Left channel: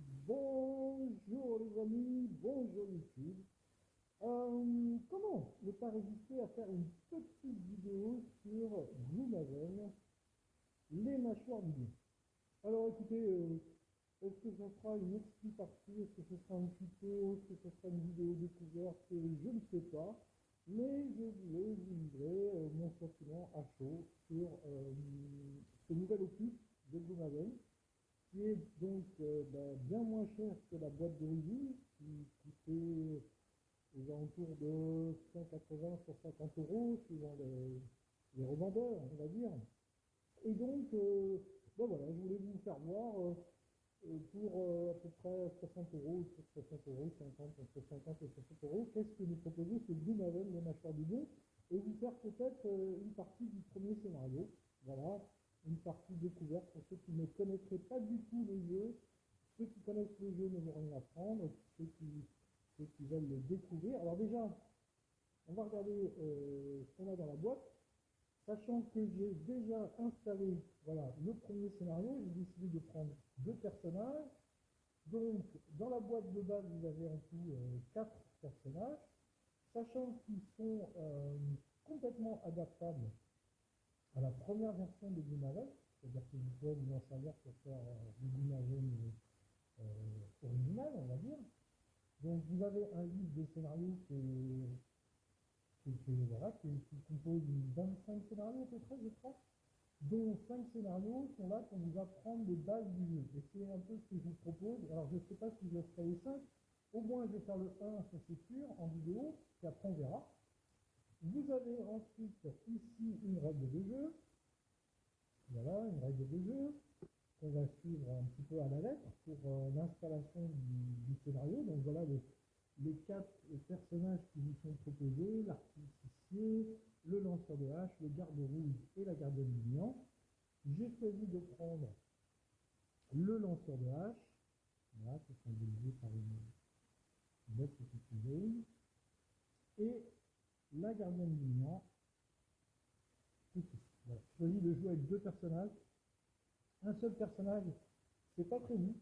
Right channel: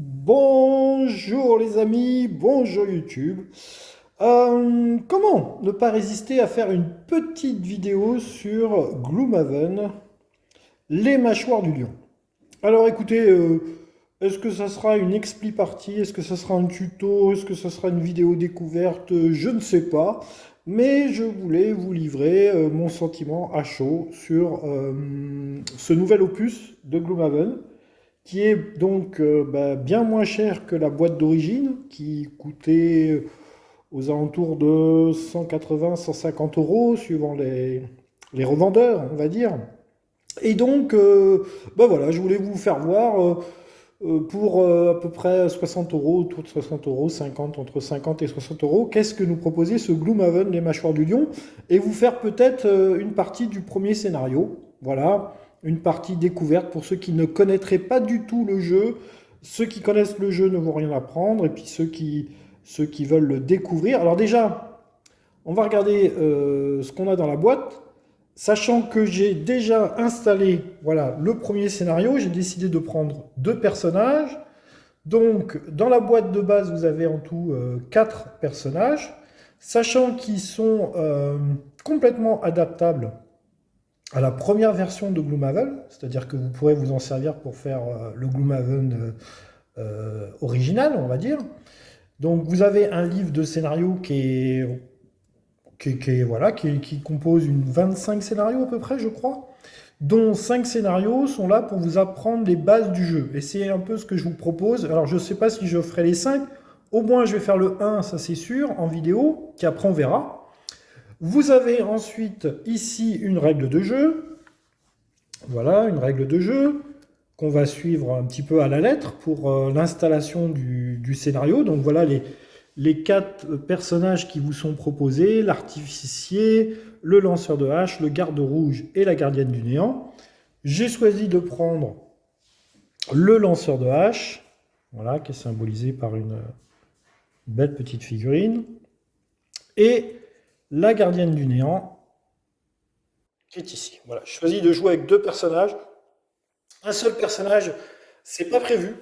Bonjour les amis, bonjour YouTube. Comment ne pas résister à faire une petite vidéo sur Gloomhaven, les mâchoires du lion? Alors écoutez, est-ce que ça sera une expli partie? Est-ce que ça sera un tuto? Est-ce que ça sera une vidéo découverte? Je ne sais pas. Mais je voulais vous livrer mon sentiment à chaud sur ce nouvel opus de Gloomhaven qui est donc bien moins cher que la boîte d'origine, qui coûtait aux alentours de 180-150 euros, suivant les revendeurs, on va dire. Et donc, voilà, je voulais vous faire voir pour à peu près 60 euros, autour de 60 euros, 50, entre 50 et 60 euros, qu'est-ce que nous proposait ce Gloomhaven, les mâchoires du lion, et vous faire peut-être une partie du premier scénario. Voilà, une partie découverte pour ceux qui ne connaîtraient pas du tout le jeu. Ceux qui connaissent le jeu ne vont rien apprendre, et puis ceux qui veulent le découvrir. Alors déjà, on va regarder ce qu'on a dans la boîte. Sachant que j'ai déjà installé, voilà, le premier scénario, j'ai décidé de prendre deux personnages. Donc, dans la boîte de base, vous avez en tout quatre personnages, sachant qu'ils sont complètement adaptables à la première version de Gloomhaven, c'est-à-dire que vous pourrez vous en servir pour faire le Gloomhaven original, on va dire. Donc, vous avez un livre de scénario qui compose une 25 scénarios à peu près, je crois, dont 5 scénarios sont là pour vous apprendre les bases du jeu. Et c'est un peu ce que je vous propose. Alors je ne sais pas si je ferai les 5, au moins je vais faire le 1, ça c'est sûr, en vidéo, qui après on verra. Vous avez ensuite ici une règle de jeu. Voilà, une règle de jeu qu'on va suivre un petit peu à la lettre pour l'installation du scénario. Donc voilà les quatre personnages qui vous sont proposés, l'artificier, le lanceur de hache, le garde rouge et la gardienne du néant. J'ai choisi de prendre le lanceur de hache, voilà, qui est symbolisé par une belle petite figurine, et la gardienne du néant, qui est ici. Voilà, je choisis de jouer avec deux personnages. Un seul personnage, c'est pas prévu.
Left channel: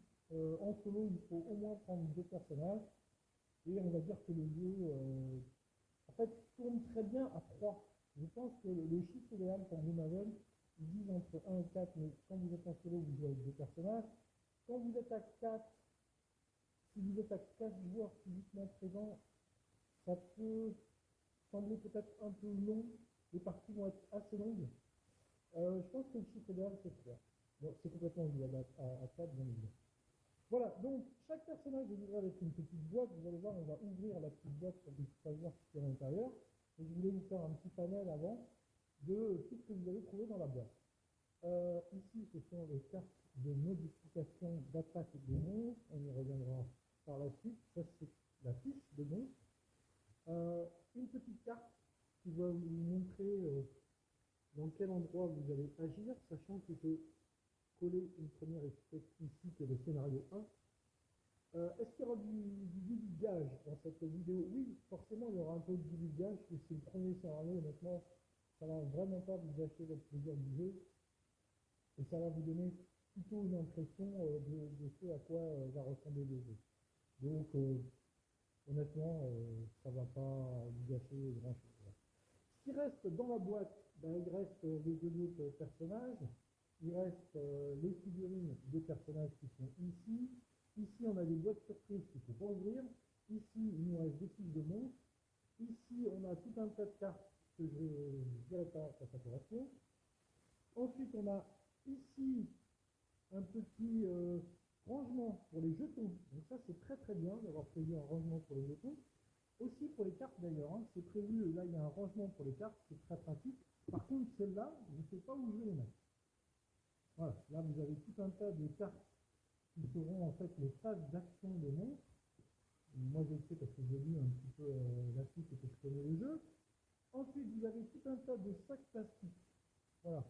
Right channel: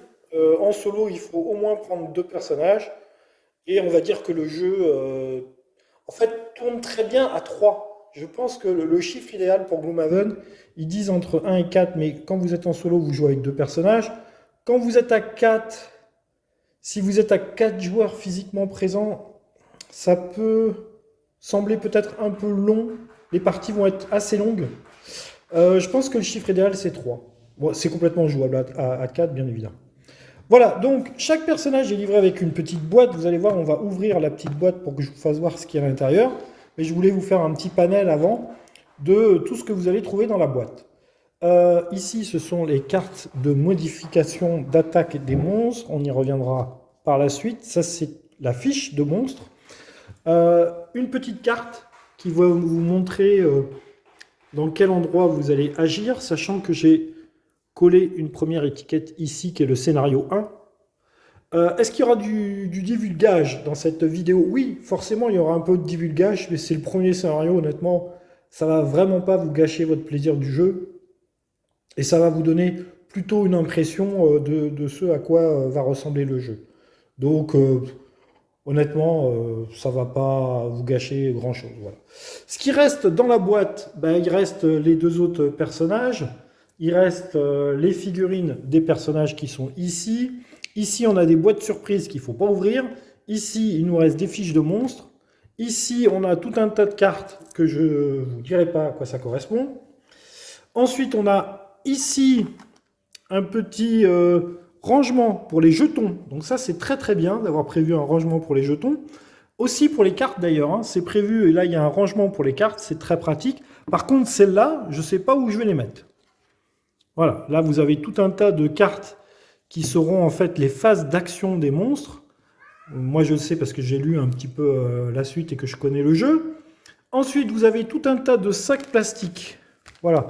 En solo, il faut au moins prendre deux personnages. Et on va dire que le jeu, en fait, tourne très bien à 3. Je pense que le chiffre idéal pour Gloomhaven, ils disent entre 1 et 4, mais quand vous êtes en solo, vous jouez avec deux personnages. Quand vous êtes à 4, si vous êtes à 4 joueurs physiquement présents, ça peut sembler peut-être un peu long. Les parties vont être assez longues. Je pense que le chiffre idéal, c'est 3. Bon, c'est complètement jouable à 4, bien évidemment. Voilà, donc chaque personnage est livré avec une petite boîte. Vous allez voir, on va ouvrir la petite boîte pour que je vous fasse voir ce qu'il y a à l'intérieur. Mais je voulais vous faire un petit panel avant de tout ce que vous allez trouver dans la boîte. Ici, ce sont les cartes de modification d'attaque des monstres. On y reviendra par la suite. Ça, c'est la fiche de monstre. Une petite carte qui va vous montrer dans quel endroit vous allez agir, sachant que j'ai collé une première étiquette ici qui est le scénario 1. Est-ce qu'il y aura du divulgage dans cette vidéo? Oui, forcément, il y aura un peu de divulgage, mais c'est le premier scénario, honnêtement. Ça va vraiment pas vous gâcher votre plaisir du jeu. Et ça va vous donner plutôt une impression de ce à quoi va ressembler le jeu. Donc, honnêtement, ça va pas vous gâcher grand-chose. Voilà. Ce qui reste dans la boîte, ben, il reste les deux autres personnages. Il reste les figurines des personnages qui sont ici. Ici, on a des boîtes surprises qu'il ne faut pas ouvrir. Ici, il nous reste des fiches de monstres. Ici, on a tout un tas de cartes que je ne vous dirai pas à quoi ça correspond. Ensuite, on a ici un petit rangement pour les jetons. Donc ça, c'est très très bien d'avoir prévu un rangement pour les jetons. Aussi pour les cartes d'ailleurs, hein, c'est prévu, et là il y a un rangement pour les cartes, c'est très pratique. Par contre, celles-là, je ne sais pas où je vais les mettre. Voilà, là vous avez tout un tas de cartes qui seront en fait les phases d'action des monstres. Moi je le sais parce que j'ai lu un petit peu la suite et que je connais le jeu. Ensuite, vous avez tout un tas de sacs plastiques. Voilà,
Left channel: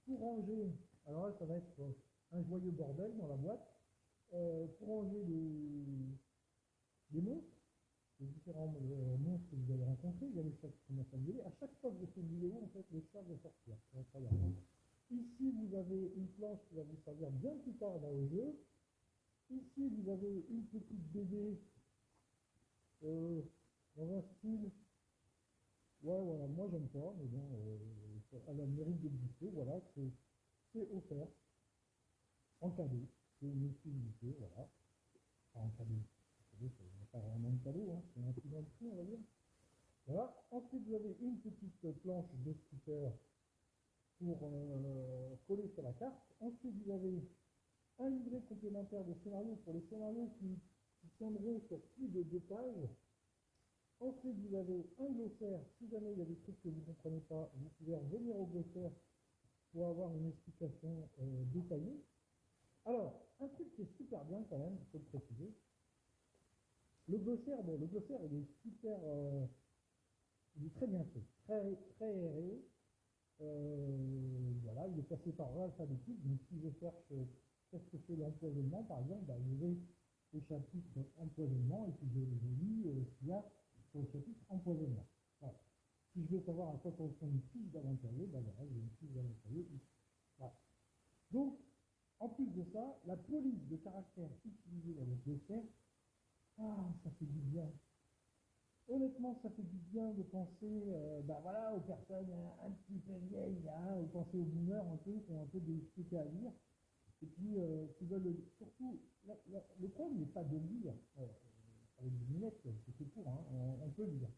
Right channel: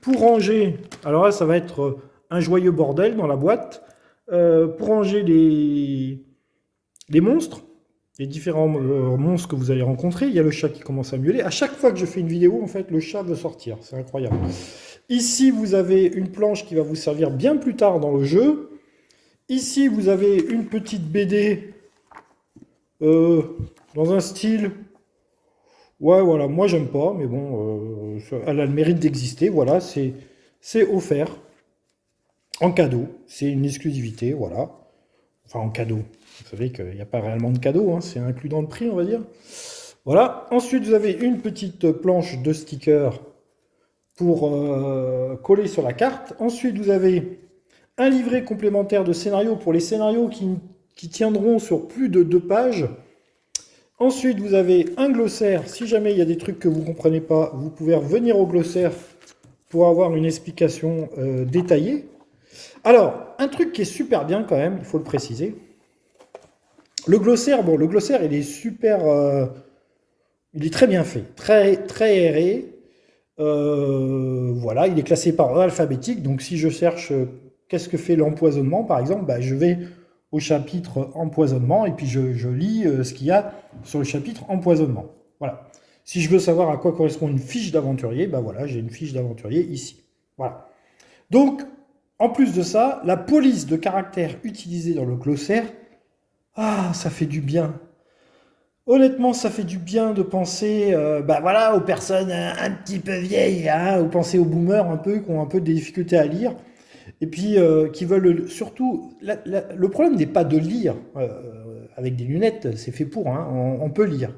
pour ranger, alors là ça va être un joyeux bordel dans la boîte, pour ranger les monstres, les différents monstres que vous allez rencontrer. Il y a le chat qui commence à miauler. À chaque fois que je fais une vidéo, en fait, le chat veut sortir. C'est incroyable. Ici, vous avez une planche qui va vous servir bien plus tard dans le jeu. Ici, vous avez une petite BD dans un style... Ouais, voilà, moi j'aime pas, mais bon, elle a le mérite d'exister. Voilà, c'est offert en cadeau. C'est une exclusivité, voilà. Enfin, en cadeau. Vous savez qu'il n'y a pas réellement de cadeau, hein, c'est inclus dans le prix, on va dire. Voilà. Ensuite, vous avez une petite planche de stickers pour coller sur la carte. Ensuite, vous avez un livret complémentaire de scénarios pour les scénarios qui tiendront sur plus de 2 pages. Ensuite, vous avez un glossaire. Si jamais il y a des trucs que vous ne comprenez pas, vous pouvez revenir au glossaire pour avoir une explication détaillée. Alors, un truc qui est super bien quand même, il faut le préciser. Le glossaire, bon, le glossaire, il est super... il est très bien fait, très aéré. Voilà, il est classé par ordre alphabétique. Donc, si je cherche qu'est-ce que fait l'empoisonnement, par exemple, bah, je vais au chapitre empoisonnement et puis je lis ce qu'il y a sur le chapitre empoisonnement. Voilà. Si je veux savoir à quoi correspond une fiche d'aventurier, bah voilà, j'ai une fiche d'aventurier ici. Voilà. Donc, en plus de ça, la police de caractère utilisée dans le glossaire, ah, ça fait du bien. Honnêtement, ça fait du bien de penser bah voilà, aux personnes un petit peu vieilles, hein, ou penser aux boomers un peu, qui ont un peu des difficultés à lire, et puis qui veulent surtout... le problème n'est pas de lire avec des lunettes, c'est fait pour, hein, on peut lire.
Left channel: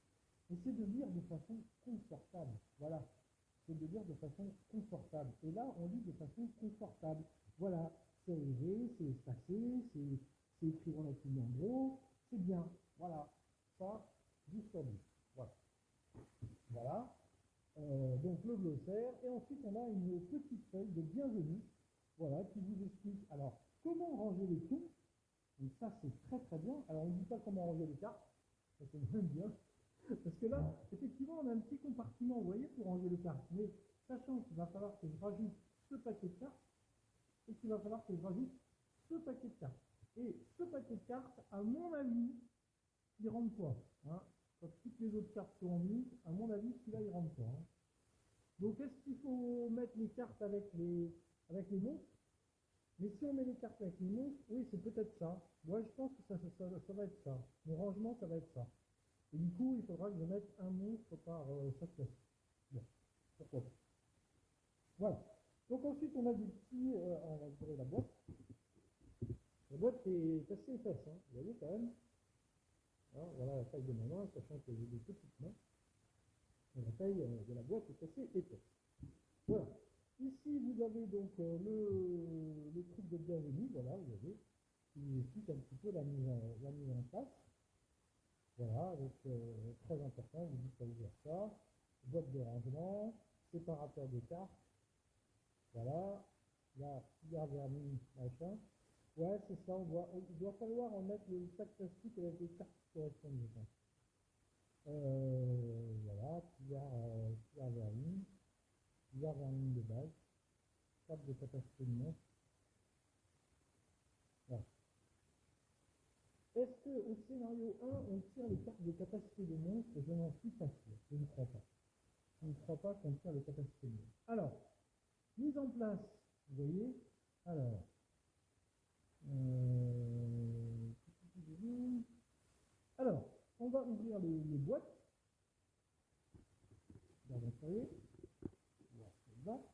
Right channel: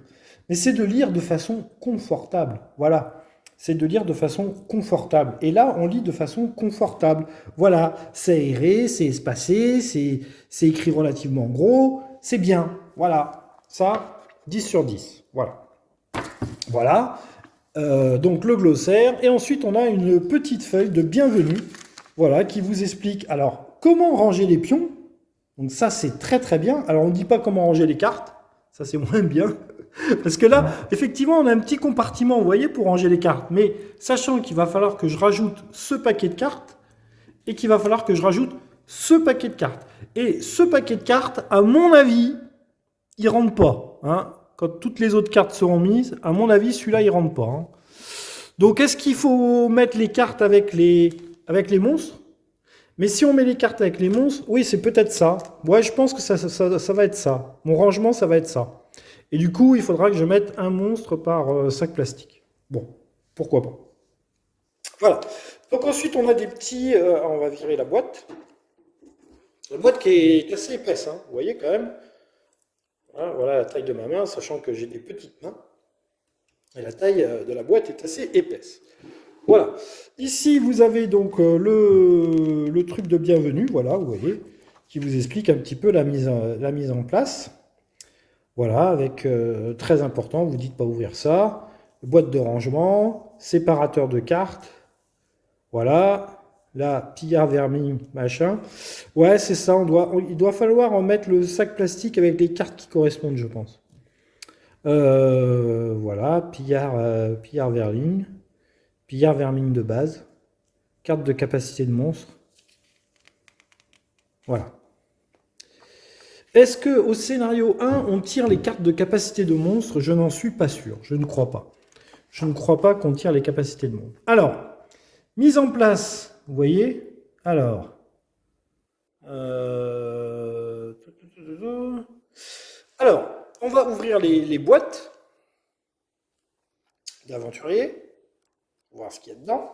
Mais c'est de lire de façon confortable. Voilà, c'est de lire de façon confortable. Et là, on lit de façon confortable. Voilà, c'est aéré, c'est espacé, c'est écrit relativement gros, c'est bien. Voilà, ça, 10 sur 10. Voilà. Voilà. Donc le glossaire. Et ensuite, on a une petite feuille de bienvenue, voilà, qui vous explique alors comment ranger les pions. Donc ça, c'est très très bien. Alors on ne dit pas comment ranger les cartes. Ça, c'est moins bien. Parce que là, effectivement, on a un petit compartiment, vous voyez, pour ranger les cartes. Mais sachant qu'il va falloir que je rajoute ce paquet de cartes et qu'il va falloir que je rajoute ce paquet de cartes. Et ce paquet de cartes, à mon avis, il ne rentre pas. Hein. Quand toutes les autres cartes seront mises, à mon avis, celui-là, il ne rentre pas. Hein. Donc, est-ce qu'il faut mettre les cartes avec les monstres? Mais si on met les cartes avec les monstres, oui, c'est peut-être ça. Ouais, je pense que ça va être ça. Mon rangement, ça va être ça. Et du coup, il faudra que je mette un monstre par sac plastique. Bon, pourquoi pas. Voilà. Donc ensuite, on a des petits... on va virer la boîte. La boîte qui est assez épaisse, hein, vous voyez quand même. Voilà la taille de ma main, sachant que j'ai des petites mains. Et la taille de la boîte est assez épaisse. Voilà. Ici, vous avez donc le truc de bienvenue, voilà, vous voyez, qui vous explique un petit peu la mise en place. Voilà, avec très important, vous dites pas ouvrir ça. Boîte de rangement, séparateur de cartes. Voilà. Là, pillard, vermine, machin. Ouais, c'est ça, il doit falloir en mettre le sac plastique avec les cartes qui correspondent, je pense. Voilà, pillard, vermine. Pillard, vermine de base. Carte de capacité de monstre. Voilà. Est-ce qu'au scénario 1, on tire les cartes de capacité de monstre? Je n'en suis pas sûr. Je ne crois pas. Je ne crois pas qu'on tire les capacités de monstre. Alors, mise en place, vous voyez. Alors, on va ouvrir les boîtes d'aventurier. Voir ce qu'il y a dedans.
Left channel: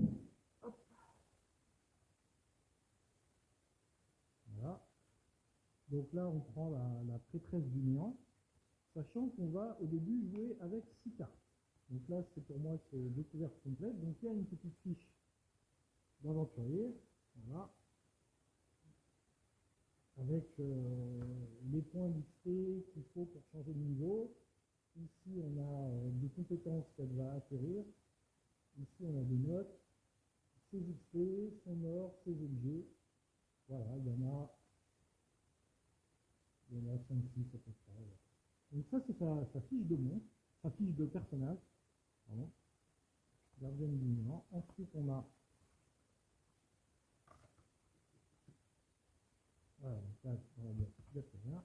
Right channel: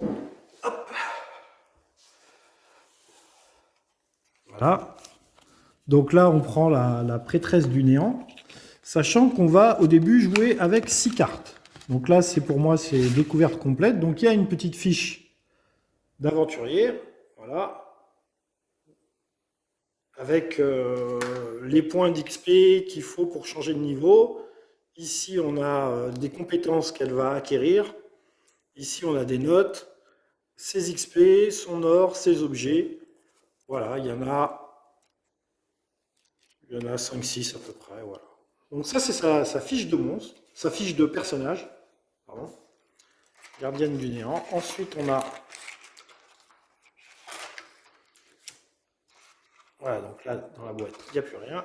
Hop. Voilà. Donc là, on prend la prêtresse du néant, sachant qu'on va au début jouer avec 6 cartes. Donc là, pour moi, c'est découverte complète. Donc il y a une petite fiche d'aventurier, voilà, avec les points d'XP qu'il faut pour changer de niveau. Ici, on a des compétences qu'elle va acquérir. Ici, on a des notes, ses XP, son or, ses objets. Voilà, il y en a 5-6 à peu près, voilà. Donc ça, c'est sa fiche de monstre, sa fiche de personnage, pardon. Gardienne du néant. Ensuite, on a... Voilà, donc là, dans la boîte, il n'y a plus rien.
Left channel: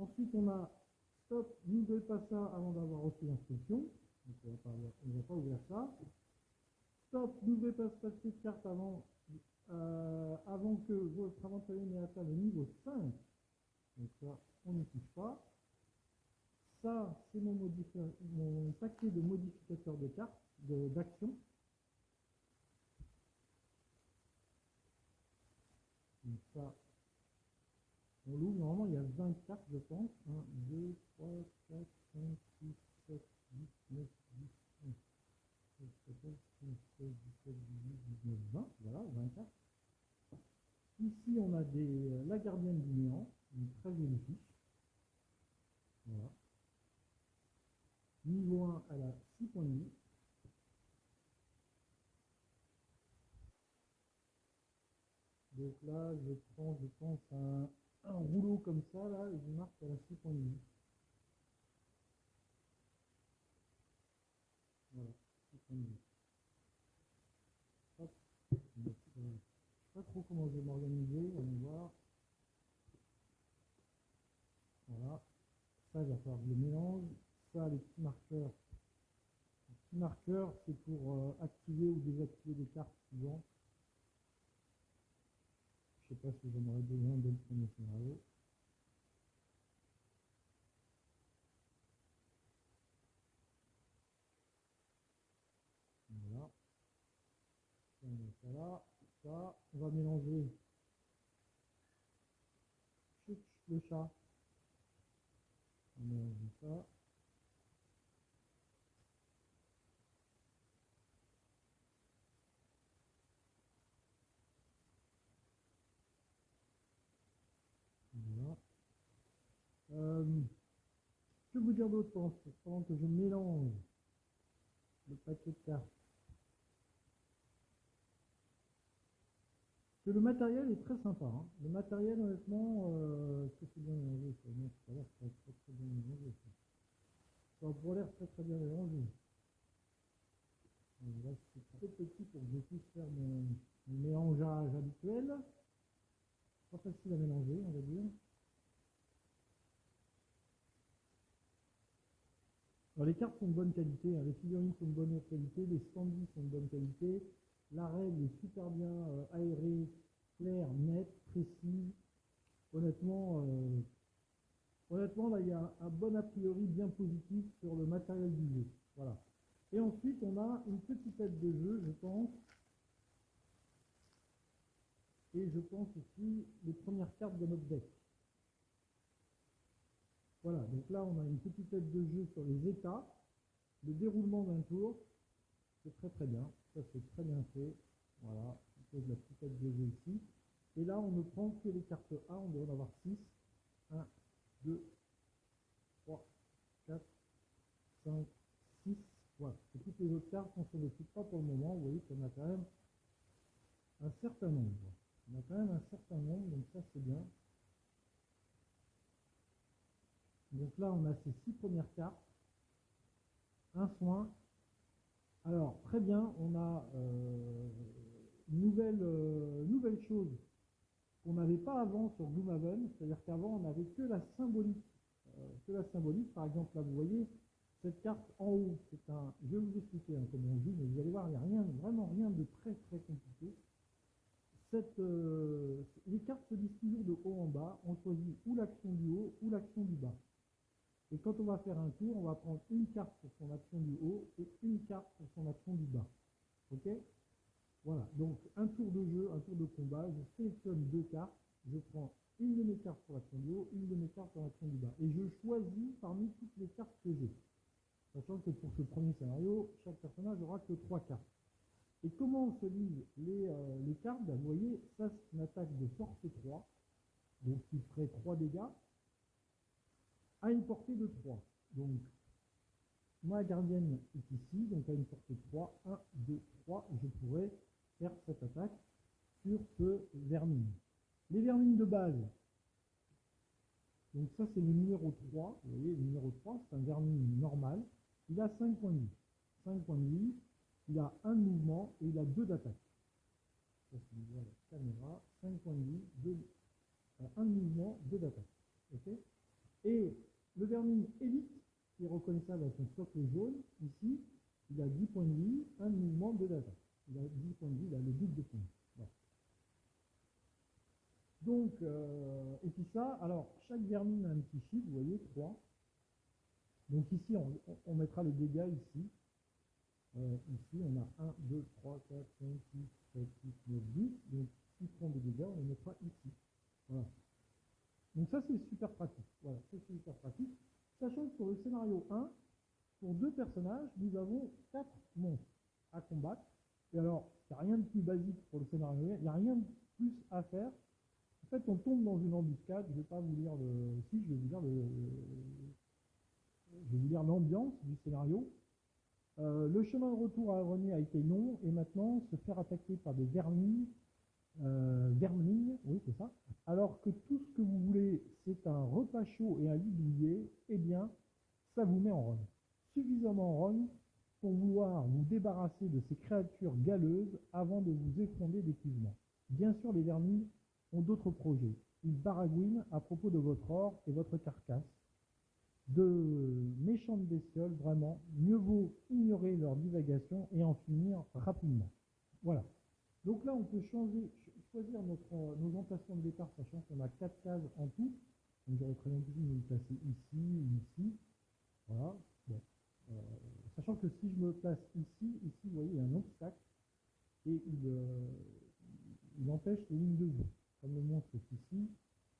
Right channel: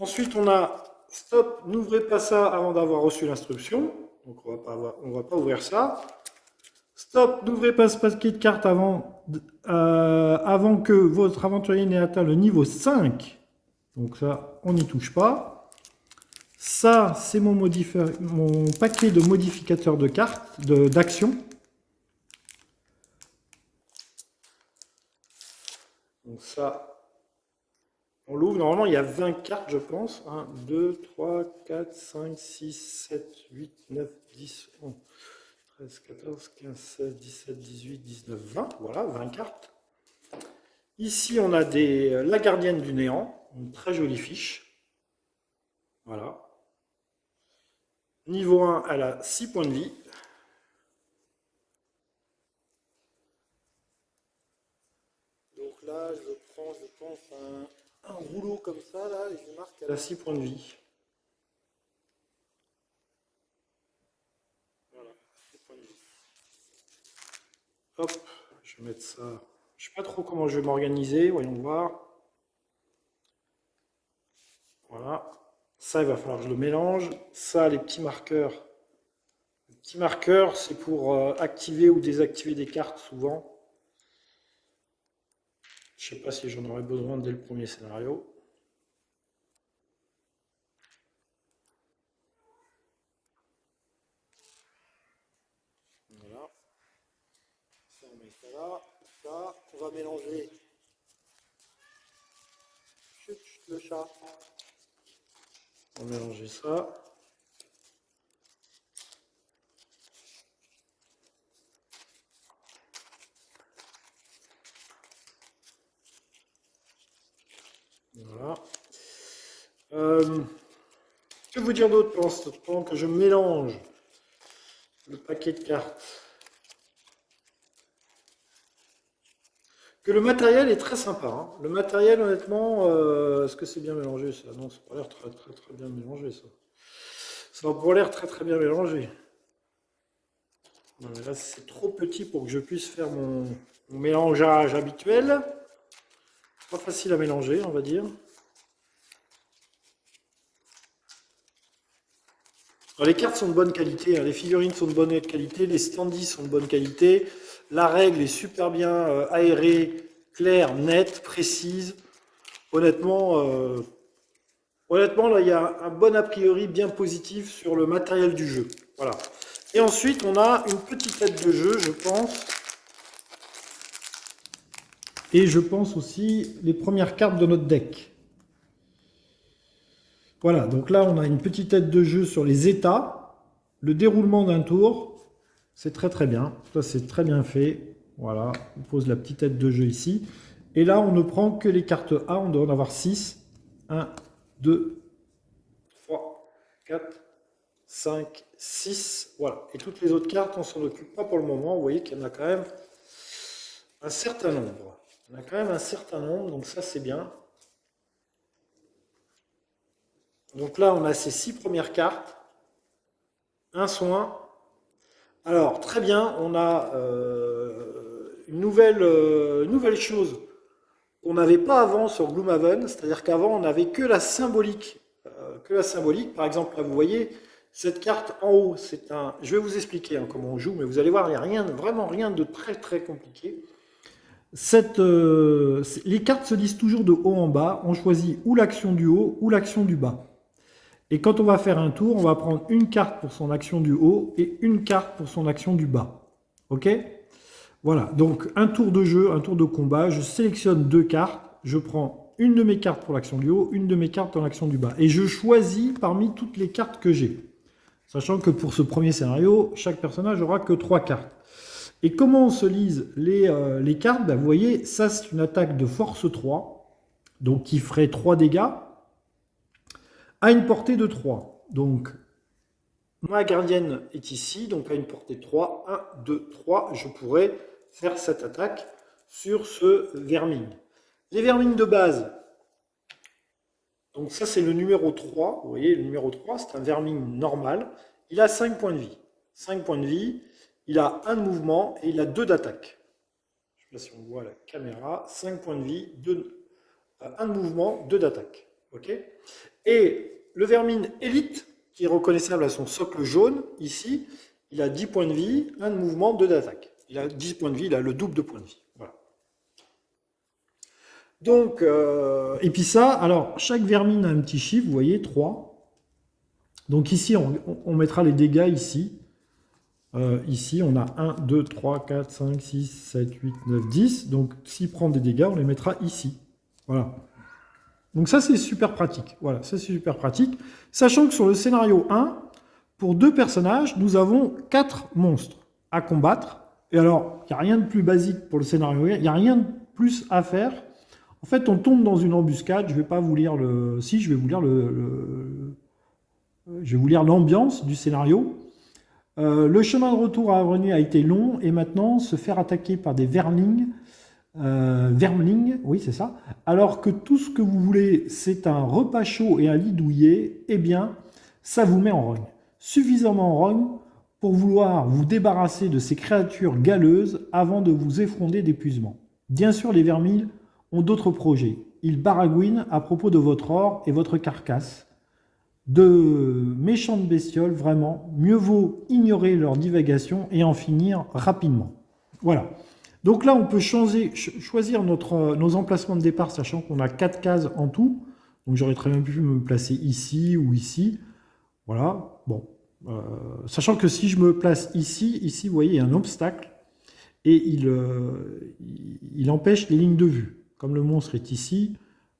Ensuite, on a... Stop, n'ouvrez pas ça avant d'avoir reçu l'instruction. Donc, on va pas ouvrir ça. Stop, n'ouvrez pas ce paquet de cartes avant avant que votre aventurier n'ait atteint le niveau 5. Donc ça, on n'y touche pas. Ça, c'est mon paquet de modificateurs de cartes, d'actions. Donc ça, on l'ouvre. Normalement, il y a 20 cartes, je pense. 1, 2, 3, 4, 5, 6, 7, 8, 9, 10, 11, 13, 14, 15, 16, 17, 18, 19, 20. Voilà, 20 cartes. Ici, on a la gardienne du néant. Une très jolie fiche. Voilà. Niveau 1, elle a 6 points de vie. Donc là, je prends, je pense, un rouleau comme ça, là, et je marque qu'elle a 6 points de vie. Voilà, 6 points de vie. Hop, je vais mettre ça. Je ne sais pas trop comment je vais m'organiser, voyons voir. Voilà. Ça, il va falloir que je le mélange. Ça, les petits marqueurs. Les petits marqueurs, c'est pour activer ou désactiver des cartes, souvent. Je ne sais pas si j'en aurais besoin dès le premier scénario. Voilà. Ça, on met ça là. Ça, on va mélanger. Chut, chut, le chat. On va mélanger ça. Voilà. Que vous dire d'autre pendant que je mélange le paquet de cartes? Que le matériel est très sympa. Hein. Le matériel, honnêtement, est-ce que c'est bien mélangé ça? Non, ça n'a pas l'air très bien mélangé ça. Ça n'a pas l'air très bien mélangé. Non, mais là, c'est trop petit pour que je puisse faire mon mélangeage habituel. Pas facile à mélanger, on va dire. Alors, les cartes sont de bonne qualité, hein. Les figurines sont de bonne qualité, les standees sont de bonne qualité. La règle est super bien aérée, claire, nette, précise. Honnêtement, là, il y a un bon a priori bien positif sur le matériel du jeu. Voilà. Et ensuite, on a une petite aide de jeu, je pense. Et je pense aussi les premières cartes de notre deck. Voilà, donc là, on a une petite aide de jeu sur les états, le déroulement d'un tour. C'est très bien. Ça, c'est très bien fait. Voilà, on pose la petite aide de jeu ici. Et là, on ne prend que les cartes A. On doit en avoir 6. 1, 2, 3, 4, 5, 6. Voilà. Et toutes les autres cartes, on s'en occupe pas pour le moment. Vous voyez qu'il y en a quand même un certain nombre. On a quand même un certain nombre, donc ça, c'est bien. Donc là, on a ces 6 premières cartes. Un soin. Alors, très bien, on a une nouvelle chose qu'on n'avait pas avant sur Gloomhaven, c'est-à-dire qu'avant, on n'avait que la symbolique. Par exemple, là, vous voyez, cette carte en haut, c'est un... Je vais vous expliquer comment on joue, mais vous allez voir, il n'y a vraiment rien de très compliqué. Les cartes se lisent toujours de haut en bas. On choisit ou l'action du haut ou l'action du bas. Et quand on va faire un tour, on va prendre une carte pour son action du haut et une carte pour son action du bas. Ok? Voilà, donc un tour de jeu, un tour de combat, je sélectionne 2 cartes, je prends une de mes cartes pour l'action du haut, une de mes cartes pour l'action du bas. Et je choisis parmi toutes les cartes que j'ai. Sachant que pour ce premier scénario, chaque personnage n'aura que 3 cartes. Et comment on se lise les cartes? Vous voyez, ça c'est une attaque de force 3, donc qui ferait 3 dégâts, à une portée de 3. Donc, ma gardienne est ici, donc à une portée de 3. 1, 2, 3, je pourrais faire cette attaque sur ce vermine. Les vermines de base, donc ça c'est le numéro 3, vous voyez, le numéro 3, c'est un vermine normal. Il a 5 points de vie. 5 points de vie, il a 1 de mouvement et il a 2 d'attaque. Je ne sais pas si on voit la caméra. 5 points de vie, 1 de mouvement, 2 d'attaque. Ok? Et le vermine élite, qui est reconnaissable à son socle jaune, ici, il a 10 points de vie, 1 de mouvement, 2 d'attaque. Il a 10 points de vie, il a le double de points de vie. Voilà. Donc, et puis ça, alors, chaque vermine a un petit chiffre, vous voyez, 3. Donc ici, on mettra les dégâts ici. Ici, on a 1, 2, 3, 4, 5, 6, 7, 8, 9, 10. Donc, s'il prend des dégâts, on les mettra ici. Voilà. Donc ça, c'est super pratique. Voilà, ça, c'est super pratique. Sachant que sur le scénario 1, pour 2 personnages, nous avons 4 monstres à combattre. Et alors, il n'y a rien de plus basique pour le scénario 1. Il n'y a rien de plus à faire. En fait, on tombe dans une embuscade. Je ne vais pas vous lire le... Si, je vais vous lire je vais vous lire l'ambiance du scénario. Le chemin de retour à Avenue a été long et maintenant se faire attaquer par des vermlings, oui c'est ça, alors que tout ce que vous voulez c'est un repas chaud et un lit douillet, eh bien ça vous met en rogne. Suffisamment en rogne pour vouloir vous débarrasser de ces créatures galeuses avant de vous effondrer d'épuisement. Bien sûr les vermils ont d'autres projets. Ils baragouinent à propos de votre or et votre carcasse. De méchantes bestioles, vraiment, mieux vaut ignorer leur divagation et en finir rapidement. Voilà. Donc là, on peut choisir nos emplacements de départ, sachant qu'on a 4 cases en tout. Donc j'aurais très bien pu me placer ici ou ici. Voilà. Bon. Sachant que si je me place ici, vous voyez, il y a un obstacle et il empêche les lignes de vue. Comme le monstre est ici,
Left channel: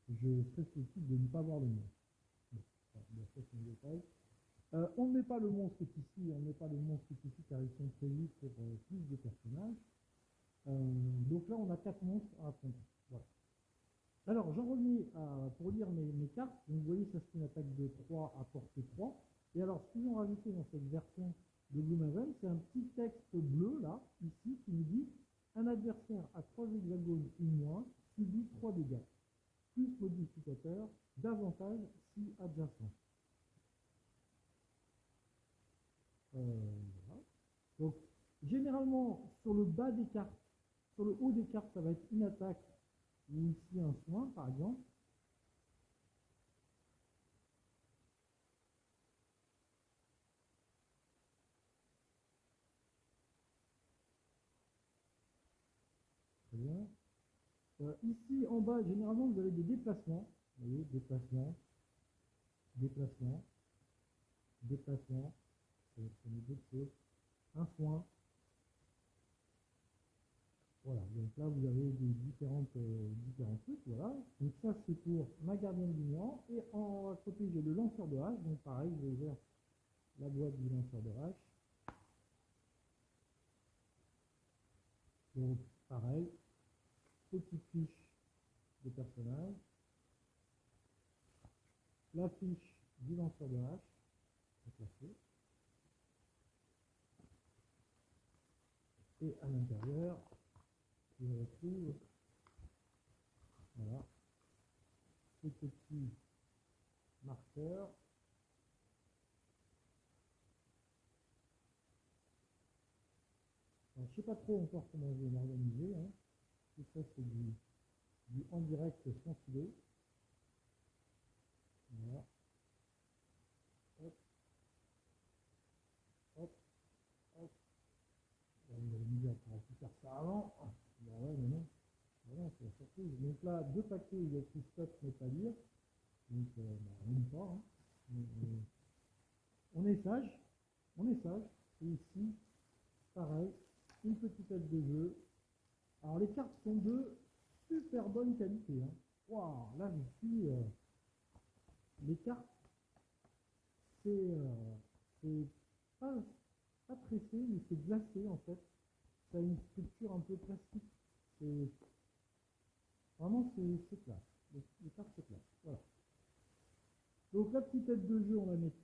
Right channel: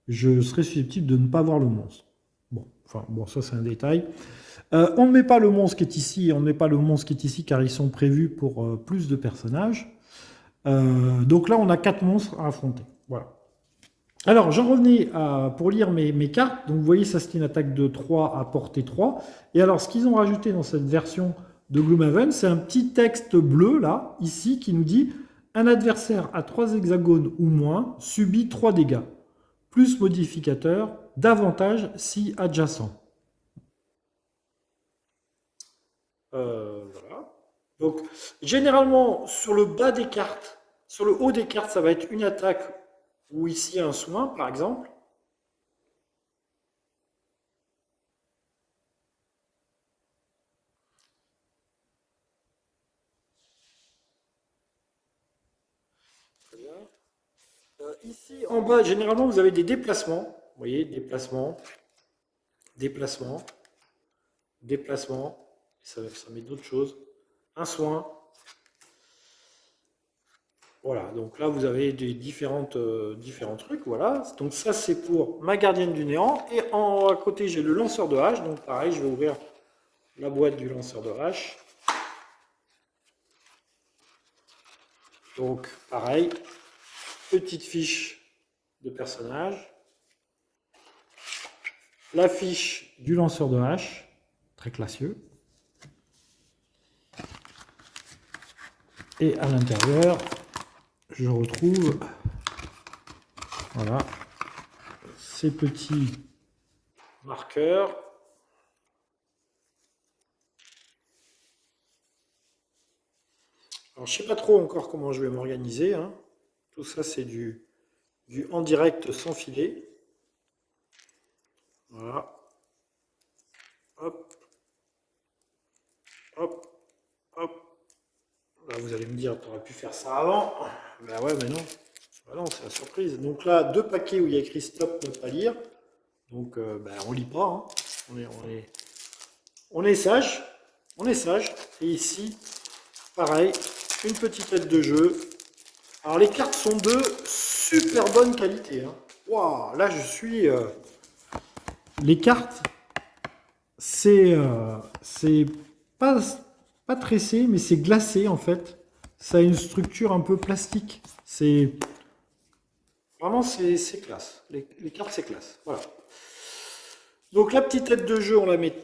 je serais susceptible de ne pas voir le monstre. Bon, ça c'est un détail. On ne met pas le monstre qui est ici, on ne met pas le monstre qui est ici car ils sont prévus pour plus de personnages. Donc là, on a 4 monstres à affronter. Voilà. Alors, j'en revenais pour lire mes cartes. Donc vous voyez, ça c'est une attaque de 3 à portée 3. Et alors, ce qu'ils ont rajouté dans cette version de Gloomhaven, c'est un petit texte bleu, là, ici, qui nous dit « Un adversaire à 3 hexagones ou moins subit 3 dégâts, plus modificateur, davantage si adjacent. » Voilà. Donc, généralement, sur le bas des cartes, sur le haut des cartes, ça va être une attaque ou ici un soin, par exemple. Très bien. Ici, en bas, généralement, vous avez des déplacements. Vous voyez, déplacement, déplacement, déplacement. Ça met d'autres choses. Un soin. Voilà, donc là, vous avez des différents trucs. Voilà. Donc ça, c'est pour ma gardienne du néant. Et à côté, j'ai le lanceur de hache. Donc pareil, je vais ouvrir la boîte du lanceur de hache. Donc pareil, petite fiche de personnage. La fiche du lanceur de hache, très classieux. Et à l'intérieur, je retrouve voilà, ces petits marqueurs. Alors, je ne sais pas trop encore comment je vais m'organiser. Hein. Tout ça, c'est du en direct sans filet. Voilà. Hop. Hop. Hop. Là, vous allez me dire, tu aurais pu faire ça avant. Ben ouais, mais non. Ben non, c'est la surprise. Donc là, 2 paquets où il y a écrit stop, ne pas lire. Donc, ben, on lit pas. Hein. On est sage. On est sage. Et ici, pareil, une petite aide de jeu. Alors, les cartes sont de super bonne qualité. Hein. Waouh, là, je suis... Les cartes, c'est pas tressé, mais c'est glacé, en fait. Ça a une structure un peu plastique. C'est... Vraiment, c'est classe. Les cartes, c'est classe. Voilà. Donc la petite tête de jeu, on la met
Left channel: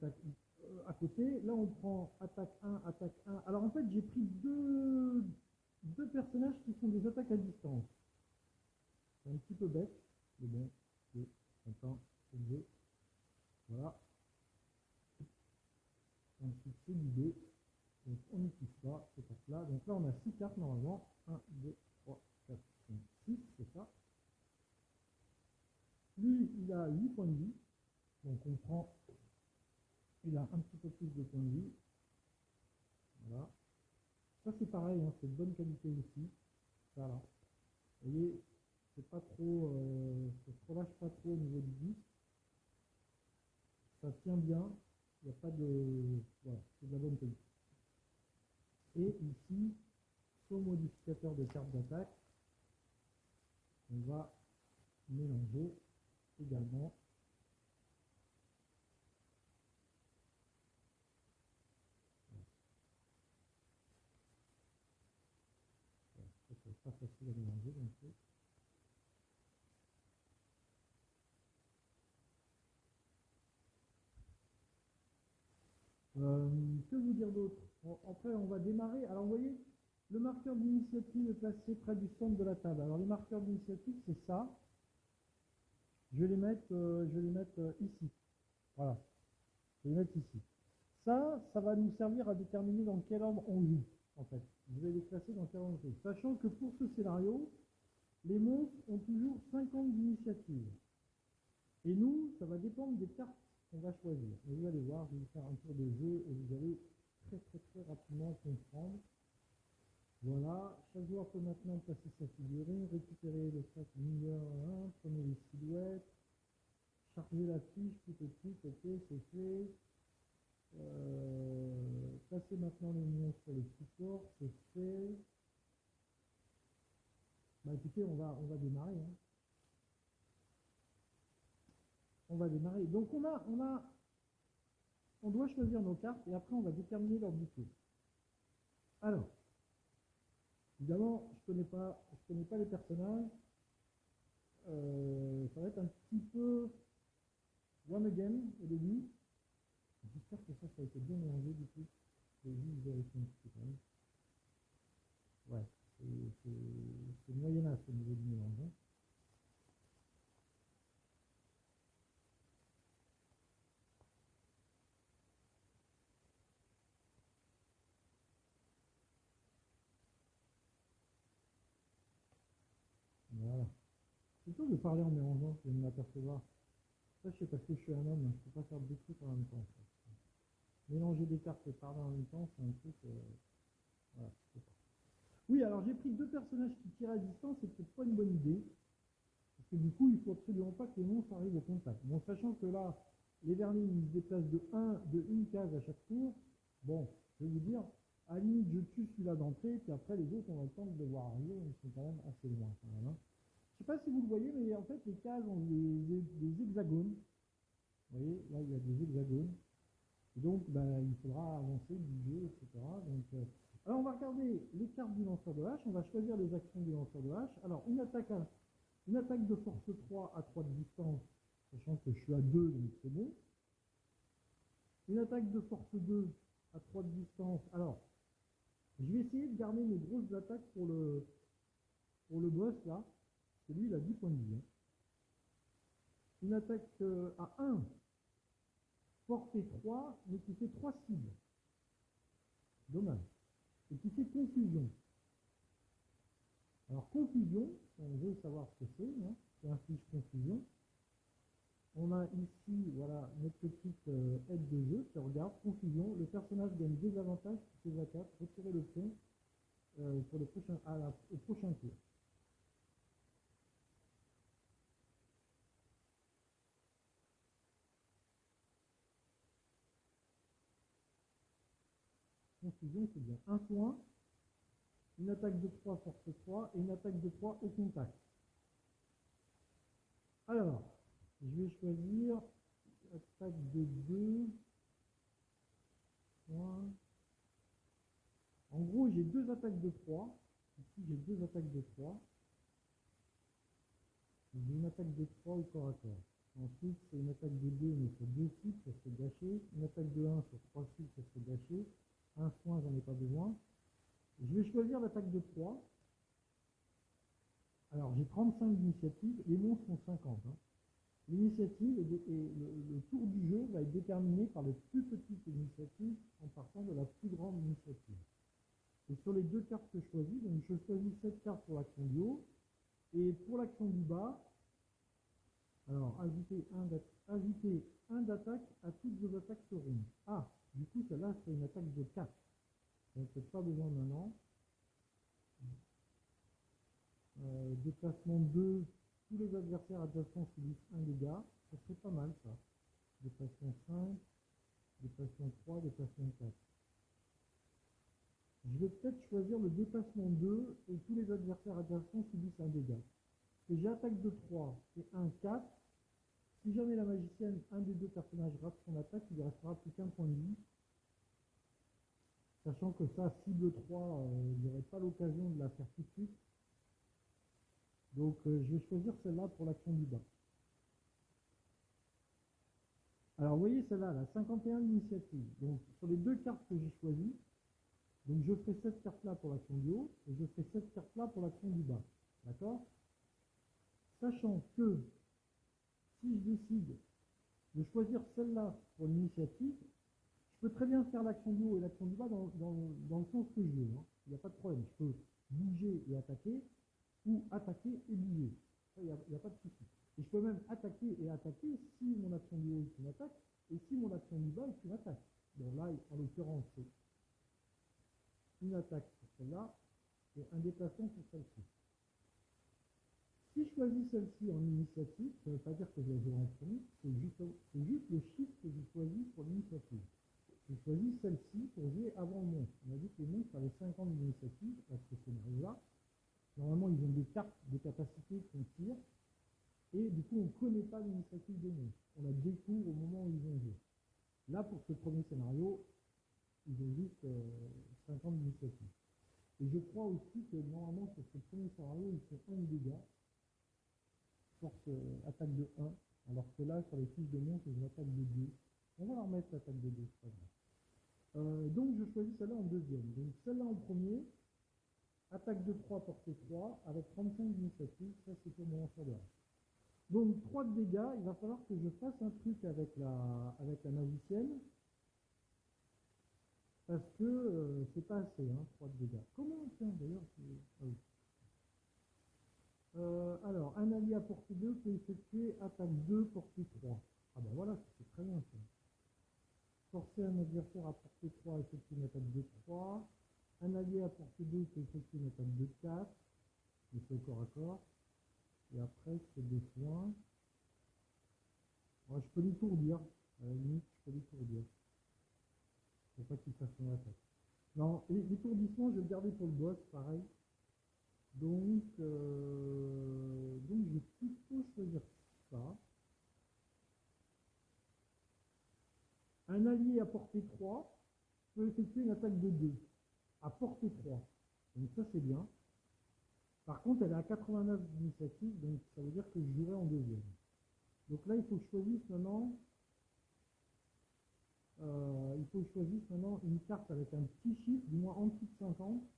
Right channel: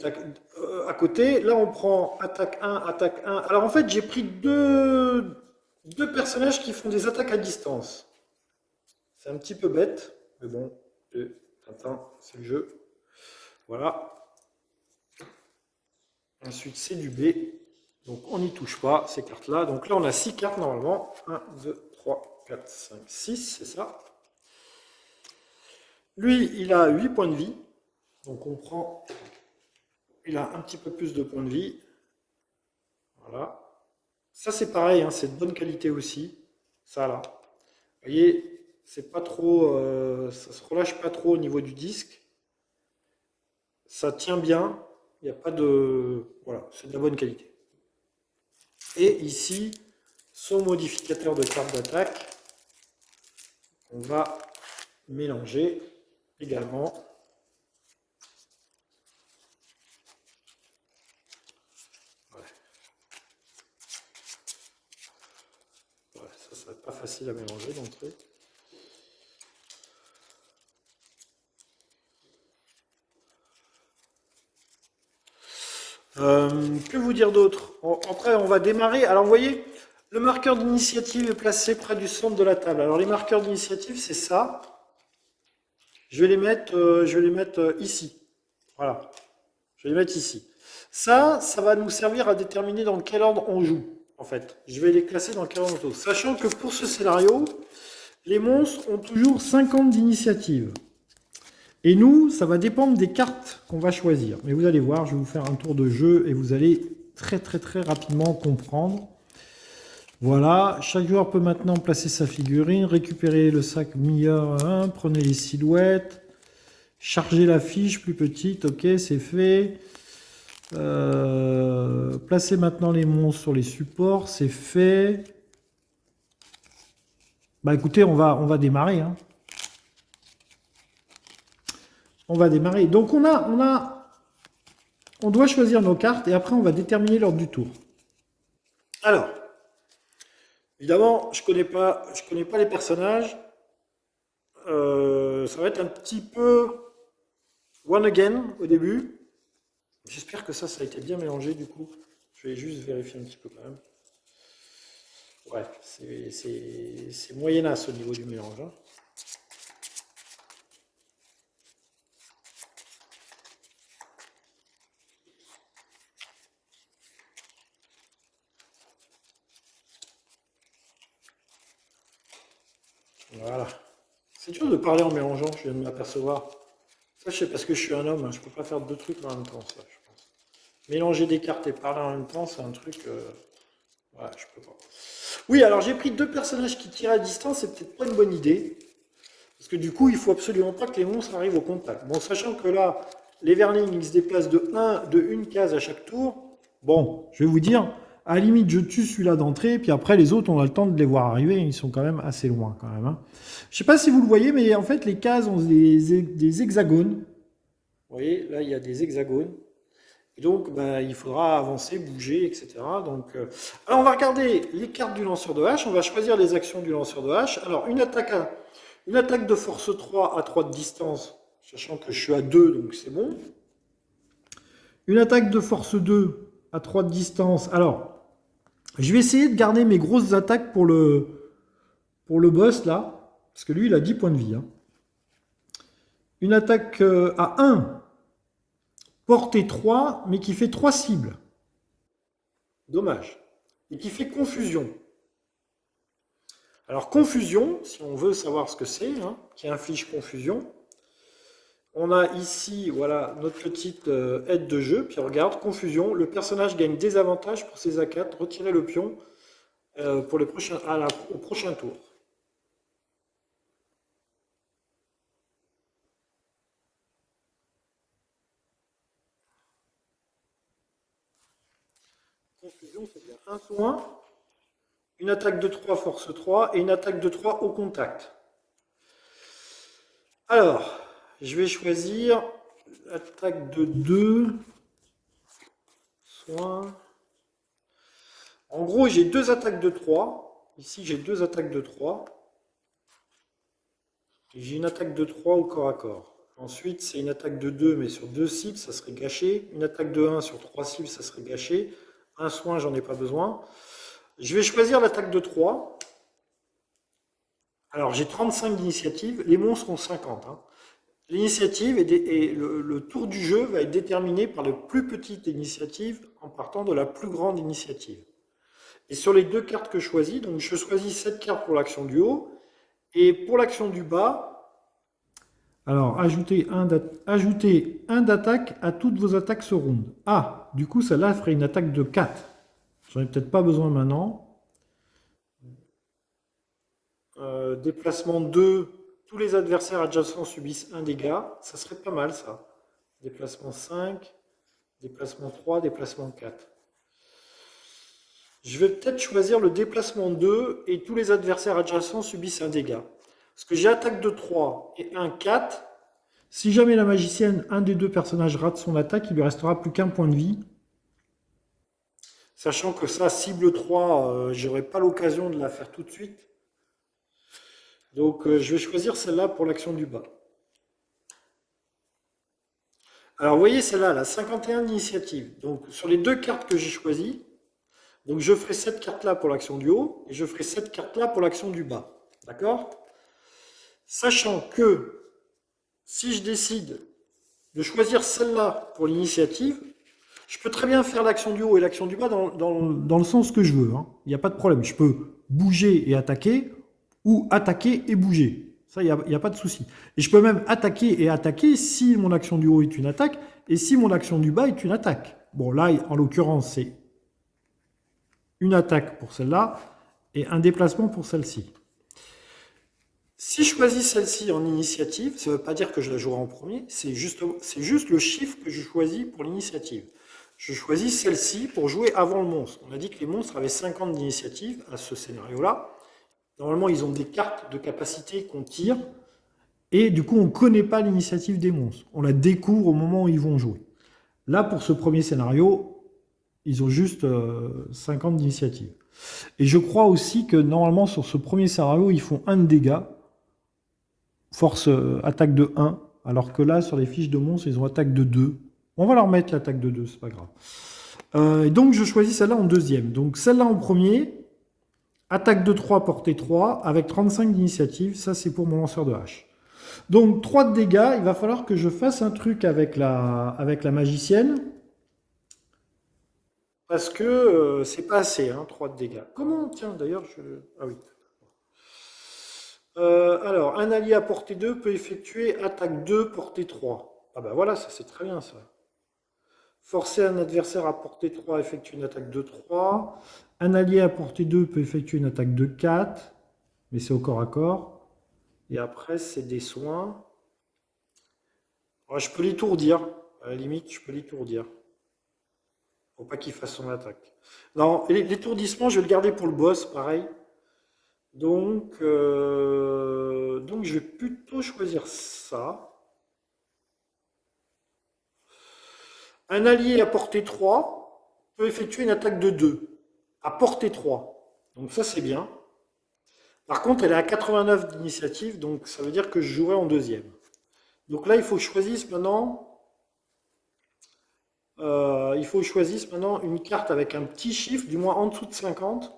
à côté. Là, on prend attaque 1, attaque 1. Alors en fait, j'ai pris deux personnages qui font des attaques à distance. C'est un petit peu bête, mais bon, Tintin, c'est le jeu. Voilà. Ensuite, c'est du B. Donc on n'y touche pas, ces cartes-là. Donc là, on a 6 cartes normalement. 1, 2, 3, 4, 5, 6, c'est ça. Lui, il a 8 points de vie. Donc on prend, il a un petit peu plus de points de vie. Voilà. Ça c'est pareil, hein, c'est de bonne qualité aussi. Ça là. Vous voyez, c'est pas trop, ça se relâche pas trop au niveau du disque. Ça tient bien. Il n'y a pas de, voilà, c'est de la bonne qualité. Et ici, son modificateur de carte d'attaque, on va mélanger également. Ouais. Ouais, ça va être pas facile à mélanger d'entrée. Que vous dire d'autre? Après, on va démarrer. Alors, vous voyez, le marqueur d'initiative est placé près du centre de la table. Alors, les marqueurs d'initiative, c'est ça. Je vais les mettre ici. Voilà. Je vais les mettre ici. Ça va nous servir à déterminer dans quel ordre on joue, en fait. Je vais les classer dans quel ordre on joue. Sachant que pour ce scénario, les monstres ont toujours 50 d'initiative. Et nous, ça va dépendre des cartes qu'on va choisir. Mais vous allez voir, je vais vous faire un tour de jeu et vous allez très rapidement comprendre. Voilà, chaque joueur peut maintenant placer sa figurine, récupérer le sac meilleur 1, prenez les silhouettes, charger la fiche plus petite, ok, c'est fait. Placez maintenant les monstres sur les supports, c'est fait. Bah écoutez, on va démarrer. Hein. On va démarrer. Donc on doit choisir nos cartes et après on va déterminer l'ordre du tour. Alors, évidemment, je connais pas les personnages. Ça va être un petit peu one again au début. J'espère que ça a été bien mélangé du coup. Je vais juste vérifier un petit peu quand même. Ouais, c'est moyenasse au niveau du mélange. Hein. Voilà. C'est dur de parler en mélangeant, je viens de m'apercevoir. Ça, je sais parce que je suis un homme, hein, je ne peux pas faire deux trucs en même temps, ça, je pense. Mélanger des cartes et parler en même temps, c'est un truc... voilà, je peux pas. Oui, alors j'ai pris deux personnages qui tirent à distance, c'est peut-être pas une bonne idée. Parce que du coup, il faut absolument pas que les monstres arrivent au contact. Bon, sachant que là, les Verlings, ils se déplacent de une case à chaque tour. Bon, je vais vous dire, à la limite, je tue celui-là d'entrée, puis après, les autres, on a le temps de les voir arriver. Ils sont quand même assez loin, quand même. Hein. Je sais pas si vous le voyez, mais en fait, les cases ont des hexagones. Vous voyez, là, il y a des hexagones. Et donc, bah, il faudra avancer, bouger, etc. Donc, alors, on va regarder les cartes du lanceur de hache. On va choisir les actions du lanceur de hache. Alors, une attaque de force 3 à 3 de distance, sachant que je suis à 2, donc c'est bon. Une attaque de force 2 à 3 de distance. Alors, je vais essayer de garder mes grosses attaques pour le boss, là. Parce que lui, il a 10 points de vie. Hein. Une attaque à 1, portée 3, mais qui fait 3 cibles. Dommage. Et qui fait confusion. Alors, confusion, si on veut savoir ce que c'est, hein, qui inflige confusion, on a ici, voilà, notre petite aide de jeu. Puis regarde, confusion, le personnage gagne des avantages pour ses A4. Retirez le pion pour les prochains, au prochain tour. Confusion, c'est bien. Un soin, une attaque de 3, force 3, et une attaque de 3 au contact. Alors, je vais choisir attaque de 2, soin. En gros, j'ai deux attaques de 3. Ici, j'ai deux attaques de 3. Et j'ai une attaque de 3 au corps à corps. Ensuite, c'est une attaque de 2, mais sur 2 cibles, ça serait gâché. Une attaque de 1 sur 3 cibles, ça serait gâché. Un soin, j'en ai pas besoin. Je vais choisir l'attaque de 3. Alors, j'ai 35 d'initiative. Les monstres ont 50. Hein. L'initiative et le tour du jeu va être déterminé par la plus petite initiative en partant de la plus grande initiative. Et sur les deux cartes que je choisis, donc je choisis cette carte pour l'action du haut. Et pour l'action du bas, alors ajoutez un d'attaque à toutes vos attaques ce round. Ah, du coup, celle-là ferait une attaque de 4. J'en ai peut-être pas besoin maintenant. Déplacement 2, tous les adversaires adjacents subissent un dégât. Ça serait pas mal ça. Déplacement 5, déplacement 3, déplacement 4. Je vais peut-être choisir le déplacement 2 et tous les adversaires adjacents subissent un dégât. Parce que j'ai attaque de 3 et un 4. Si jamais la magicienne, un des deux personnages rate son attaque, il lui restera plus qu'un point de vie. Sachant que ça, cible 3, j'aurai pas l'occasion de la faire tout de suite. Donc je vais choisir celle-là pour l'action du bas. Alors vous voyez celle-là, la 51 d'initiative. Donc sur les deux cartes que j'ai choisies, donc je ferai cette carte-là pour l'action du haut et je ferai cette carte-là pour l'action du bas. D'accord? Sachant que si je décide de choisir celle-là pour l'initiative, je peux très bien faire l'action du haut et l'action du bas dans le sens que je veux. Hein. Il n'y a pas de problème. Je peux bouger et attaquer ou attaquer et bouger. Ça, il n'y a pas de souci. Et je peux même attaquer et attaquer si mon action du haut est une attaque et si mon action du bas est une attaque. Bon, là, en l'occurrence, c'est une attaque pour celle-là et un déplacement pour celle-ci. Si je choisis celle-ci en initiative, ça ne veut pas dire que je la jouerai en premier, c'est juste le chiffre que je choisis pour l'initiative. Je choisis celle-ci pour jouer avant le monstre. On a dit que les monstres avaient 50 d'initiative à ce scénario-là. Normalement, ils ont des cartes de capacité qu'on tire, et du coup, on ne connaît pas l'initiative des monstres. On la découvre au moment où ils vont jouer. Là, pour ce premier scénario, ils ont juste 50 d'initiative. Et je crois aussi que normalement, sur ce premier scénario, ils font 1 de dégâts. Force attaque de 1, alors que là, sur les fiches de monstres, ils ont attaque de 2. On va leur mettre l'attaque de 2, c'est pas grave. Et donc, je choisis celle-là en deuxième. Donc, celle-là en premier, attaque de 3, portée 3, avec 35 d'initiative. Ça, c'est pour mon lanceur de hache. Donc, 3 de dégâts. Il va falloir que je fasse un truc avec la magicienne. Parce que c'est pas assez, hein, 3 de dégâts. Comment? Tiens, d'ailleurs, ah oui. Alors, un allié à portée 2 peut effectuer attaque 2, portée 3. Ah ben voilà, ça c'est très bien ça. Forcer un adversaire à portée 3 à effectuer une attaque de 3. Un allié à portée 2 peut effectuer une attaque de 4. Mais c'est au corps à corps. Et après, c'est des soins. Alors, je peux l'étourdir. À la limite, je peux l'étourdir. Pour pas qu'il fasse son attaque. Non, l'étourdissement, je vais le garder pour le boss, pareil. Donc je vais plutôt choisir ça. Un allié à portée 3 peut effectuer une attaque de 2. À portée 3. Donc ça, c'est bien. Par contre, elle est à 89 d'initiative, donc ça veut dire que je jouerai en deuxième. Donc là, il faut que je choisisse maintenant... une carte avec un petit chiffre, du moins en dessous de 50.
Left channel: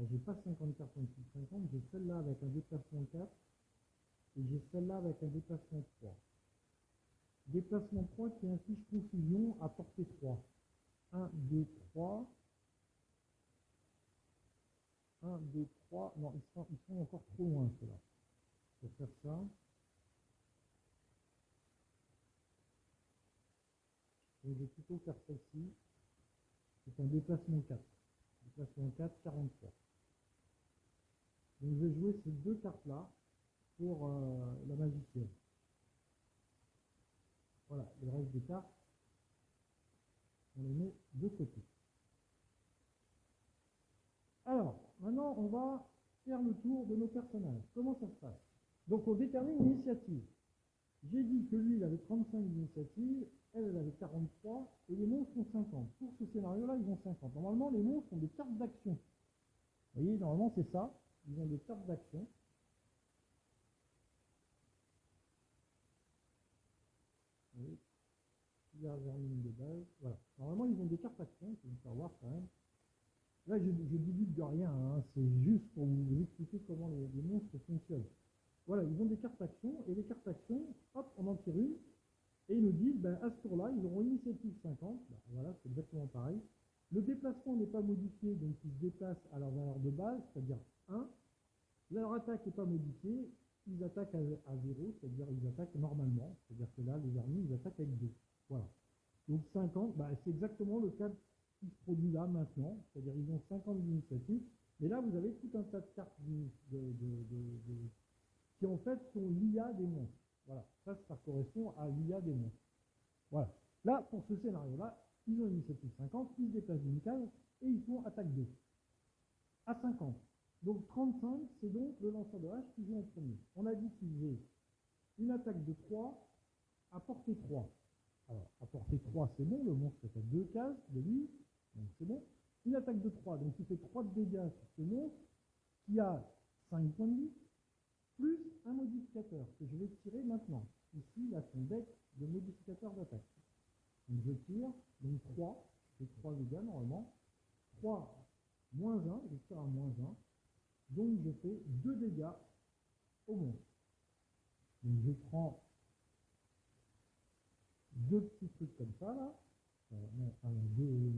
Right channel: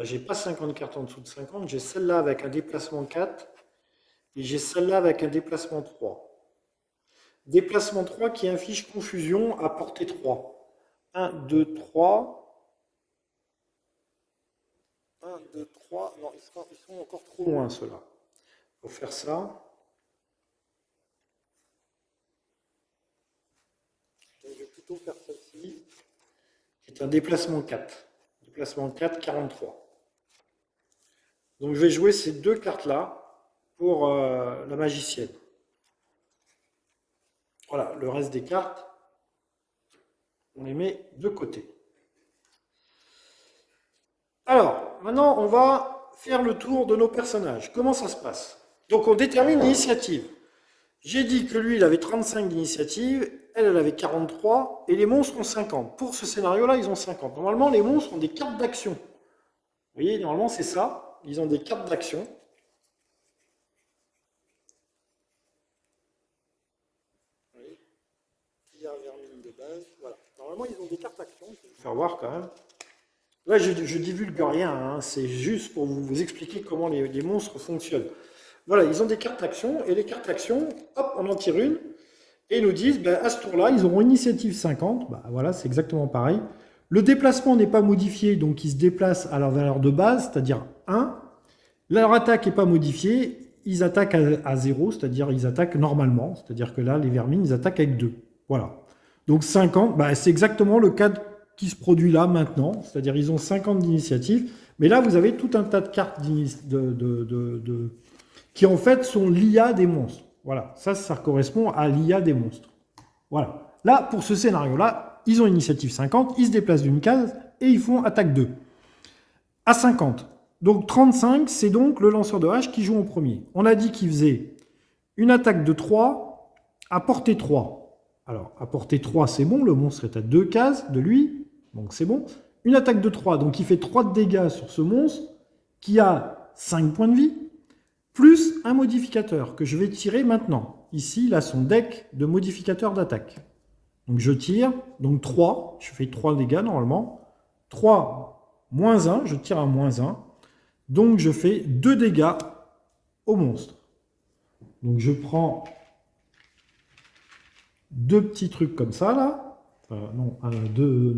J'ai pas 50 cartes en dessous de 50, j'ai celle-là avec un déplacement 4 et j'ai celle-là avec un déplacement 3. Déplacement 3 qui inflige confusion à portée 3. 1, 2, 3. 1, 2, 3. Non, ils sont encore trop loin ceux-là. Pour faire ça. Donc je vais plutôt faire celle-ci, qui est un déplacement 4. Déplacement 4, 43. Donc je vais jouer ces deux cartes-là pour la magicienne. Voilà, le reste des cartes, on les met de côté. Alors, maintenant, on va faire le tour de nos personnages. Comment ça se passe? Donc on détermine l'initiative. J'ai dit que lui, il avait 35 d'initiative, elle avait 43, et les monstres ont 50. Pour ce scénario-là, ils ont 50. Normalement, les monstres ont des cartes d'action. Vous voyez, normalement, c'est ça. Ils ont des cartes d'action. Vermine de base. Voilà. Normalement, ils ont des cartes d'action. Je vais vous faire voir quand même. Là, je divulgue rien. Hein. C'est juste pour vous expliquer comment les monstres fonctionnent. Voilà, ils ont des cartes d'action. Et les cartes d'action, hop, on en tire une. Et ils nous disent, ben, à ce tour-là, ils auront initiative 50. Ben, voilà, c'est exactement pareil. Le déplacement n'est pas modifié, donc ils se déplacent à leur valeur de base, c'est-à-dire 1. Leur attaque n'est pas modifiée, ils attaquent à 0, c'est-à-dire ils attaquent normalement. C'est-à-dire que là, les vermines, ils attaquent avec 2. Voilà. Donc 50, bah, c'est exactement le cas qui se produit là maintenant, c'est-à-dire ils ont 50 d'initiative, mais là vous avez tout un tas de cartes qui en fait sont l'IA des monstres. Voilà, ça correspond à l'IA des monstres. Voilà. Là, pour ce scénario-là, ils ont initiative 50, ils se déplacent d'une case et ils font attaque 2. À 50. Donc 35, c'est donc le lanceur de hache qui joue en premier. On a dit qu'il faisait une attaque de 3 à portée 3. Alors, à portée 3, c'est bon, le monstre est à 2 cases de lui, donc c'est bon. Une attaque de 3, donc il fait 3 de dégâts sur ce monstre qui a 5 points de vie, plus un modificateur que je vais tirer maintenant. Ici, il a son deck de modificateurs d'attaque. Donc je tire, donc 3, je fais 3 dégâts normalement. 3, moins 1, je tire à moins 1. Donc je fais 2 dégâts au monstre. Donc je prends 2 petits trucs comme ça là. Non, 2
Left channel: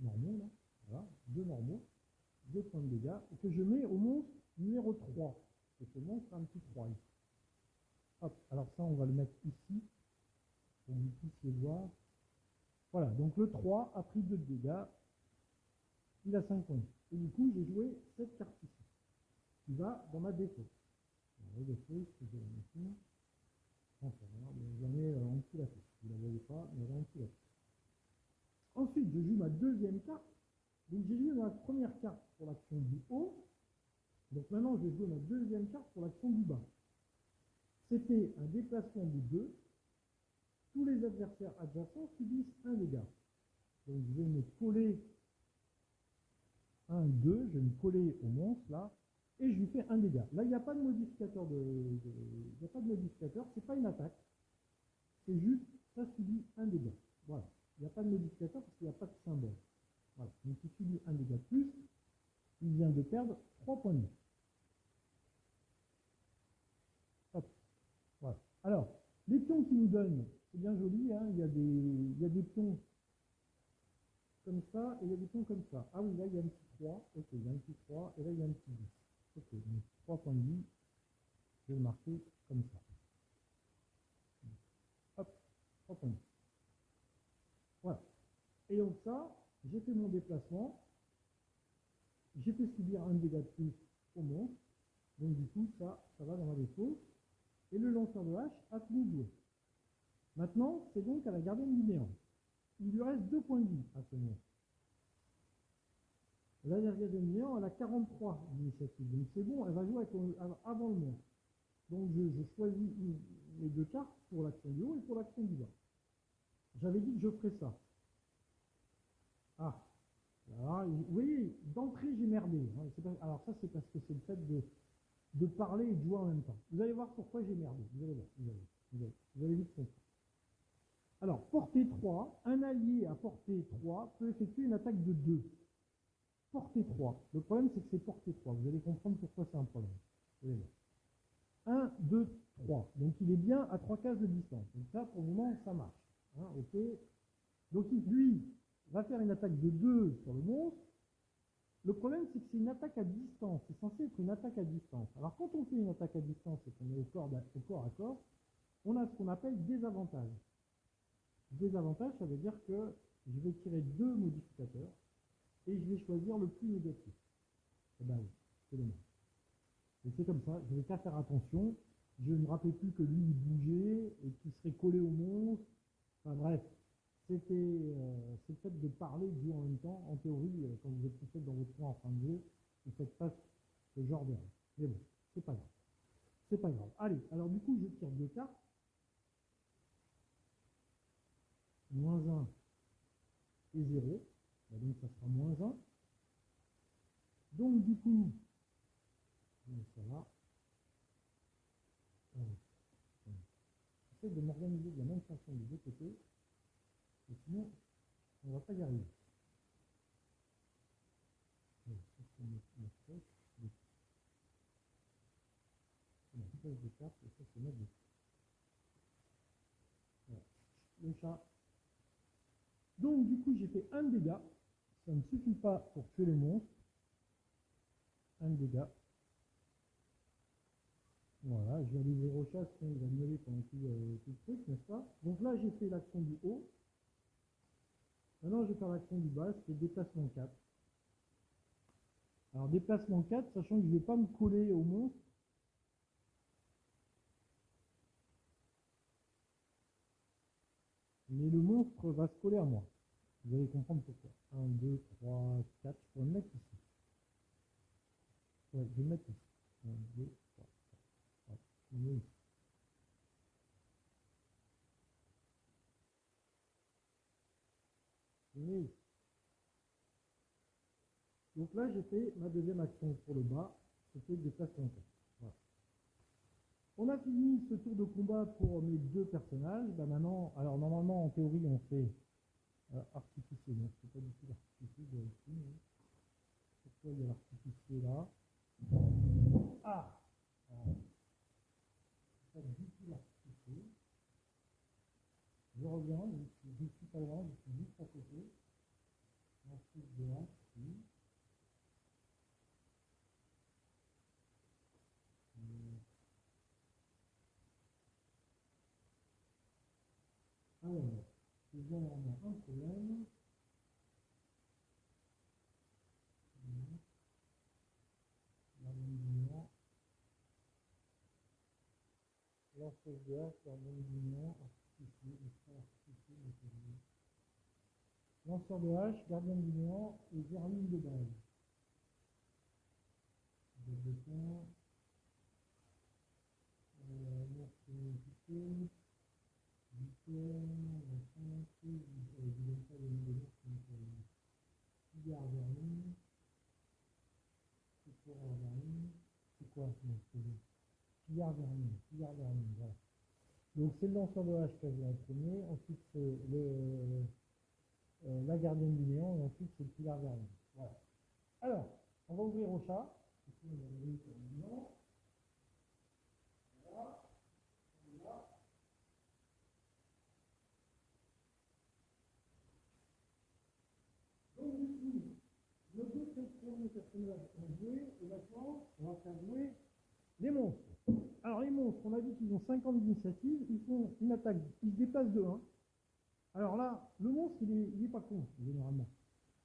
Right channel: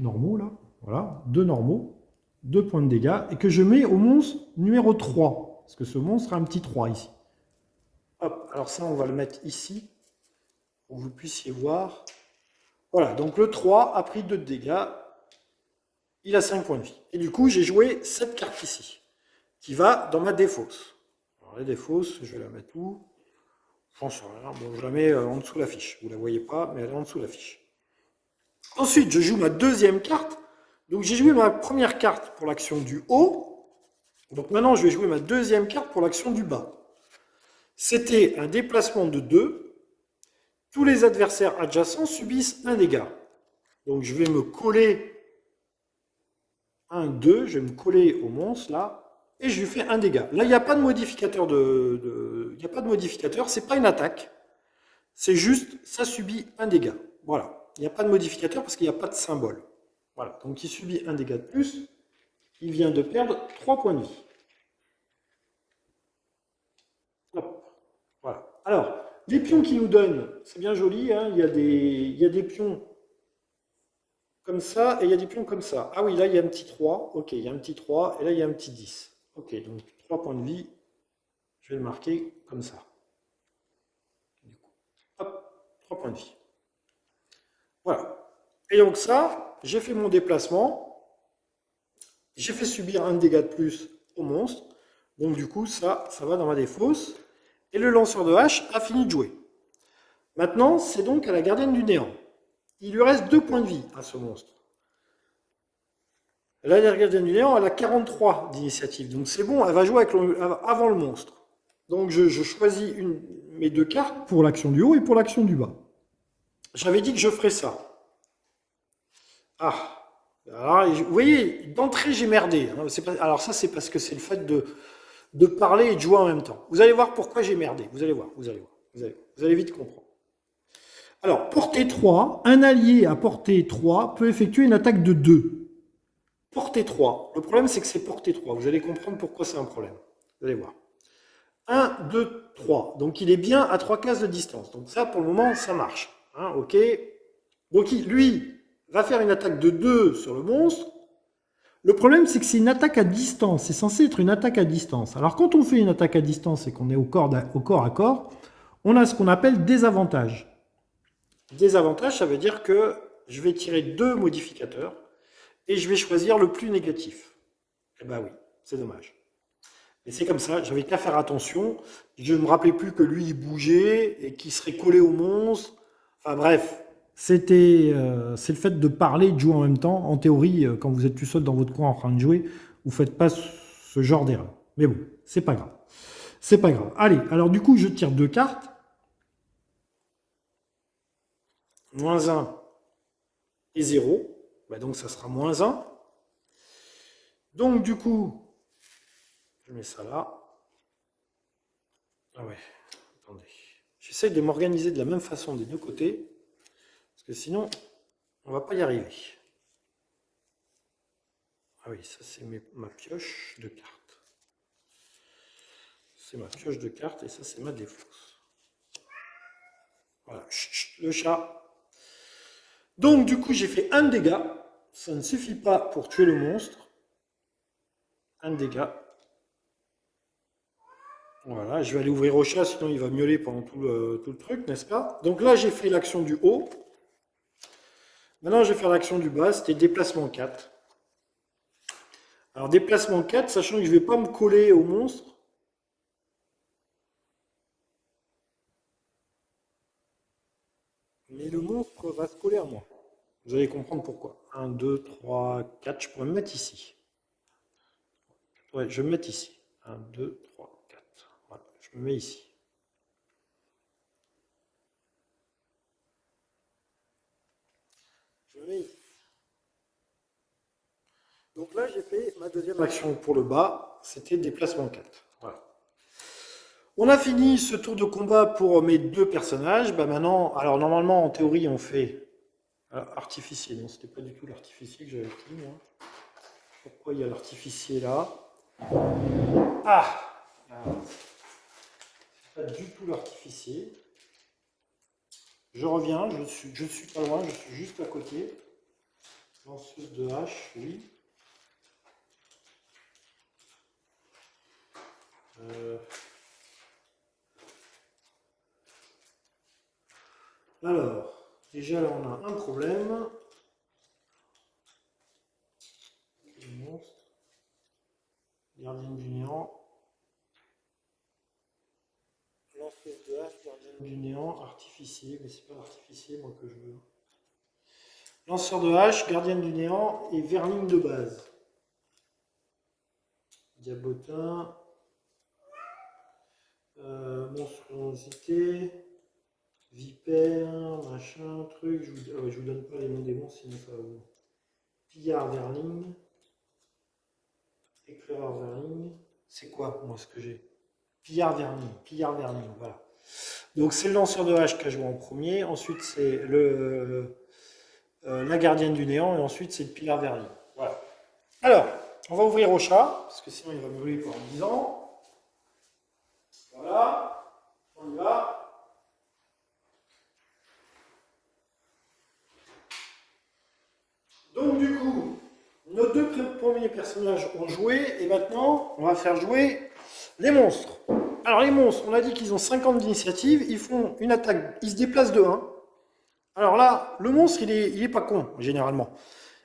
normaux là. Voilà, 2 normaux, 2 points de dégâts. Et que je mets au monstre numéro 3. Parce que ce monstre a un petit 3 ici. Hop, alors ça on va le mettre ici. Pour que vous puissiez voir. Voilà, donc le 3 a pris 2 de dégâts. Il a 5 points de vie. Et du coup, j'ai joué cette carte ici, qui va dans ma défausse. Alors, la défausse, je vais la mettre où? J'en sais rien. Bon, je la mets en dessous de la fiche. Vous ne la voyez pas, mais elle est en dessous de la fiche. Ensuite, je joue ma deuxième carte. Donc, j'ai joué ma première carte pour l'action du haut. Donc, maintenant, je vais jouer ma deuxième carte pour l'action du bas. C'était un déplacement de 2. Tous les adversaires adjacents subissent un dégât. Donc, je vais me coller 1, 2, je vais me coller au monstre là, et je lui fais un dégât. Là, il n'y a pas de modificateur il n'y a pas de modificateur, c'est pas une attaque. C'est juste, ça subit un dégât. Voilà. Il n'y a pas de modificateur parce qu'il n'y a pas de symbole. Voilà. Donc, il subit un dégât de plus. Il vient de perdre 3 points de vie. Hop. Voilà. Alors, les pions qu'il nous donnent, c'est bien joli. Hein, il y a des pions comme ça, et il y a des pions comme ça. Ah oui, là, il y a un petit 3. Ok, il y a un petit 3, et là, il y a un petit 10. Ok, donc 3 points de vie. Je vais le marquer comme ça. Du coup, hop, 3 points de vie. Voilà. Et donc ça, j'ai fait mon déplacement. J'ai fait subir un dégât de plus au monstre. Donc du coup, ça va dans ma défausse. Et le lanceur de hache a fini de jouer. Maintenant, c'est donc à la gardienne du néant. Il lui reste 2 points de vie à ce monstre. La gardienne du néant, elle a 43 d'initiative. Donc c'est bon, elle va jouer avant le monstre. Donc je choisis mes 2 cartes pour l'action du haut et pour l'action du bas. J'avais dit que je ferais ça. Ah, alors, vous voyez, d'entrée j'ai merdé. Hein. Alors ça c'est parce que c'est le fait de parler et de jouer en même temps. Vous allez voir pourquoi j'ai merdé. Vous allez voir. Vous allez vite comprendre. Alors, portée 3, un allié à portée 3 peut effectuer une attaque de 2. Portée 3. Le problème, c'est que c'est portée 3. Vous allez comprendre pourquoi c'est un problème. Vous allez voir. 1, 2, 3. Donc, il est bien à 3 cases de distance. Donc, ça, pour le moment, ça marche. Hein, ok. Donc, lui, va faire une attaque de 2 sur le monstre. Le problème, c'est que c'est une attaque à distance. C'est censé être une attaque à distance. Alors, quand on fait une attaque à distance et qu'on est au corps à corps, on a ce qu'on appelle des avantages. Désavantage, ça veut dire que je vais tirer 2 modificateurs et je vais choisir le plus négatif. Eh ben oui, c'est dommage. Mais c'est comme ça, j'avais qu'à faire attention. Je ne me rappelais plus que lui, il bougeait et qu'il serait collé au monstre. Enfin bref, c'est le fait de parler et de jouer en même temps. En théorie, quand vous êtes tout seul dans votre coin en train de jouer, vous ne faites pas ce genre d'erreur. Mais bon, c'est pas grave. C'est pas grave. Allez, alors du coup, je tire 2 cartes. Moins 1 et 0. Bah donc ça sera moins 1. Donc du coup, je mets ça là. Ah ouais, attendez. J'essaie de m'organiser de la même façon des deux côtés. Parce que sinon, on ne va pas y arriver. Ah oui, ça c'est ma pioche de cartes. C'est ma pioche de cartes et ça c'est ma défausse. Voilà, chut, chut, le chat. Donc du coup, j'ai fait un dégât. Ça ne suffit pas pour tuer le monstre. Un dégât. Voilà, je vais aller ouvrir au chat, sinon il va miauler pendant tout le truc, n'est-ce pas? Donc là, j'ai fait l'action du haut. Maintenant, je vais faire l'action du bas, c'était déplacement 4. Alors, déplacement 4, sachant que je ne vais pas me coller au monstre. Mais le monstre va se coller à moi. Vous allez comprendre pourquoi. 1, 2, 3, 4. Je pourrais me mettre ici. Ouais, je vais me mettre ici. 1, 2, 3, 4. Voilà, je me mets ici. Je me mets ici. Donc là, j'ai fait ma deuxième action pour le bas. C'était déplacement 4. Voilà. On a fini ce tour de combat pour mes deux personnages. Bah maintenant, alors normalement, en théorie, on fait artificier. Non, c'était pas du tout l'artificier que j'avais pris, moi. Pourquoi il y a l'artificier là? Ah, c'est pas du tout l'artificier. Je reviens, je suis pas loin, je suis juste à côté. Lanceuse de hache, oui. Alors, déjà là on a un problème. Le monstre. Gardienne du néant. Lanceuse de hache, gardienne du néant, artificier, mais c'est pas l'artificier moi que je veux. Lanceur de hache, gardienne du néant et verline de base. Diabotin. Monstruosité. Vipère, machin, truc. Je vous donne pas les noms des monstres, sinon ça va vous. Pillard verling. Éclaireur verling. C'est quoi moi ce que j'ai? Pillard verling, voilà. Donc c'est le lanceur de hache qui a joué en premier, ensuite c'est la gardienne du néant, et ensuite c'est le pillard verling. Voilà. Alors, on va ouvrir au chat, parce que sinon il va me brûler pendant 10 ans. Voilà, on y va. Donc du coup, nos deux premiers personnages ont joué, et maintenant on va faire jouer les monstres. Alors les monstres, on a dit qu'ils ont 50 d'initiative, ils font une attaque, ils se déplacent de 1. Alors là, le monstre, il est pas con, généralement.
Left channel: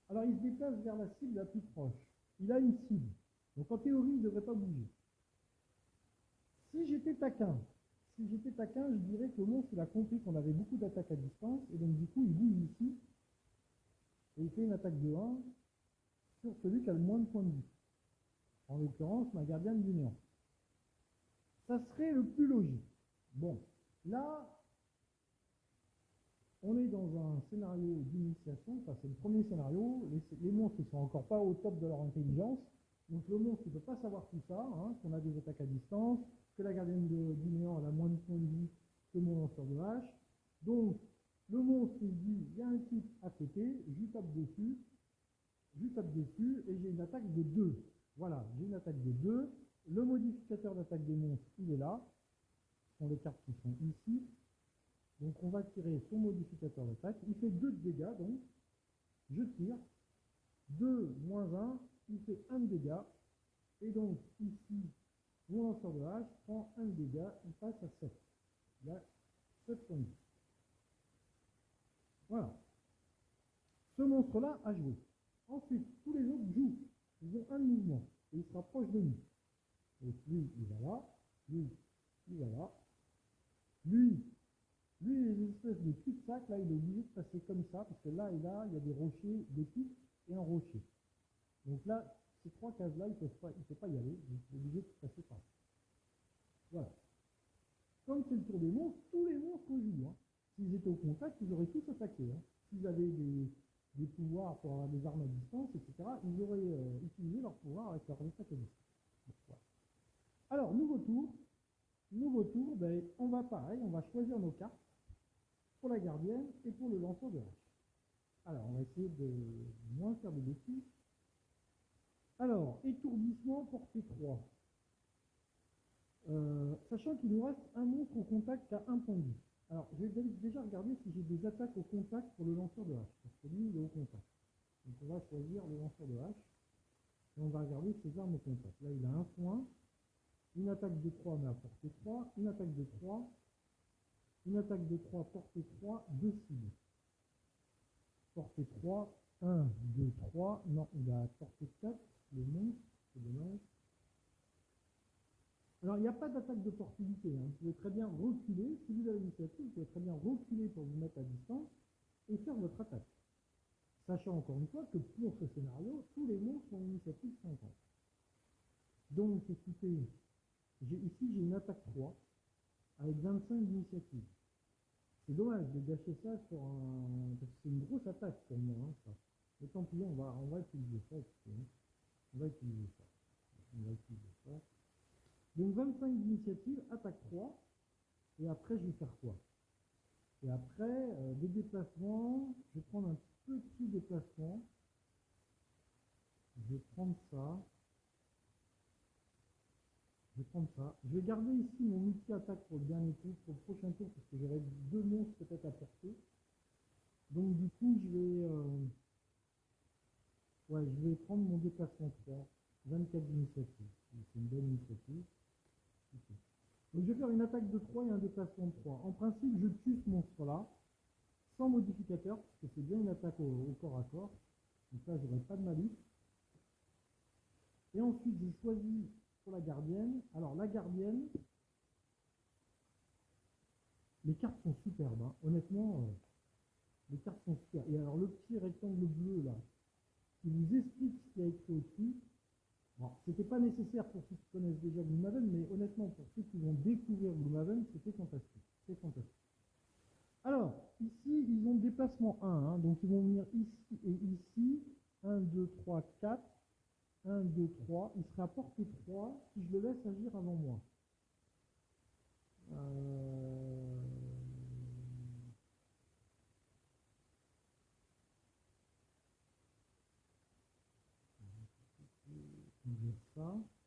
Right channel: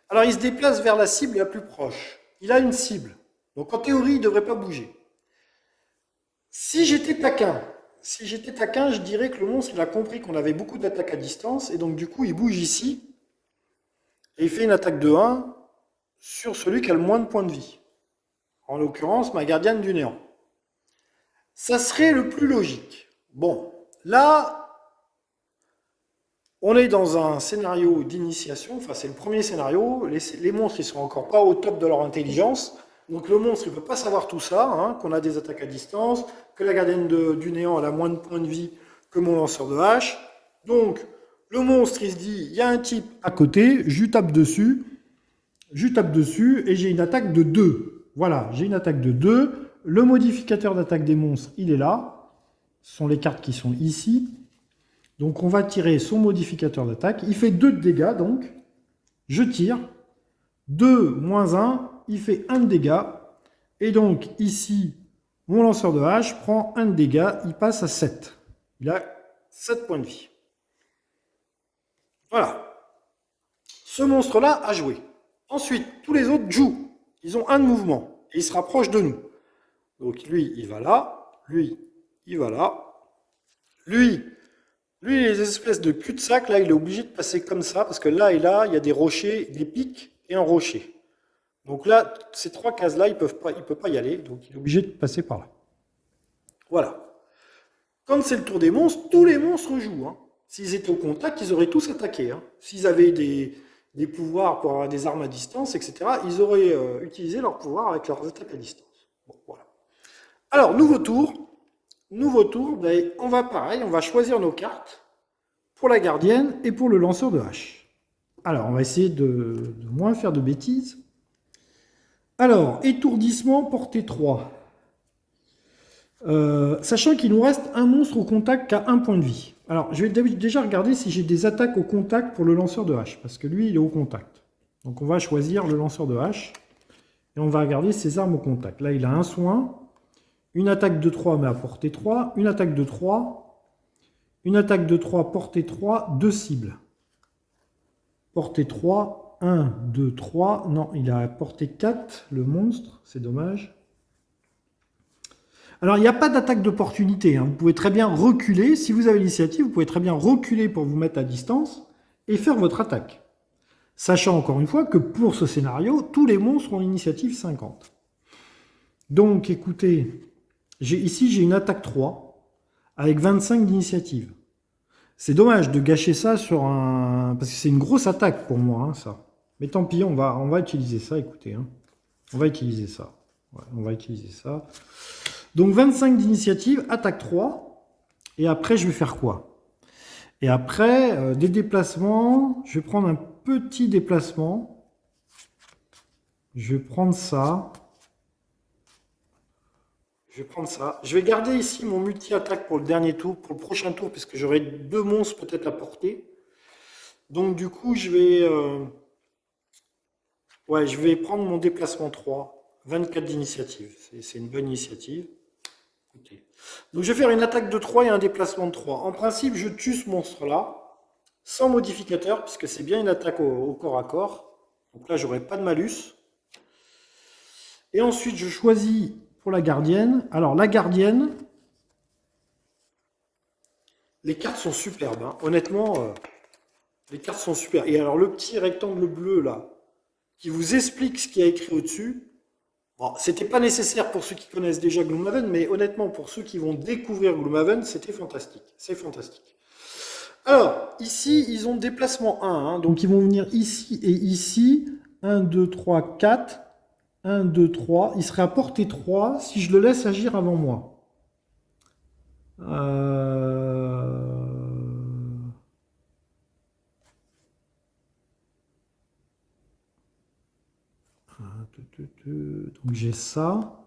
Alors il se déplace vers la cible la plus proche. Il a une cible. Donc en théorie, il ne devrait pas bouger. Si j'étais taquin, je dirais que le monstre, il a compris qu'on avait beaucoup d'attaques à distance, et donc du coup, il bouge ici, et il fait une attaque de 1 sur celui qui a le moins de points de vie. En l'occurrence, ma gardienne du néant. Ça serait le plus logique. Bon, là, on est dans un scénario d'initiation, enfin c'est le premier scénario, les monstres ils sont encore pas au top de leur intelligence, donc le monstre il ne peut pas savoir tout ça, hein, qu'on a des attaques à distance, que la gardienne du néant elle a moins de points de vie que mon lanceur de hache, donc le monstre il se dit, il y a un type à côté, je tape dessus et j'ai une attaque de 2. Voilà, j'ai une attaque de 2, le modificateur d'attaque des monstres il est là, ce sont les cartes qui sont ici. Donc on va tirer son modificateur d'attaque. Il fait 2 de dégâts, donc je tire. 2 moins 1, il fait 1 de dégâts. Et donc ici, mon lanceur de hache prend 1 de dégâts, il passe à 7. Il a 7 points de vie. Voilà. Ce monstre-là a joué. Ensuite, tous les autres jouent. Ils ont 1 de mouvement. Et ils se rapprochent de nous. Donc lui, il va là. Lui, il va là. Lui, les espèces de cul-de-sac, là, il est obligé de passer comme ça, parce que là et là, il y a des rochers, des pics et un rocher. Donc là, ces 3 cases-là, il ne peut pas y aller, donc il est obligé de passer par là. Voilà. Quand c'est le tour des monstres, tous les monstres jouent. Hein. S'ils étaient au contact, ils auraient tous attaqué. Hein. S'ils avaient des pouvoirs pour avoir des armes à distance, etc., ils auraient utilisé leurs pouvoirs avec leurs attaques à distance. Bon, voilà. Alors, nouveau tour, ben, on va pareil, on va choisir nos cartes pour la gardienne et pour le lanceur de hache. Alors, on va essayer de moins faire de bêtises. Alors, étourdissement, portée 3. Sachant qu'il nous reste un monstre au contact qui a 1 point de vie. Alors, je vais déjà regarder si j'ai des attaques au contact pour le lanceur de hache, parce que lui, il est au contact. Donc, on va choisir le lanceur de hache, et on va regarder ses armes au contact. Là, il a un soin, une attaque de 3, mais à portée 3, une attaque de 3, une attaque de 3, portée 3, 2 cibles. Portée 3, 1, 2, 3. Non, il a portée 4, le monstre, c'est dommage. Alors, il n'y a pas d'attaque d'opportunité, hein. Vous pouvez très bien reculer. Si vous avez l'initiative, vous pouvez très bien reculer pour vous mettre à distance et faire votre attaque. Sachant encore une fois que pour ce scénario, tous les monstres ont l'initiative 50. Donc, écoutez, ici j'ai une attaque 3 avec 25 d'initiative. C'est dommage de gâcher ça sur un... Parce que c'est une grosse attaque pour moi, hein, ça. Mais tant pis, on va utiliser ça, écoutez. Hein. On va utiliser ça. Ouais, on va utiliser ça. Donc 25 d'initiative, attaque 3. Et après, je vais faire quoi? Et après, des déplacements. Je vais prendre un petit déplacement. Je vais prendre ça. Je vais prendre ça. Je vais garder ici mon multi-attaque pour le dernier tour, pour le prochain tour, parce que j'aurai 2 monstres peut-être à porter. Donc du coup, je vais prendre mon déplacement 3. 24 d'initiative. C'est une bonne initiative. Écoutez. Donc je vais faire une attaque de 3 et un déplacement de 3. En principe, je tue ce monstre-là, sans modificateur, puisque c'est bien une attaque au corps à corps. Donc là, j'aurai pas de malus. Et ensuite, je choisis pour la gardienne. Alors la gardienne, les cartes sont superbes. Hein. Honnêtement, les cartes sont super. Et alors le petit rectangle bleu là, qui vous explique ce qu'il y a écrit au-dessus. Bon, c'était pas nécessaire pour ceux qui connaissent déjà Gloomhaven, mais honnêtement, pour ceux qui vont découvrir Gloomhaven, c'était fantastique. C'est fantastique. Alors, ici, ils ont déplacement 1. Hein, donc, ils vont venir ici et ici. 1, 2, 3, 4. 1, 2, 3. Il serait à portée 3 si je le laisse agir avant moi. Donc j'ai ça.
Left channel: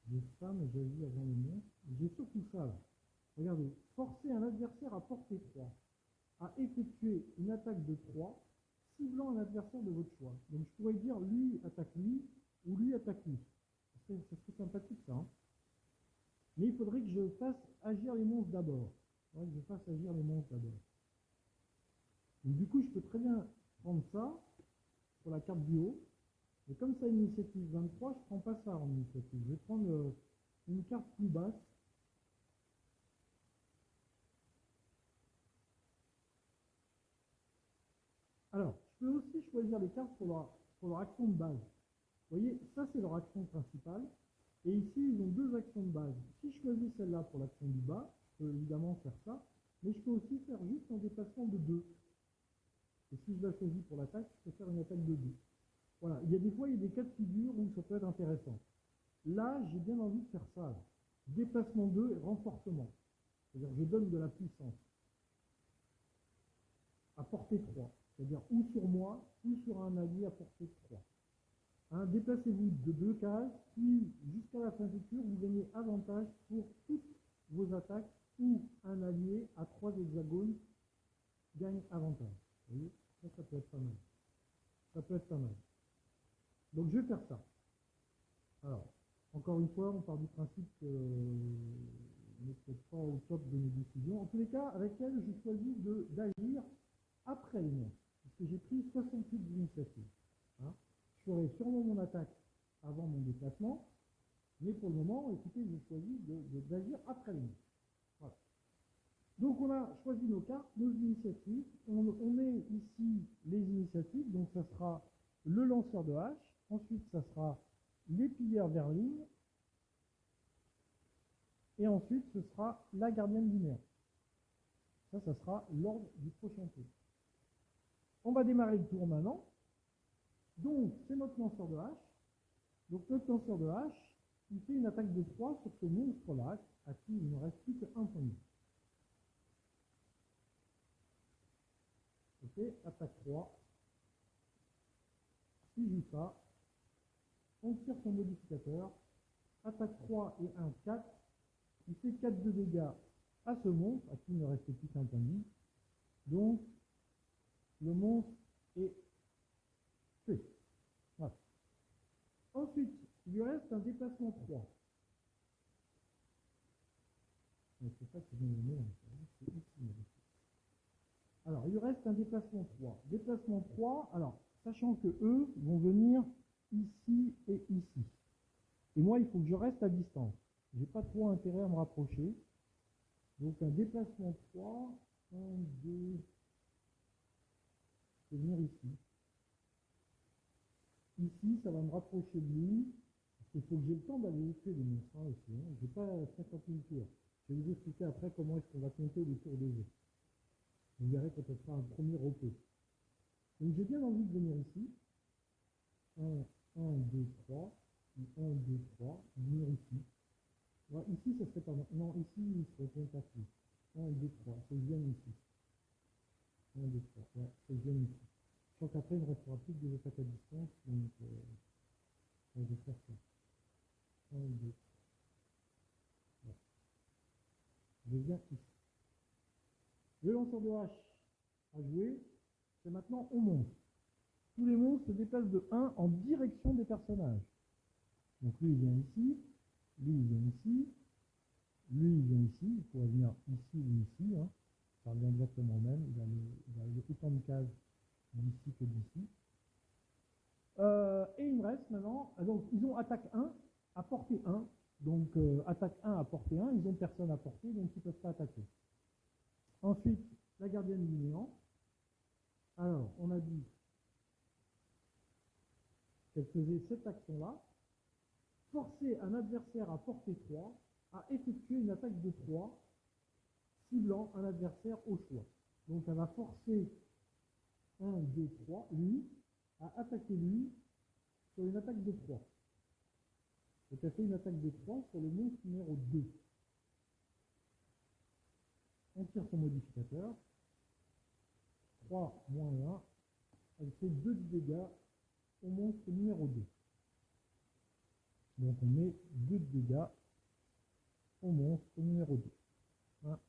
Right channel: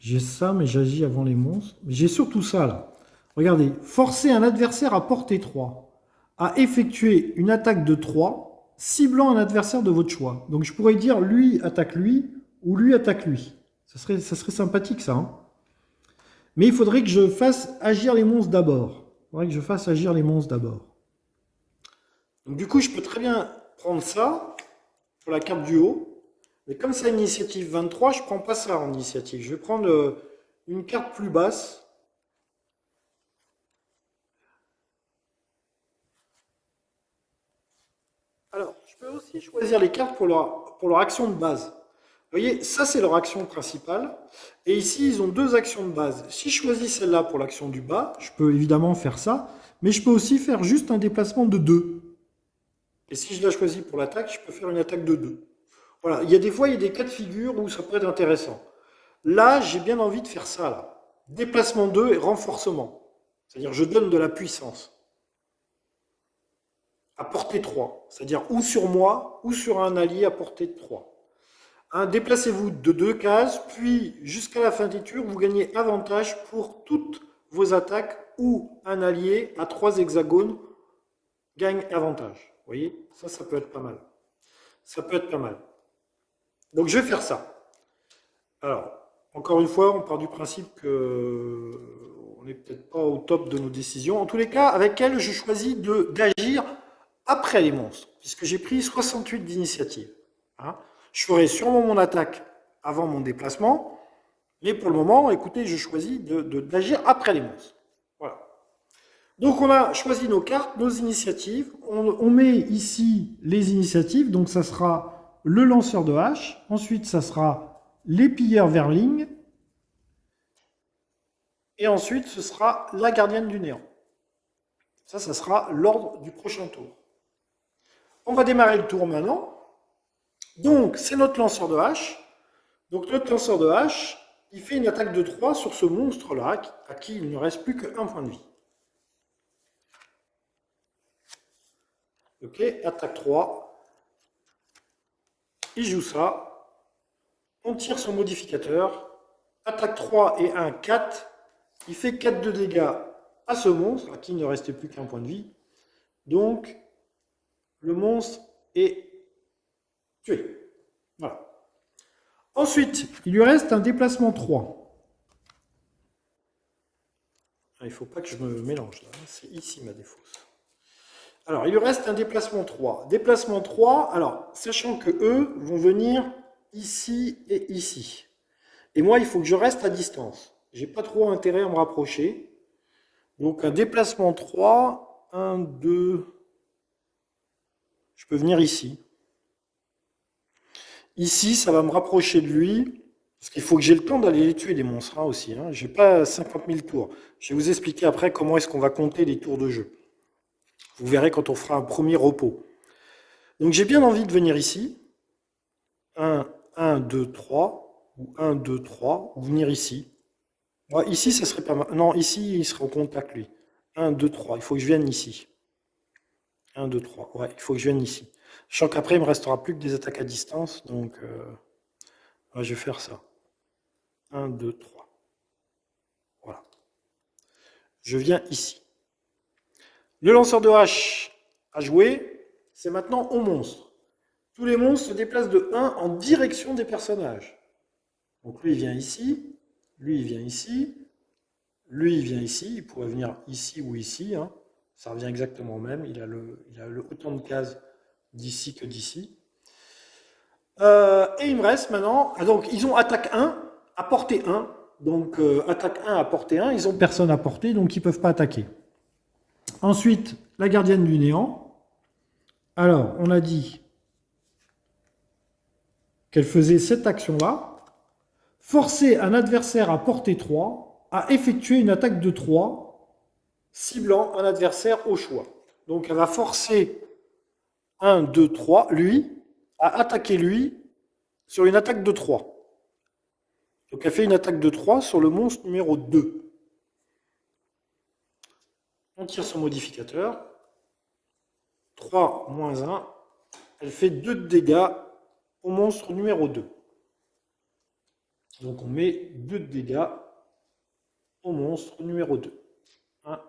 J'ai ça, mais j'agis avant les monstres. J'ai surtout ça là. Regardez, forcer un adversaire à portée 3 à effectuer une attaque de 3, ciblant un adversaire de votre choix. Donc je pourrais dire lui attaque lui ou lui attaque lui. Ça serait sympathique ça. Hein. Mais il faudrait que je fasse agir les monstres d'abord. Il faudrait que je fasse agir les monstres d'abord. Donc du coup, je peux très bien prendre ça pour la carte du haut. Mais comme c'est une initiative 23, je ne prends pas ça en initiative. Je vais prendre une carte plus basse. Alors, je peux aussi choisir les cartes pour leur action de base. Vous voyez, ça c'est leur action principale. Et ici, ils ont 2 actions de base. Si je choisis celle-là pour l'action du bas, je peux évidemment faire ça. Mais je peux aussi faire juste un déplacement de 2. Et si je la choisis pour l'attaque, je peux faire une attaque de 2. Voilà, il y a des fois, il y a des cas de figure où ça peut être intéressant. Là, j'ai bien envie de faire ça, là. Déplacement 2 et renforcement. C'est-à-dire, je donne de la puissance. À portée 3. C'est-à-dire, ou sur moi, ou sur un allié à portée de 3. Hein, déplacez-vous de 2 cases, puis jusqu'à la fin des tours, vous gagnez avantage pour toutes vos attaques ou un allié à 3 hexagones gagne avantage. Vous voyez, ça peut être pas mal. Ça peut être pas mal. Donc, je vais faire ça. Alors, encore une fois, on part du principe que on n'est peut-être pas au top de nos décisions. En tous les cas, avec elle, je choisis d'agir après les monstres, puisque j'ai pris 68 d'initiative. Hein. Je ferai sûrement mon attaque avant mon déplacement, mais pour le moment, écoutez, je choisis d'agir après les monstres. Voilà. Donc on a choisi nos cartes, nos initiatives. On met ici les initiatives, donc ça sera le lanceur de hache. Ensuite, ça sera les pilleurs verling. Et ensuite, ce sera la gardienne du néant. Ça sera l'ordre du prochain tour. On va démarrer le tour maintenant. Donc, c'est notre lanceur de hache. Donc, notre lanceur de hache, il fait une attaque de 3 sur ce monstre-là, à qui il ne reste plus qu'un point de vie. Ok, attaque 3. Il joue ça. On tire son modificateur. Attaque 3 et 1, 4. Il fait 4 de dégâts à ce monstre, à qui il ne restait plus qu'un point de vie. Donc, le monstre est tué. Voilà. Ensuite, il lui reste un déplacement 3. Il ne faut pas que je me mélange là. C'est ici ma défausse. Alors, il lui reste un déplacement 3. Déplacement 3, alors, sachant que eux vont venir ici et ici. Et moi, il faut que je reste à distance. J'ai pas trop intérêt à me rapprocher. Donc, un déplacement 3, 1, 2, je peux venir ici. Ici, ça va me rapprocher de lui, parce qu'il faut que j'ai le temps d'aller les tuer, les monstres, hein, aussi. Hein. Je n'ai pas 50 000 tours. Je vais vous expliquer après comment est-ce qu'on va compter les tours de jeu. Vous verrez quand on fera un premier repos. Donc j'ai bien envie de venir ici. 1, 1, 2, 3. Ou 1, 2, 3. Ou venir ici. Ouais, ici, ça serait pas mal. Non, ici, il sera en contact, lui. 1, 2, 3. Il faut que je vienne ici. 1, 2, 3. Ouais, il faut que je vienne ici. Je sens qu'après, il ne me restera plus que des attaques à distance. Donc, ouais, je vais faire ça. 1, 2, 3. Voilà. Je viens ici. Le lanceur de hache à jouer, c'est maintenant au monstre. Tous les monstres se déplacent de 1 en direction des personnages. Donc lui, il vient ici. Lui, il vient ici. Lui, il vient ici. Il pourrait venir ici ou ici. Hein. Ça revient exactement au même. Il a autant de cases d'ici que d'ici. Et il me reste maintenant... Ah, donc, ils ont attaque 1 à portée 1. Donc, attaque 1 à portée 1. Ils n'ont personne à portée, donc ils ne peuvent pas attaquer. Ensuite, la gardienne du néant. Alors, on a dit qu'elle faisait cette action-là. Forcer un adversaire à portée 3 à effectuer une attaque de 3, ciblant un adversaire au choix. Donc, elle va forcer 1, 2, 3, lui, à attaquer lui sur une attaque de 3. Donc, elle fait une attaque de 3 sur le monstre numéro 2. On tire son modificateur. 3 moins 1. Elle fait 2 de dégâts au monstre numéro 2. Donc on met 2 de dégâts au monstre numéro 2. 1,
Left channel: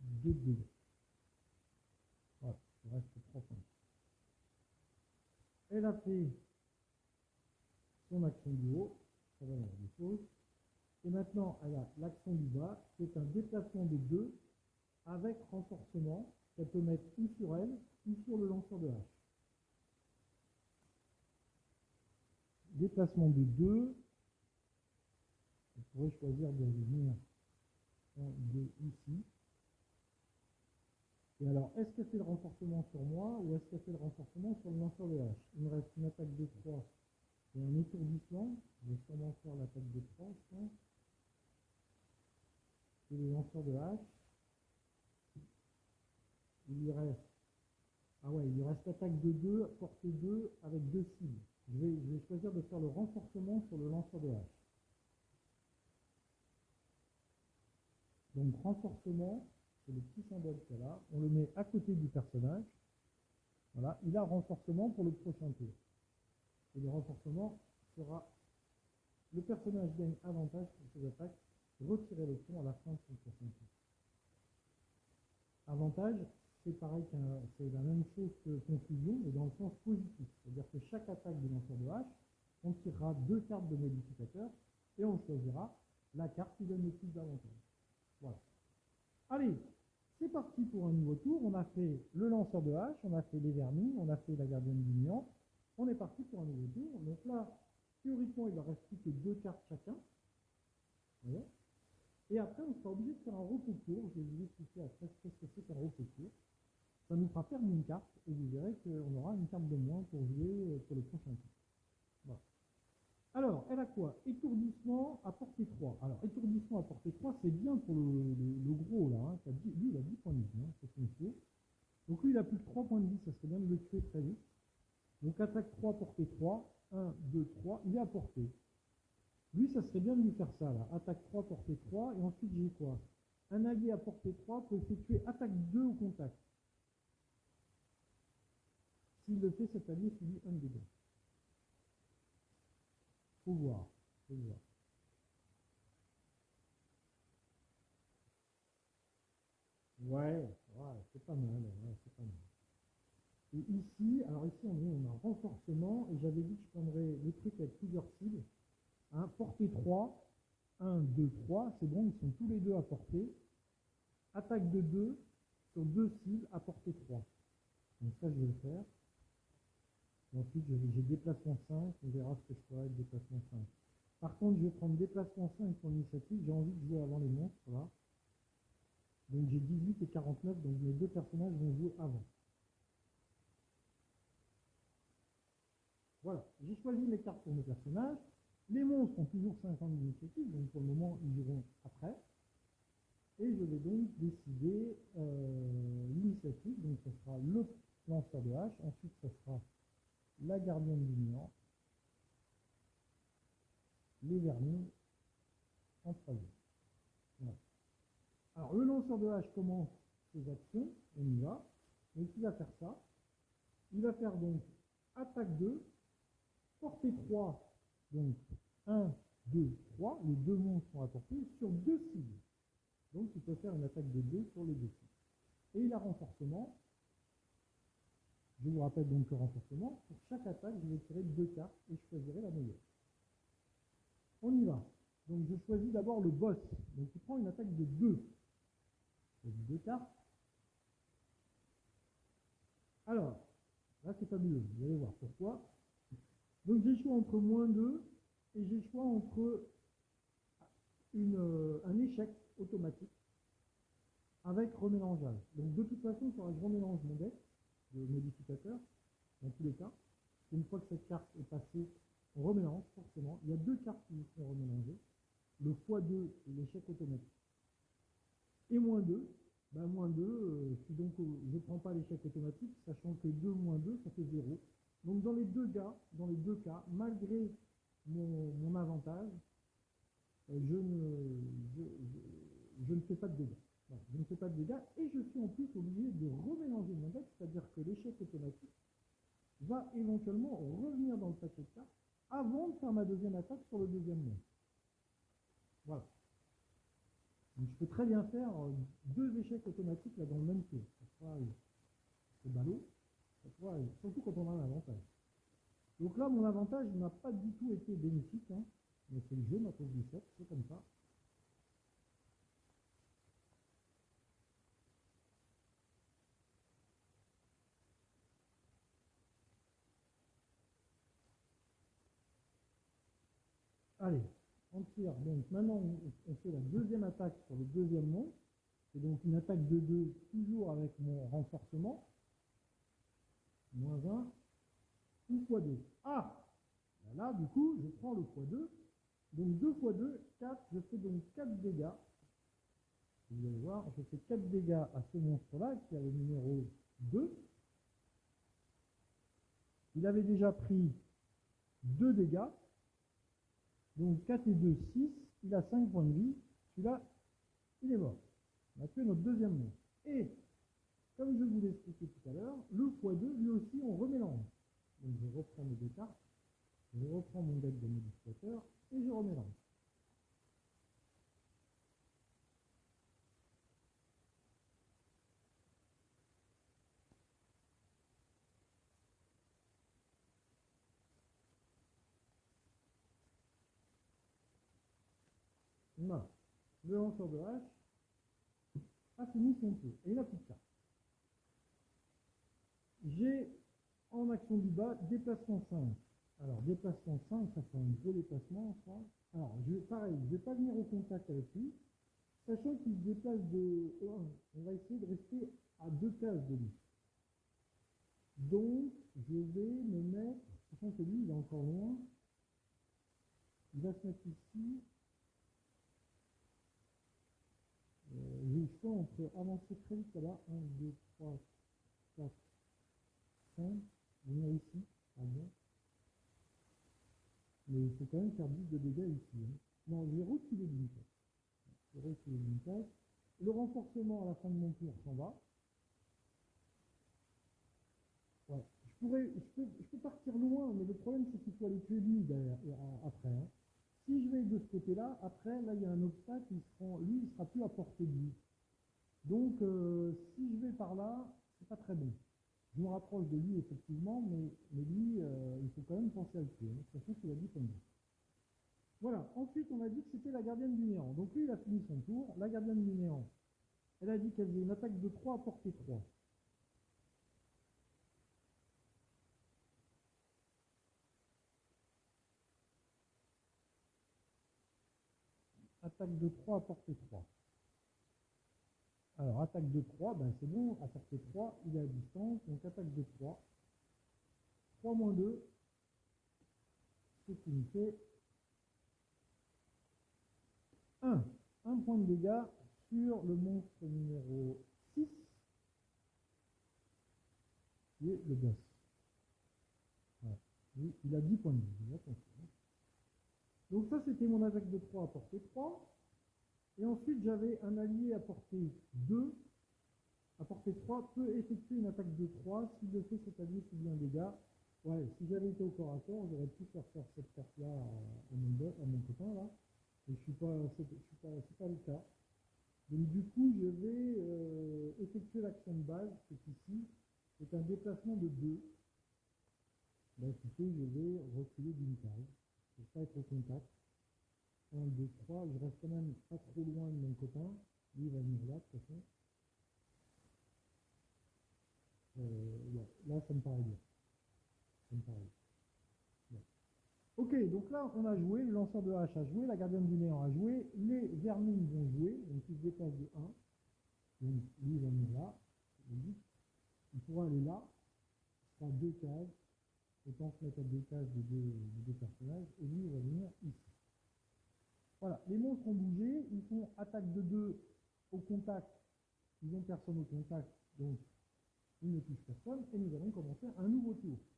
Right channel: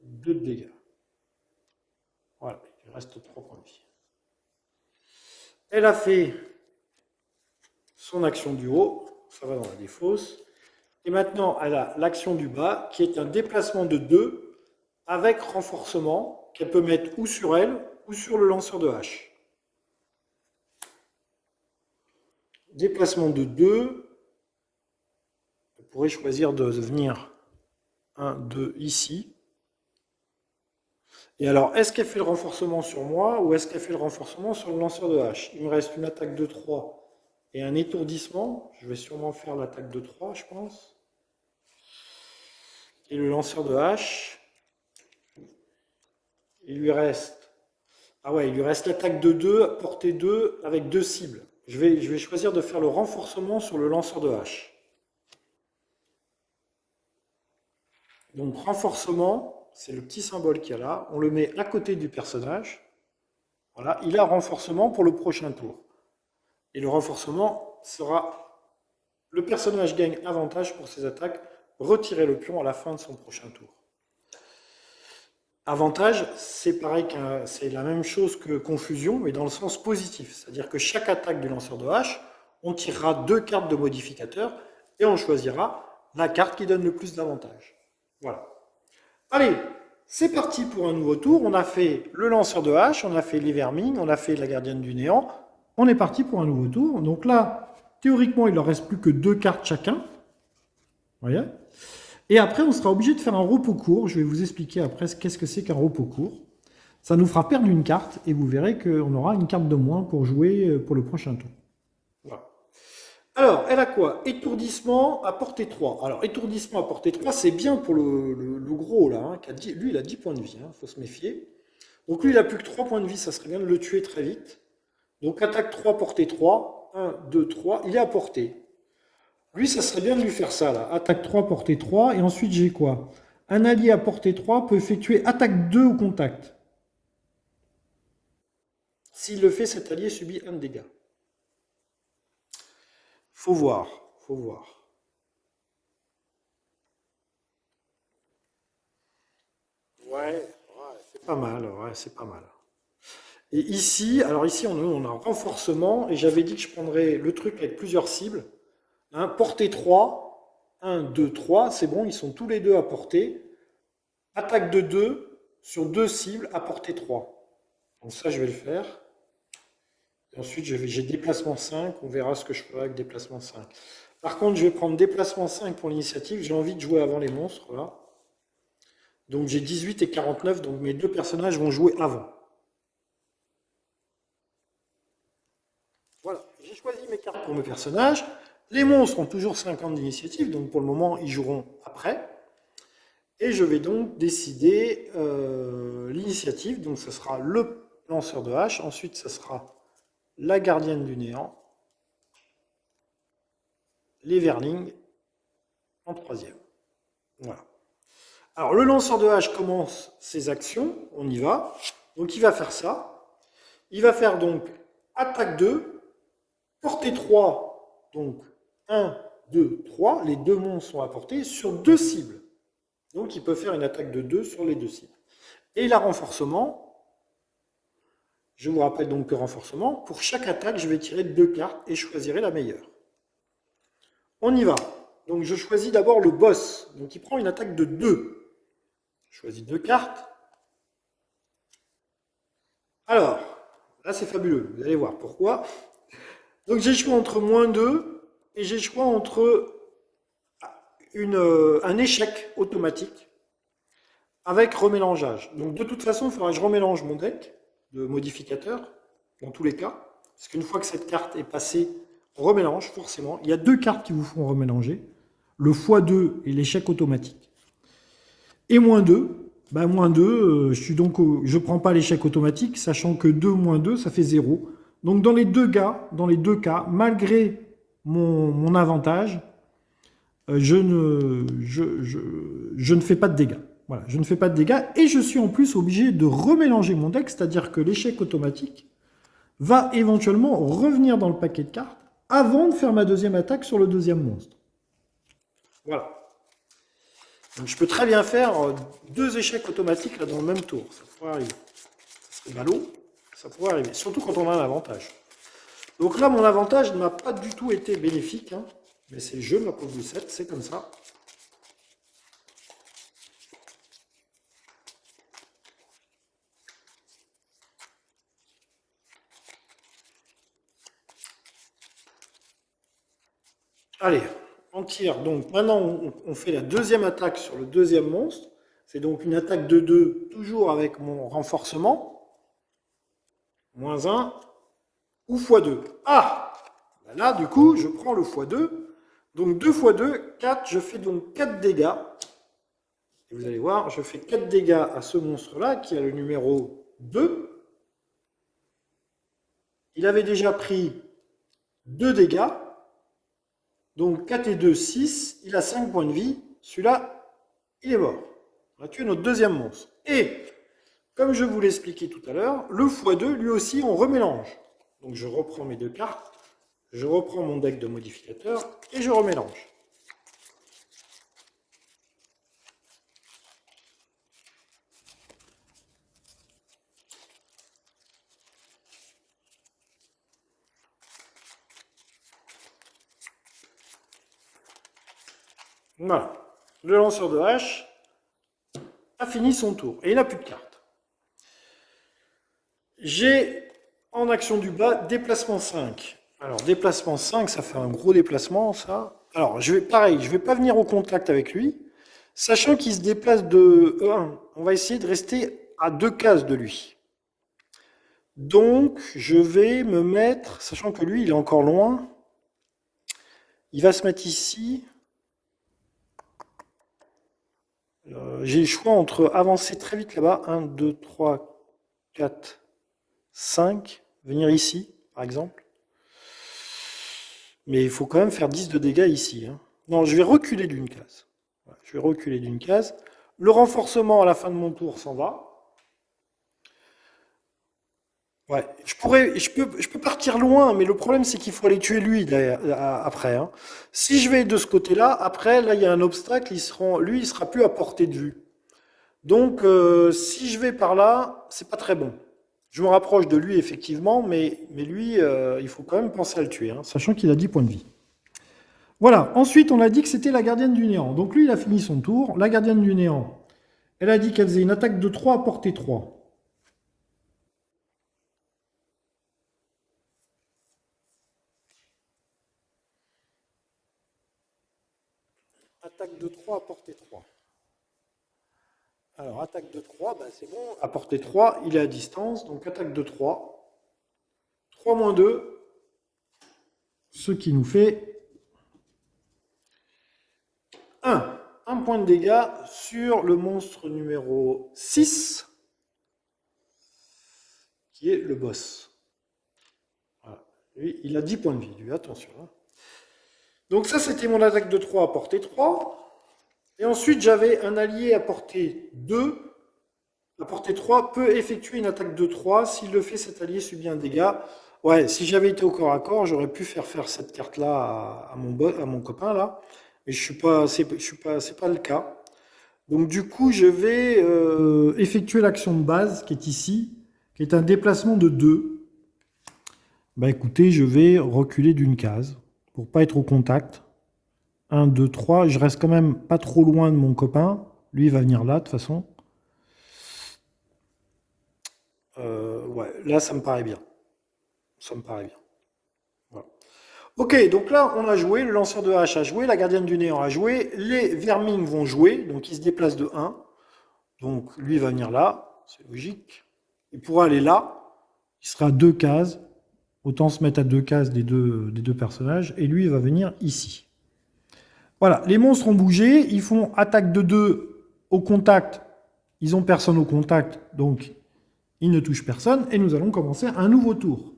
2 de dégâts. Voilà, il reste 3 points de vie. Elle a fait son action du haut, ça va dans la défausse. Et maintenant, elle a l'action du bas, qui est un déplacement de 2 avec renforcement, qu'elle peut mettre ou sur elle, ou sur le lanceur de hache. Déplacement de 2. On pourrait choisir de venir 1, 2 ici. Et alors, est-ce qu'elle fait le renforcement sur moi ou est-ce qu'elle fait le renforcement sur le lanceur de hache? Il me reste une attaque de 3 et un étourdissement. Je vais sûrement faire l'attaque de 3, je pense. Et le lanceur de hache, il lui reste... Ah ouais, il lui reste l'attaque de 2, portée 2, avec 2 cibles. Je vais choisir de faire le renforcement sur le lanceur de hache. Donc, renforcement, c'est le petit symbole qu'il y a là. On le met à côté du personnage. Voilà, il a renforcement pour le prochain tour. Et le renforcement sera... Le personnage gagne avantage pour ses attaques. Retirer le pion à la fin de son prochain tour. Avantage, c'est pareil, c'est la même chose que confusion, mais dans le sens positif. C'est-à-dire que chaque attaque du lanceur de hache, on tirera 2 cartes de modificateur et on choisira la carte qui donne le plus d'avantages. Voilà. Allez, c'est parti pour un nouveau tour. On a fait le lanceur de hache, on a fait les vermines, on a fait la gardienne du néant. On est parti pour un nouveau tour. Donc là, théoriquement, il ne leur reste plus que 2 cartes chacun. Vous voyez ? Et après, on sera obligé de faire un repos court. Je vais vous expliquer après qu'est-ce que c'est qu'un repos court. Ça nous fera perdre une carte et vous verrez qu'on aura une carte de moins pour jouer pour le prochain tour. Voilà. Alors, elle a quoi? Étourdissement à portée 3. Alors, étourdissement à portée 3, c'est bien pour le gros, là. Hein, lui, il a 10 points de vie, il faut se méfier. Donc, lui, il n'a plus que 3 points de vie, ça serait bien de le tuer très vite. Donc, attaque 3, portée 3. 1, 2, 3. Il est à portée. Lui, ça serait bien de lui faire ça, là. Attaque 3, portée 3. Et ensuite, j'ai quoi? Un allié à portée 3 peut effectuer attaque 2 au contact. S'il le fait, cet allié subit 1 dégât. Faut voir, faut voir. Ouais, c'est pas mal, ouais, c'est pas mal. Et ici, alors ici, on a un renforcement, et j'avais dit que je prendrais le truc avec plusieurs cibles. Hein, portée 3, 1, 2, 3, c'est bon, ils sont tous les deux à portée. Attaque de 2 sur 2 cibles à portée 3. Donc ça, je vais le faire. Et ensuite, j'ai déplacement 5. On verra ce que je ferai avec déplacement 5. Par contre, je vais prendre déplacement 5 pour l'initiative. J'ai envie de jouer avant les monstres, là. Donc j'ai 18 et 49, donc mes deux personnages vont jouer avant. Voilà, j'ai choisi mes cartes pour mes personnages. Les monstres ont toujours 50 d'initiative, donc pour le moment, ils joueront après. Et je vais donc décider l'initiative. Donc ce sera le lanceur de hache. Ensuite, ce sera la gardienne du néant. Les verlings en troisième. Voilà. Alors le lanceur de hache commence ses actions. On y va. Donc il va faire ça. Il va faire donc attaque 2, portée 3. Donc 1, 2, 3. Les deux monstres sont à portée sur 2 cibles. Donc, il peut faire une attaque de 2 sur les 2 cibles. Et la renforcement, je vous rappelle donc que renforcement, pour chaque attaque, je vais tirer 2 cartes et je choisirai la meilleure. On y va. Donc, je choisis d'abord le boss. Donc, il prend une attaque de 2. Je choisis 2 cartes. Alors, là, c'est fabuleux. Vous allez voir pourquoi. Donc, j'ai le choix entre -2 et j'ai le choix entre un échec automatique avec remélangeage. Donc de toute façon, il faudra que je remélange mon deck de modificateurs, dans tous les cas, parce qu'une fois que cette carte est passée, on remélange forcément. Il y a 2 cartes qui vous font remélanger, le x2 et l'échec automatique. Et -2, ben -2, je ne prends pas l'échec automatique, sachant que 2 -2, ça fait 0. Donc dans les deux cas, malgré mon avantage, je ne fais pas de dégâts. Voilà, je ne fais pas de dégâts et je suis en plus obligé de remélanger mon deck, c'est-à-dire que l'échec automatique va éventuellement revenir dans le paquet de cartes avant de faire ma deuxième attaque sur le deuxième monstre. Voilà. Donc je peux très bien faire 2 échecs automatiques là dans le même tour. Ça pourrait arriver. Ça serait ballot, ça pourrait arriver. Surtout quand on a un avantage. Donc là, mon avantage ne m'a pas du tout été bénéfique, hein. Mais c'est le jeu, ma pauvre Lucette, c'est comme ça. Allez, on tire. Donc maintenant, on fait la deuxième attaque sur le deuxième monstre. C'est donc une attaque de 2, toujours avec mon renforcement. -1 ou x2. Ah! Là, du coup, je prends le x2. Donc 2 x 2, 4. Je fais donc 4 dégâts. Et vous allez voir, je fais 4 dégâts à ce monstre-là, qui a le numéro 2. Il avait déjà pris 2 dégâts. Donc 4 et 2, 6. Il a 5 points de vie. Celui-là, il est mort. On a tué notre deuxième monstre. Et, comme je vous l'ai expliqué tout à l'heure, le x2, lui aussi, on remélange. Donc je reprends mes 2 cartes. Je reprends mon deck de modificateurs et je remélange. Voilà. Le lanceur de hache a fini son tour et il n'a plus de cartes. J'ai en action du bas déplacement 5. Alors déplacement 5, ça fait un gros déplacement ça. Alors pareil, je ne vais pas venir au contact avec lui, sachant qu'il se déplace de 1. On va essayer de rester à 2 cases de lui. Donc je vais me mettre, sachant que lui il est encore loin, il va se mettre ici. J'ai le choix entre avancer très vite là-bas, 1, 2, 3, 4, 5, venir ici, par exemple. Mais il faut quand même faire 10 de dégâts ici. Hein. Non, je vais reculer d'une case. Voilà, je vais reculer d'une case. Le renforcement à la fin de mon tour s'en va. Ouais, je peux partir loin, mais le problème c'est qu'il faut aller tuer lui après. Hein. Si je vais de ce côté-là, après, là il y a un obstacle, lui il sera plus à portée de vue. Donc si je vais par là, c'est pas très bon. Je me rapproche de lui effectivement, mais lui, il faut quand même penser à le tuer, hein, sachant qu'il a 10 points de vie. Voilà, ensuite on a dit que c'était la gardienne du néant. Donc lui il a fini son tour, la gardienne du néant, Elle a dit qu'elle faisait une attaque de 3 à portée 3. Attaque de 3 à portée 3. Alors, attaque de 3, ben c'est bon. À portée 3, il est à distance. Donc, attaque de 3. 3 moins 2. Ce qui nous fait 1. Un point de dégâts sur le monstre numéro 6, qui est le boss. Voilà. Lui, il a 10 points de vie, lui, attention. Hein. Donc ça, c'était mon attaque de 3 à portée 3. Et ensuite, j'avais un allié à portée 2. À portée 3 peut effectuer une attaque de 3. S'il le fait, cet allié subit un dégât. Ouais, si j'avais été au corps à corps, j'aurais pu faire cette carte-là à mon copain, là. Mais c'est pas le cas. Donc du coup, je vais effectuer l'action de base qui est ici, qui est un déplacement de 2. Bah écoutez, je vais reculer d'une case pour pas être au contact. 1, 2, 3. Je reste quand même pas trop loin de mon copain. Lui, il va venir là, de toute façon. Ouais, là, ça me paraît bien. Ça me paraît bien. Voilà. Ok, donc là, on a joué. Le lanceur de hache a joué. La gardienne du néant a joué. Les vermines vont jouer. Donc, ils se déplacent de 1. Donc, lui, il va venir là. C'est logique. Il pourra aller là. Il sera à 2 cases. Autant se mettre à 2 cases des deux personnages. Et lui, il va venir ici. Voilà, les monstres ont bougé, ils font attaque de 2 au contact. Ils n'ont personne au contact, donc ils ne touchent personne. Et nous allons commencer un nouveau tour.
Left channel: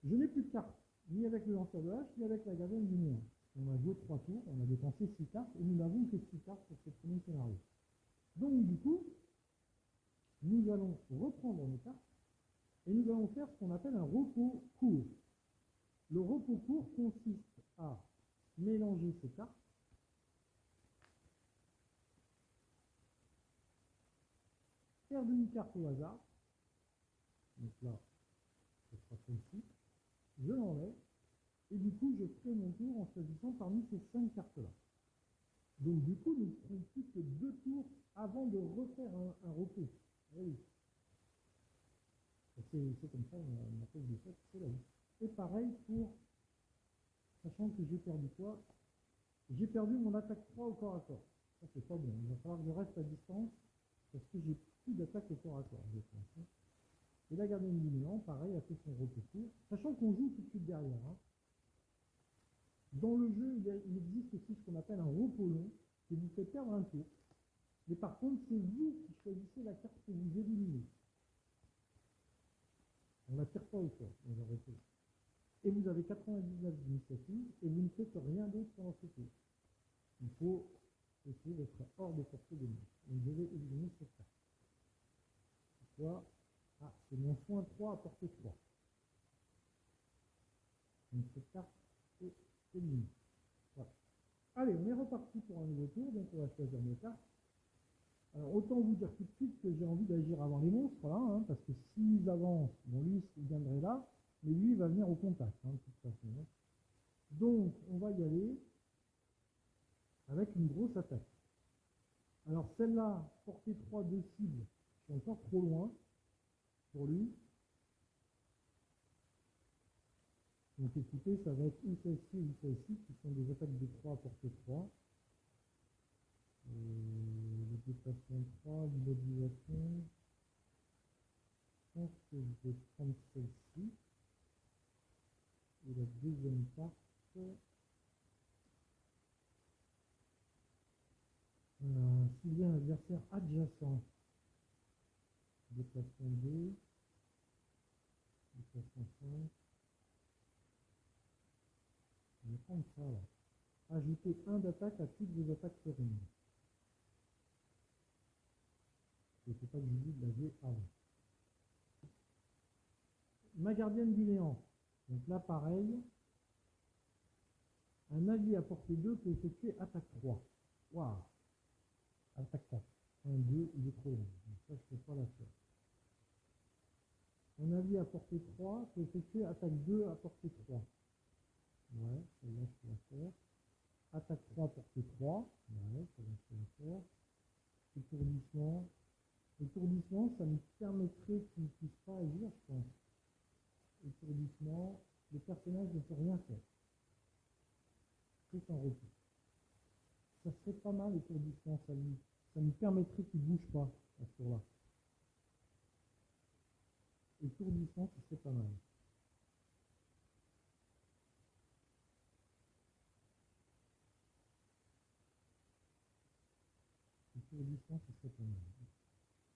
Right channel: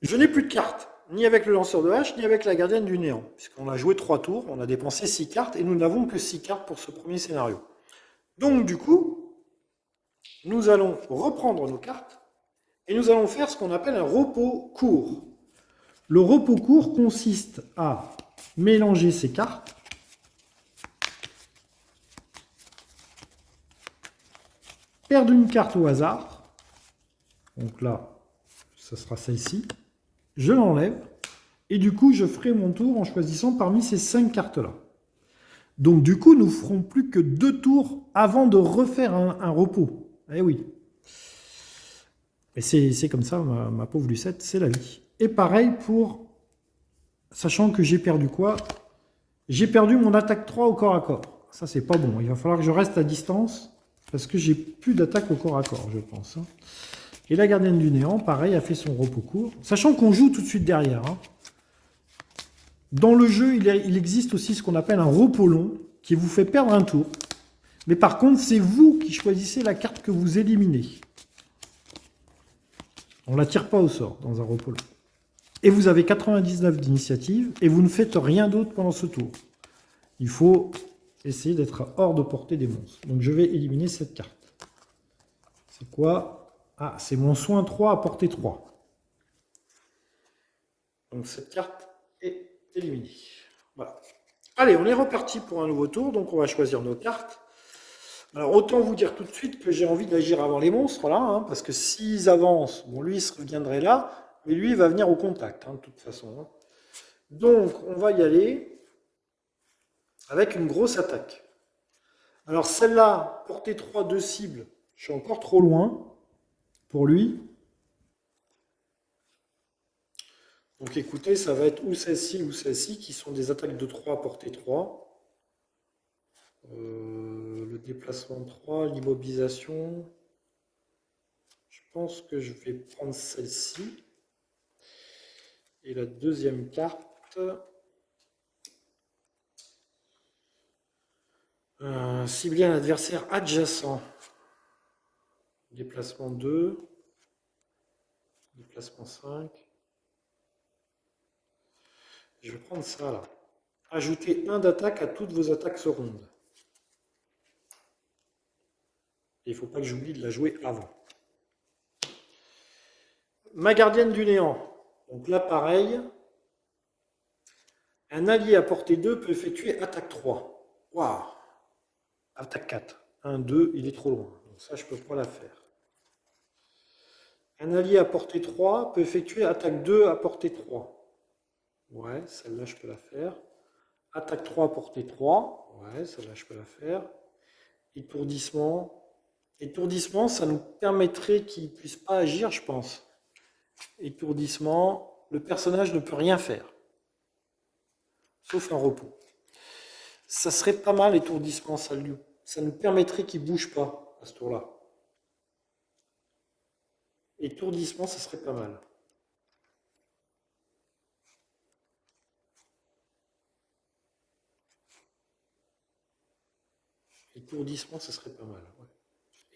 Je n'ai plus de cartes, ni avec le lanceur de hache, ni avec la gardienne du néant. Puisqu'on a joué 3 tours, on a dépensé 6 cartes, et nous n'avons que 6 cartes pour ce premier scénario. Donc du coup, nous allons reprendre nos cartes, et nous allons faire ce qu'on appelle un repos court. Le repos court consiste à mélanger ces cartes, perdre une carte au hasard, donc là, ça sera celle-ci, je l'enlève, et du coup, je ferai mon tour en choisissant parmi ces 5 cartes-là. Donc du coup, nous ne ferons plus que 2 tours avant de refaire un repos. Eh oui. Et c'est comme ça, ma pauvre Lucette, c'est la vie. Et pareil pour... Sachant que j'ai perdu quoi? J'ai perdu mon attaque 3 au corps à corps. Ça, c'est pas bon. Il va falloir que je reste à distance, parce que j'ai plus d'attaque au corps à corps, je pense. Et la gardienne du néant, pareil, a fait son repos court. Sachant qu'on joue tout de suite derrière. Hein. Dans le jeu, il existe aussi ce qu'on appelle un repos long, qui vous fait perdre un tour. Mais par contre, c'est vous qui choisissez la carte que vous éliminez. On ne la tire pas au sort dans un repos long. Et vous avez 99 d'initiative, et vous ne faites rien d'autre pendant ce tour. Il faut essayer d'être hors de portée des monstres. Donc je vais éliminer cette carte. C'est quoi? Ah, c'est mon soin 3 à portée 3. Donc cette carte est éliminée. Voilà. Allez, on est reparti pour un nouveau tour. Donc on va choisir nos cartes. Alors autant vous dire tout de suite que j'ai envie d'agir avant les monstres, là, hein, parce que s'ils avancent, bon lui il se reviendrait là, mais lui il va venir au contact, hein, de toute façon. Hein. Donc on va y aller avec une grosse attaque. Alors celle-là, portée 3 de cible, je suis encore trop loin pour lui. Donc écoutez, ça va être ou celle-ci qui sont des attaques de 3 à portée 3. Le déplacement 3, l'immobilisation. Je pense que je vais prendre celle-ci. Et la deuxième carte, cibler un adversaire adjacent. Déplacement 2, déplacement 5. Je vais prendre ça là. Ajoutez 1 d'attaque à toutes vos attaques rondes. Et il ne faut pas que j'oublie de la jouer avant. Ma gardienne du néant. Donc là, pareil. Un allié à portée 2 peut effectuer attaque 3. Waouh! Attaque 4. 1, 2, il est trop loin. Donc ça, je ne peux pas la faire. Un allié à portée 3 peut effectuer attaque 2 à portée 3. Ouais, celle-là, je peux la faire. Attaque 3 à portée 3. Ouais, celle-là, je peux la faire. étourdissement. Étourdissement, ça nous permettrait qu'il ne puisse pas agir, je pense. Étourdissement, le personnage ne peut rien faire, sauf un repos. Ça serait pas mal, étourdissement, ça nous permettrait qu'il ne bouge pas à ce tour-là. Étourdissement, ça serait pas mal. Étourdissement, ça serait pas mal. Ouais.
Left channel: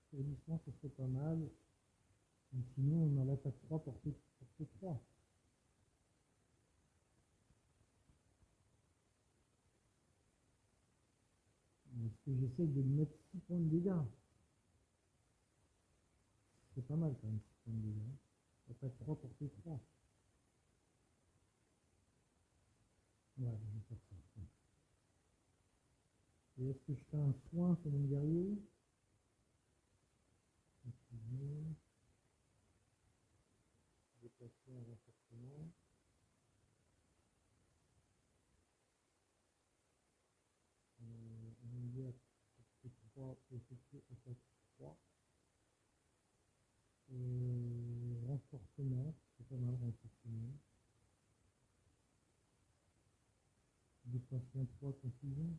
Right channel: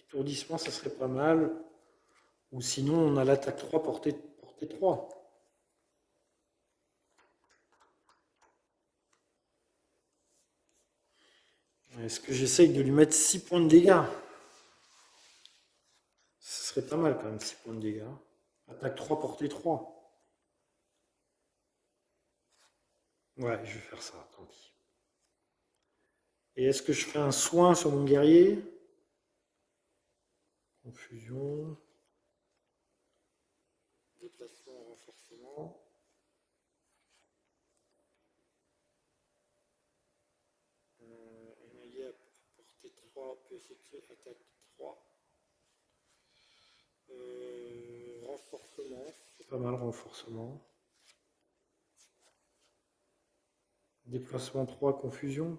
Étourdissement, ça serait pas mal. Ou sinon, on a l'attaque 3 portée 3. Est-ce que j'essaye de lui mettre 6 points de dégâts? Ce serait pas mal quand même, 6 points de dégâts. Attaque 3, portée 3. Ouais, je vais faire ça, tant pis. Et est-ce que je fais un soin sur mon guerrier? Confusion. Déplacement, renforcement. Un allié à portée 3 peut effectuer attaque 3. Renforcement, c'est pas mal, renforcement. Déplacement 3, confusion.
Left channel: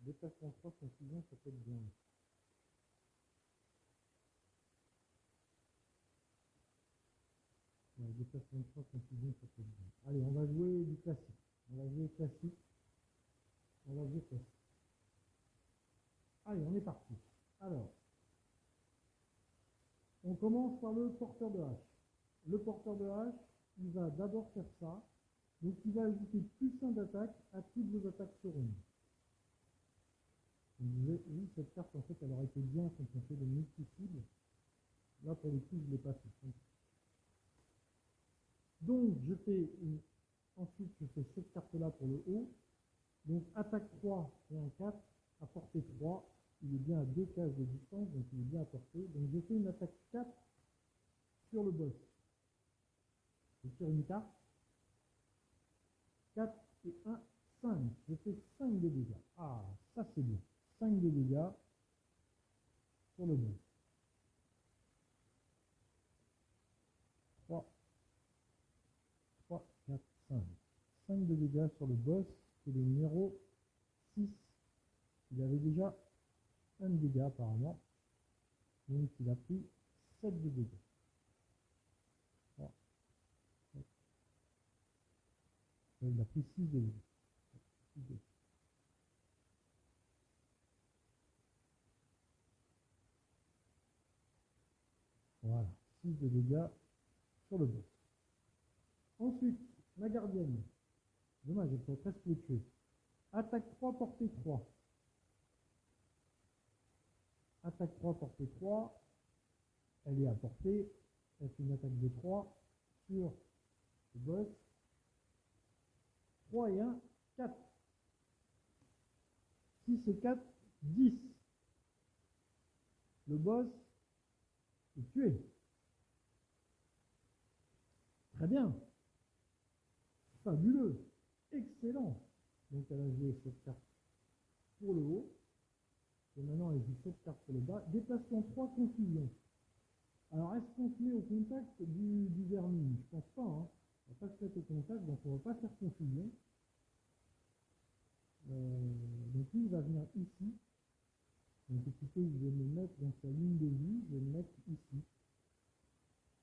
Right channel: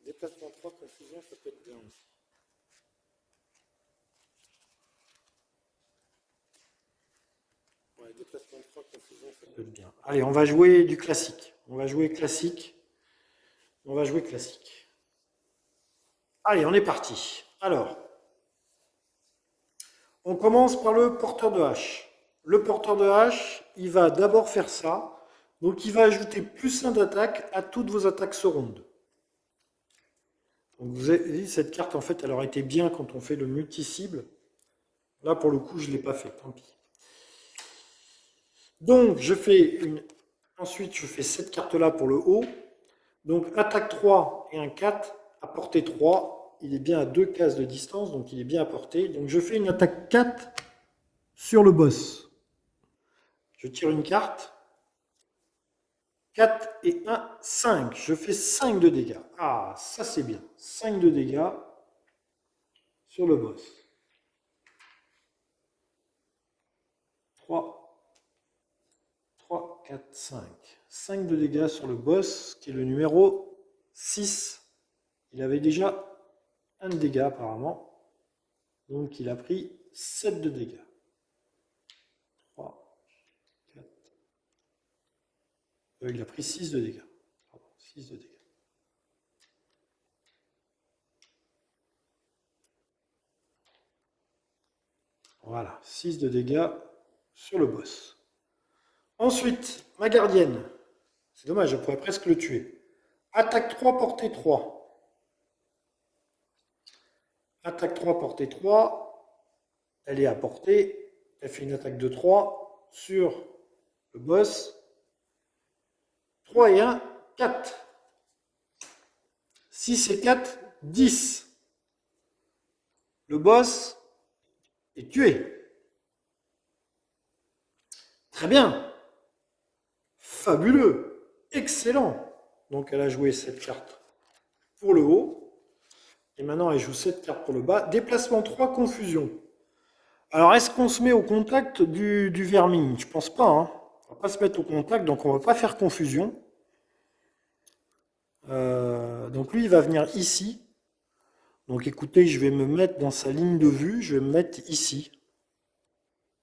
Déplacement 3, confusion, ça peut être bien aussi. Ouais, déplacement 3, confusion, ça peut être bien. Allez, on va jouer du classique. On va jouer classique. Allez, on est parti. Alors, on commence par le porteur de hache. Le porteur de hache, il va d'abord faire ça. Donc, il va ajouter plus 1 d'attaque à toutes vos attaques ce round. Donc, vous avez dit, cette carte, en fait, elle aurait été bien quand on fait le multi-cible. Là, pour le coup, je ne l'ai pas fait, tant pis. Donc, ensuite, je fais cette carte-là pour le haut. Donc, attaque 3 et un 4, à portée 3. Il est bien à 2 cases de distance, donc il est bien à portée. Donc, je fais une attaque 4 sur le boss. Je tire une carte. 4 et 1, 5. Je fais 5 de dégâts. Ah, ça c'est bien. 5 de dégâts sur le boss. 3, 4, 5. 5 de dégâts sur le boss, qui est le numéro 6. Il avait déjà 1 de dégâts apparemment. Donc il a pris 7 de dégâts. 3, 4. Il a pris 6 de dégâts. Pardon, 6 de dégâts. Voilà, 6 de dégâts sur le boss. Ensuite, ma gardienne. C'est dommage, je pourrais presque le tuer. Attaque 3, portée 3. Attaque 3, portée 3. Elle est à portée. Elle fait une attaque de 3 sur le boss. 3 et 1, 4. 6 et 4, 10. Le boss est tué. Très bien. Fabuleux. Excellent. Donc elle a joué cette carte pour le haut. Et maintenant elle joue cette carte pour le bas. Déplacement 3, confusion. Alors est-ce qu'on se met au contact du vermine? Je pense pas. Hein. On va pas se mettre au contact, donc on va pas faire confusion. Donc lui il va venir ici. Donc écoutez, je vais me mettre dans sa ligne de vue. Je vais me mettre ici.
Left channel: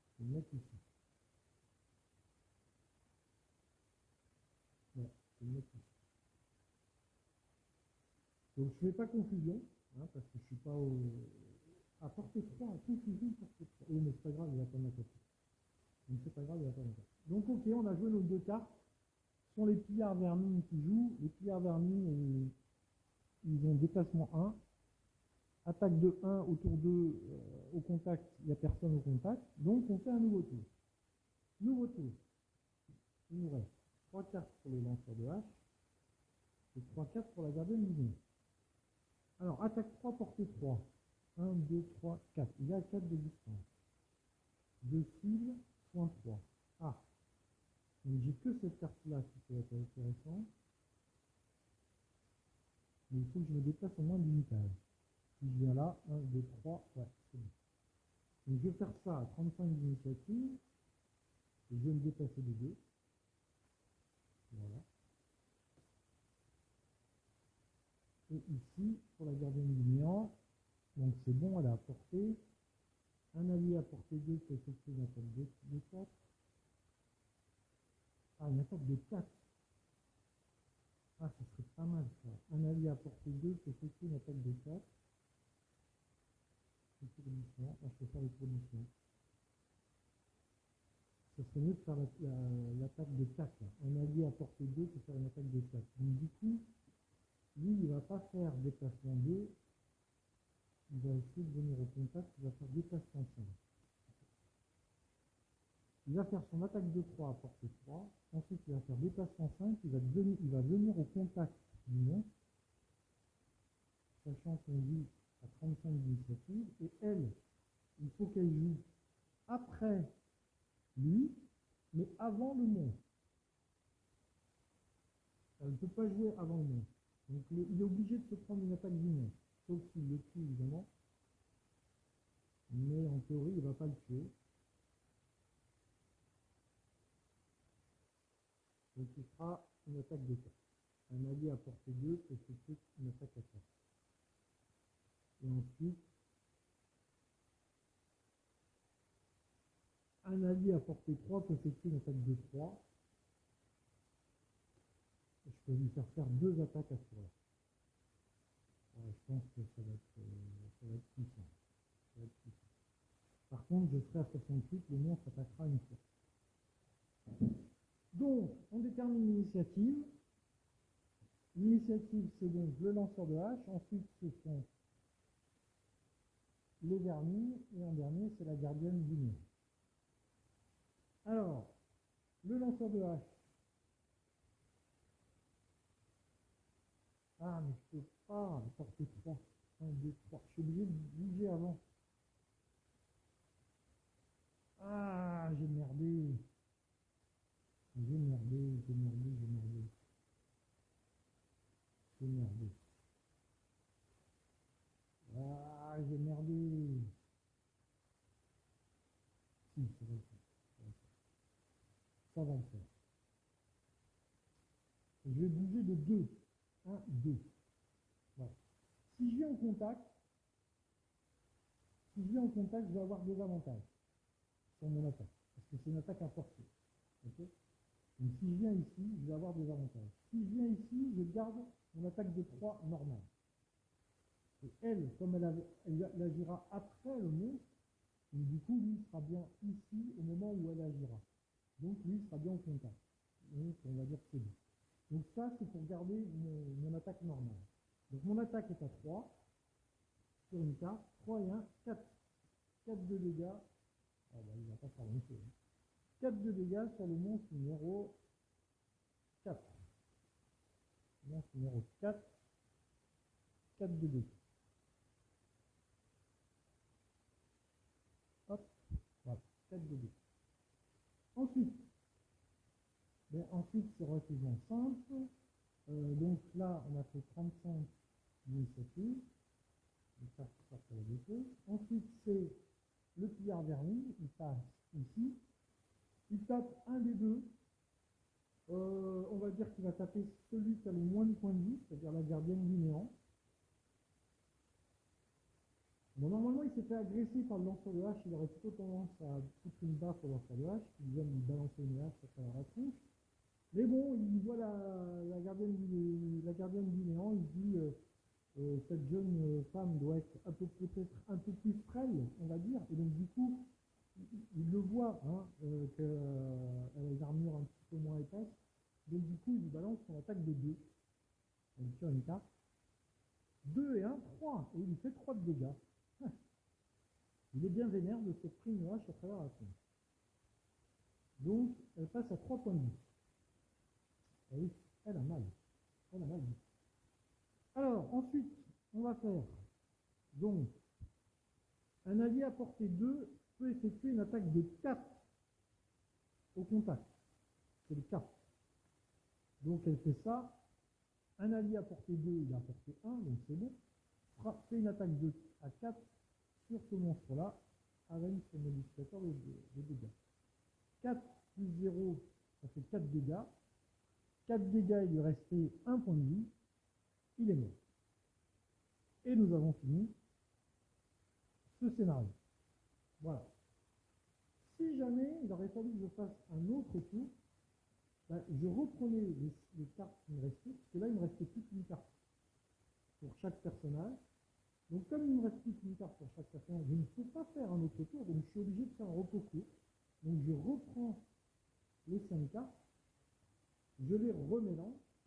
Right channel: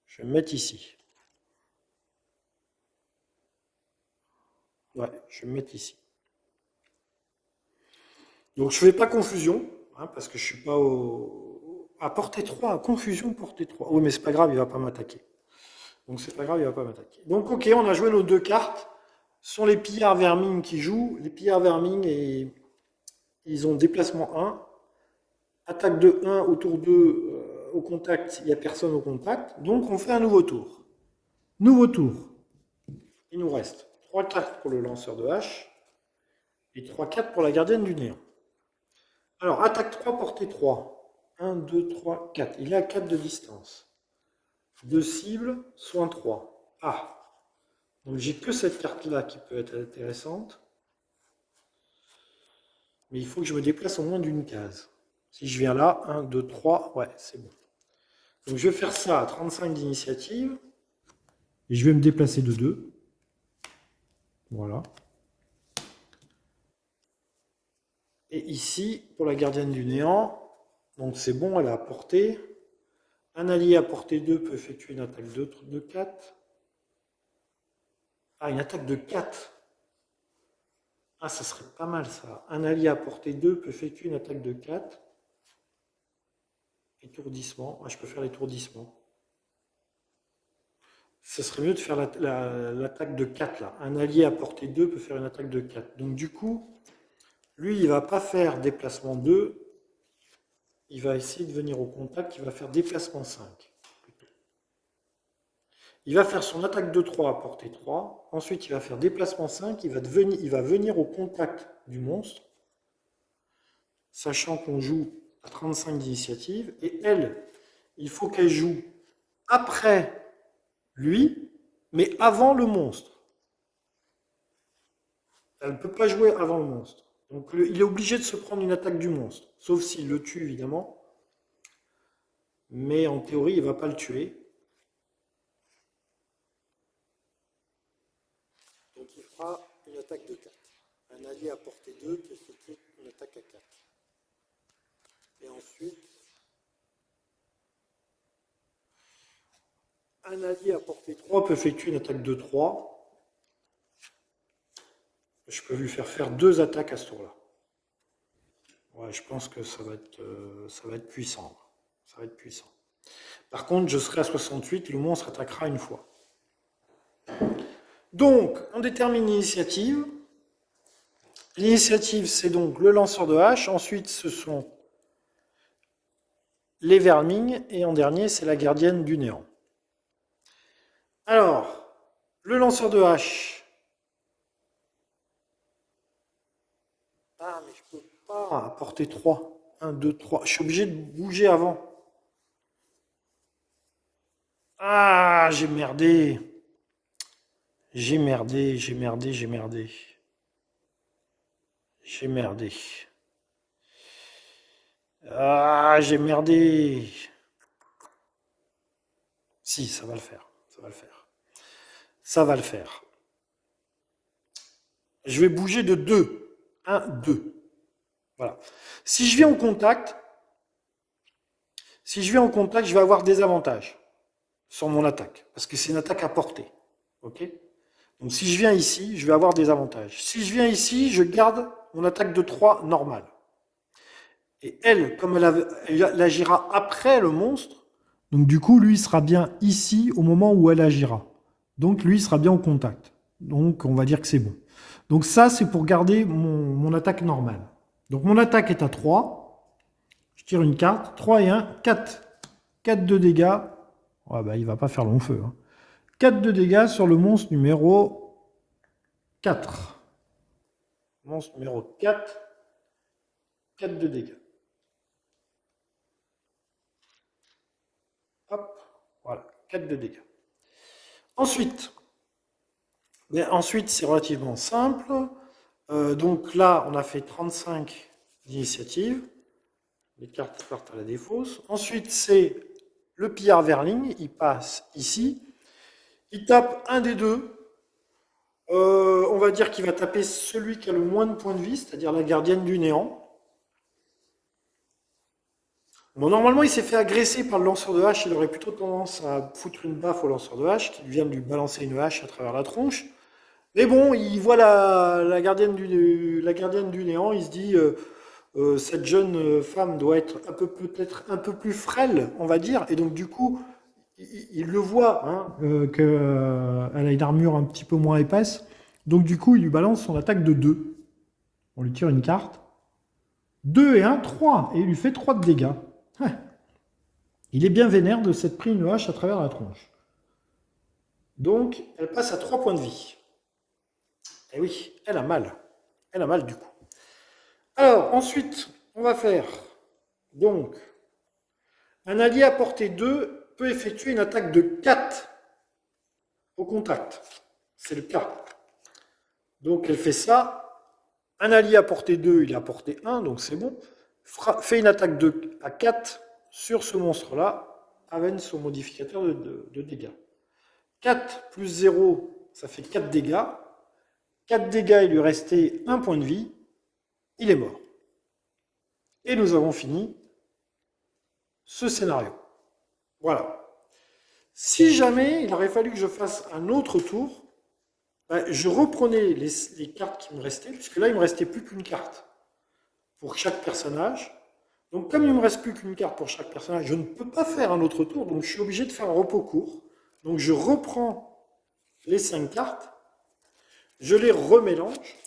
Je vais me mettre ici. Ouais, je vais me mettre ici. Donc je ne fais pas confusion, hein, parce que je suis pas à portée 3, à confusion portée 3. Oui, mais c'est pas grave, il va pas m'attaquer. Donc c'est pas grave, il va pas m'attaquer. Donc ok, on a joué nos 2 cartes. Ce sont les pillards vermines qui jouent. Les pillards vermines, et ils ont déplacement 1. Attaque de 1 autour d'eux au contact, il n'y a personne au contact. Donc on fait un nouveau tour. Nouveau tour. Il nous reste 3 cartes pour le lanceur de hache et 3 cartes pour la gardienne du néant. Alors, attaque 3, portée 3. 1, 2, 3, 4. Il est à 4 de distance. 2 cibles, soin 3. Ah. Donc j'ai que cette carte-là qui peut être intéressante. Mais il faut que je me déplace au moins d'une case. Si je viens là, 1, 2, 3, ouais, c'est bon. Donc je vais faire ça à 35 d'initiative. Et je vais me déplacer de 2. Voilà. Et ici, pour la gardienne du néant, donc c'est bon, elle est à portée. Un allié à portée 2 peut effectuer une attaque de 4. Ah, une attaque de 4. Ah, ça serait pas mal ça. Un allié à portée 2 peut effectuer une attaque de 4. Étourdissement. Ah, je peux faire l'étourdissement. Ce serait mieux de faire l'attaque de 4 là. Un allié à portée 2 peut faire une attaque de 4. Donc du coup, lui, il ne va pas faire déplacement 2. Il va essayer de venir au contact. Il va faire déplacement 5. Il va faire son attaque de 3 à portée 3. Ensuite, il va faire déplacement 5. Il va venir au contact du monstre. Sachant qu'on joue à 35 d'initiative. Et elle, il faut qu'elle joue après lui, mais avant le monstre. Elle ne peut pas jouer avant le monstre. Donc il est obligé de se prendre une attaque du monstre. Sauf s'il le tue, évidemment. Mais en théorie, il ne va pas le tuer. Donc il fera une attaque de 4. Un allié à portée 2 peut effectuer une attaque à 4. Et ensuite, un allié à portée 3 peut effectuer une attaque de 3. Je peux lui faire 2 attaques à ce tour-là. Ouais, je pense que ça va être puissant. Ça va être puissant. Par contre, je serai à 68, le monstre attaquera une fois. Donc, on détermine l'initiative. L'initiative, c'est donc le lanceur de hache. Ensuite, ce sont les vermines. Et en dernier, c'est la gardienne du néant. Alors, le lanceur de hache. Ah, mais je peux pas apporter 3. 1, 2, 3. Je suis obligé de bouger avant. Ah, j'ai merdé. J'ai merdé. J'ai merdé. Ah, j'ai merdé. Si, ça va le faire. Ça va le faire. Je vais bouger de 2. 1, 2. Voilà. Si je viens en contact, je vais avoir des avantages sur mon attaque. Parce que c'est une attaque à portée. Ok? Donc si je viens ici, je vais avoir des avantages. Si je viens ici, je garde mon attaque de 3 normale. Et elle, comme elle agira après le monstre, donc du coup, lui, il sera bien ici au moment où elle agira. Donc lui, il sera bien au contact. Donc on va dire que c'est bon. Donc ça, c'est pour garder mon attaque normale. Donc mon attaque est à 3. Je tire une carte. 3 et 1, 4. 4 de dégâts. Ouais, bah, il ne va pas faire long feu. 4 de dégâts sur le monstre numéro 4. Monstre numéro 4. 4 de dégâts. Hop, voilà, 4 de dégâts. Ensuite, c'est relativement simple. Donc là, on a fait 35 d'initiative. Les cartes partent à la défausse. Ensuite, c'est le pillard Verling. Il passe ici. Il tape un des deux. On va dire qu'il va taper celui qui a le moins de points de vie, c'est-à-dire la gardienne du néant. Bon, normalement, il s'est fait agresser par le lanceur de hache. Il aurait plutôt tendance à foutre une baffe au lanceur de hache, qui vient de lui balancer une hache à travers la tronche. Mais bon, il voit la gardienne du néant. Il se dit, cette jeune femme doit être peut-être un peu plus frêle, on va dire. Et donc, du coup, il le voit, qu'elle a une armure un petit peu moins épaisse. Donc, du coup, il lui balance son attaque de 2. On lui tire une carte. 2 et 1, 3. Et il lui fait 3 de dégâts. Il est bien vénère de s'être pris une hache à travers la tronche. Donc, elle passe à 3 points de vie. Et oui, elle a mal. Elle a mal du coup. Alors, ensuite, on va faire, donc, un allié à portée 2 peut effectuer une attaque de 4 au contact. C'est le cas. Donc, elle fait ça. Un allié à portée 2, il est à portée 1, donc c'est bon. Fait une attaque à 4 sur ce monstre-là, avec son modificateur de dégâts. 4 plus 0, ça fait 4 dégâts. 4 dégâts, il lui restait 1 point de vie. Il est mort. Et nous avons fini ce scénario. Voilà. Si jamais il aurait fallu que je fasse un autre tour, je reprenais les cartes qui me restaient, puisque là, il ne me restait plus qu'une carte pour chaque personnage. Donc, comme il ne me reste plus qu'une carte pour chaque personnage, je ne peux pas faire un autre tour, donc je suis obligé de faire un repos court. Donc, je reprends les 5 cartes, je les remélange,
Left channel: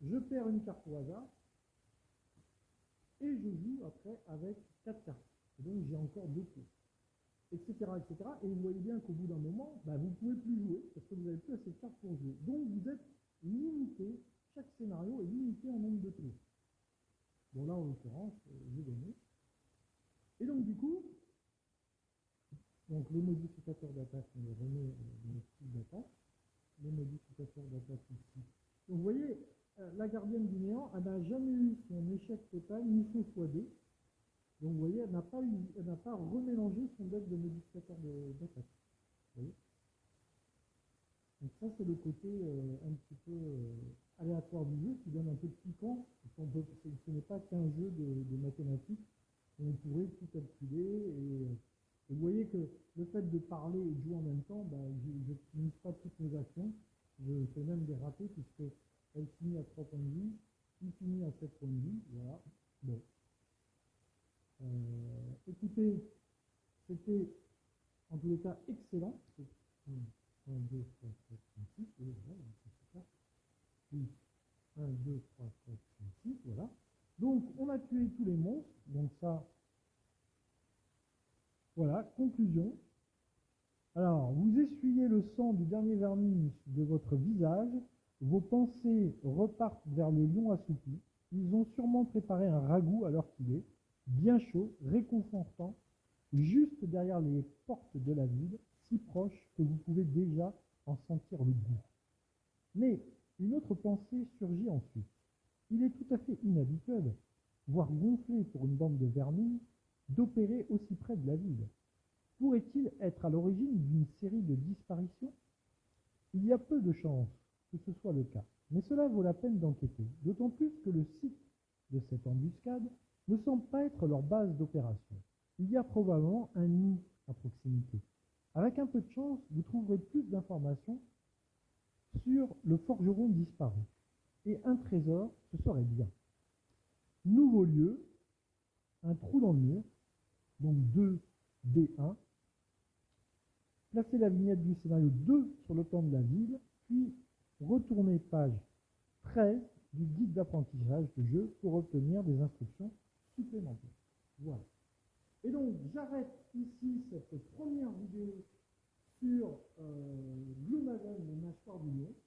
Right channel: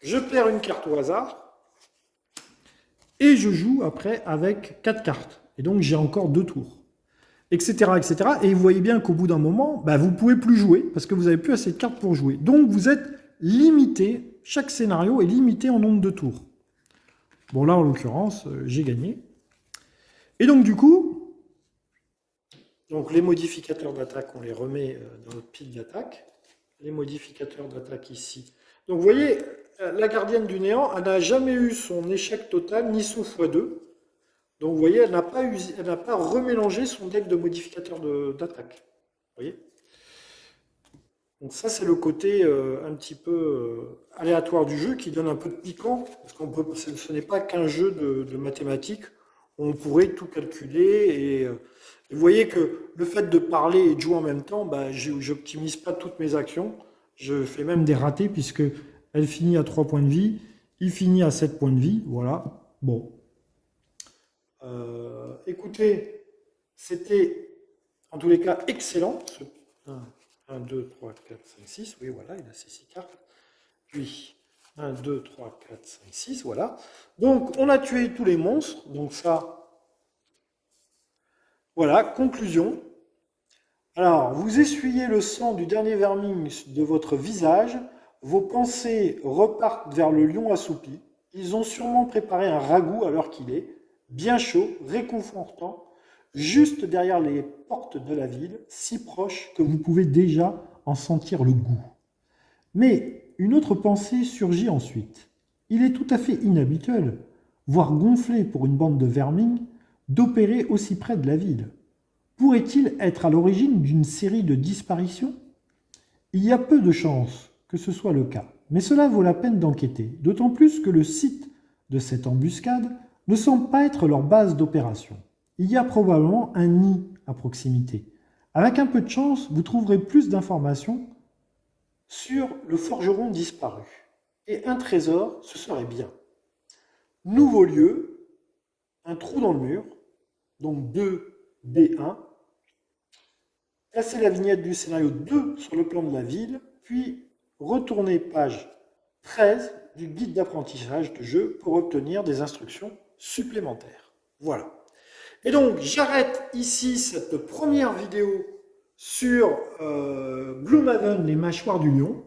je perds une carte au hasard, et je joue après avec 4 cartes. Et donc, j'ai encore 2 tours. Etc., etc. Et vous voyez bien qu'au bout d'un moment, vous ne pouvez plus jouer parce que vous n'avez plus assez de cartes pour jouer. Donc vous êtes limité, chaque scénario est limité en nombre de tours. Bon là en l'occurrence, j'ai gagné. Et donc du coup, les modificateurs d'attaque, on les remet dans notre pile d'attaque. Les modificateurs d'attaque ici. Donc vous voyez, la gardienne du néant, elle n'a jamais eu son échec total ni son x2. Donc vous voyez, elle n'a pas remélangé son deck de modificateurs d'attaque. Vous voyez? Donc ça, c'est le côté un petit peu aléatoire du jeu qui donne un peu de piquant, parce que ce n'est pas qu'un jeu de mathématiques, on pourrait tout calculer, et vous voyez que le fait de parler et de jouer en même temps, je n'optimise pas toutes mes actions, je fais même des ratés, puisque elle finit à 3 points de vie, il finit à 7 points de vie, voilà, bon. Écoutez, c'était en tous les cas excellent. 1, 2, 3, 4, 5, 6. Oui, voilà, il a ces 6 cartes. Puis 1, 2, 3, 4, 5, 6. Voilà. Donc, on a tué tous les monstres. Donc, ça. Voilà, conclusion. Alors, vous essuyez le sang du dernier vermine de votre visage. Vos pensées repartent vers le lion assoupi. Ils ont sûrement préparé un ragoût à l'heure qu'il est. Bien chaud, réconfortant, juste derrière les portes de la ville, si proche que vous pouvez déjà en sentir le goût. Mais une autre pensée surgit ensuite. Il est tout à fait inhabituel, voire gonflé pour une bande de vermines, d'opérer aussi près de la ville. Pourrait-il être à l'origine d'une série de disparitions? Il y a peu de chances que ce soit le cas, mais cela vaut la peine d'enquêter, d'autant plus que le site de cette embuscade ne semble pas être leur base d'opération. Il y a probablement un nid à proximité. Avec un peu de chance, vous trouverez plus d'informations sur le forgeron disparu. Et un trésor, ce serait bien. Nouveau lieu, un trou dans le mur, donc 2B1. Placez la vignette du scénario 2 sur le plan de la ville, puis retournez page 13 du guide d'apprentissage de jeu pour obtenir des instructions supplémentaires. Voilà. Et donc, j'arrête ici cette première vidéo sur Gloomhaven, les mâchoires du lion.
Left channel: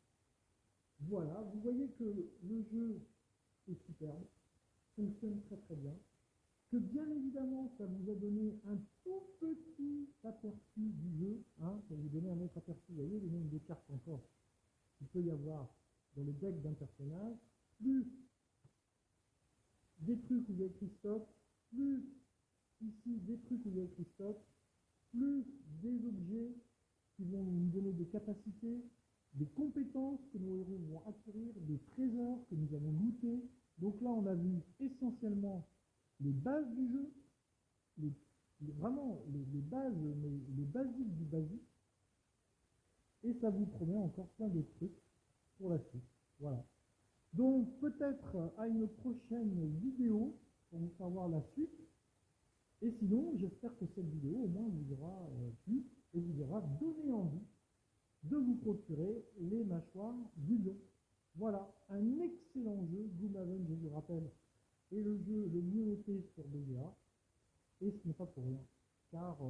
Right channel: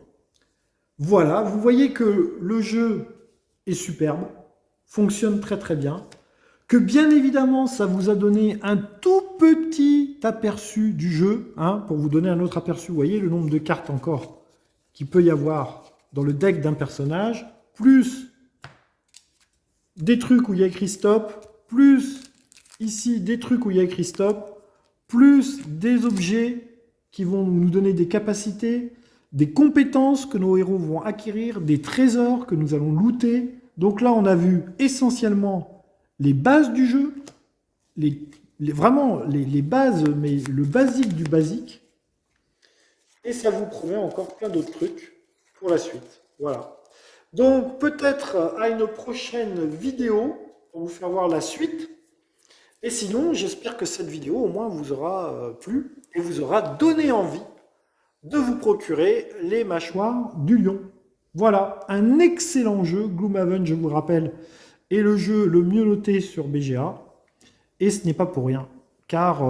Voilà, vous voyez que le jeu est superbe, fonctionne très très bien, que bien évidemment, ça vous a donné un tout petit aperçu du jeu, pour vous donner un autre aperçu. Vous voyez le nombre de cartes encore qu'il peut y avoir dans le deck d'un personnage, plus des trucs où il y a écrit stop, plus ici des trucs où il y a écrit stop, plus des objets qui vont nous donner des capacités, des compétences que nos héros vont acquérir, des trésors que nous allons looter. Donc là, on a vu essentiellement les bases du jeu, vraiment les bases, mais le basique du basique. Et ça vous promet encore plein d'autres trucs pour la suite. Voilà. Donc peut-être à une prochaine vidéo pour vous faire voir la suite. Et sinon, j'espère que cette vidéo au moins vous aura plu et vous aura donné envie de vous procurer les mâchoires du lion. Voilà, un excellent jeu. Gloomhaven, je vous le rappelle, est le jeu le mieux noté sur BGA. Et ce n'est pas pour rien, car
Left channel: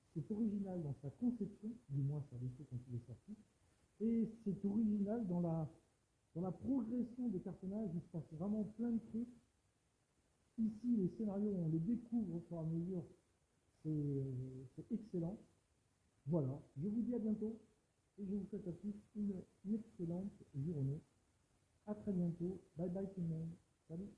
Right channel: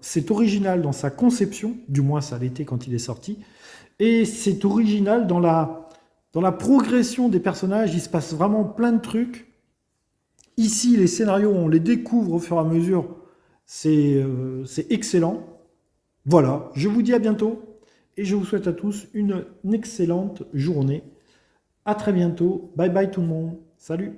c'est original dans sa conception, du moins ça l'était quand il est sorti, et c'est original dans la progression des personnages. Il se passe vraiment plein de trucs. Ici, les scénarios, on les découvre au fur et à mesure. C'est excellent. Voilà, je vous dis à bientôt. et je vous souhaite à tous une excellente journée. À très bientôt. Bye bye tout le monde. Salut.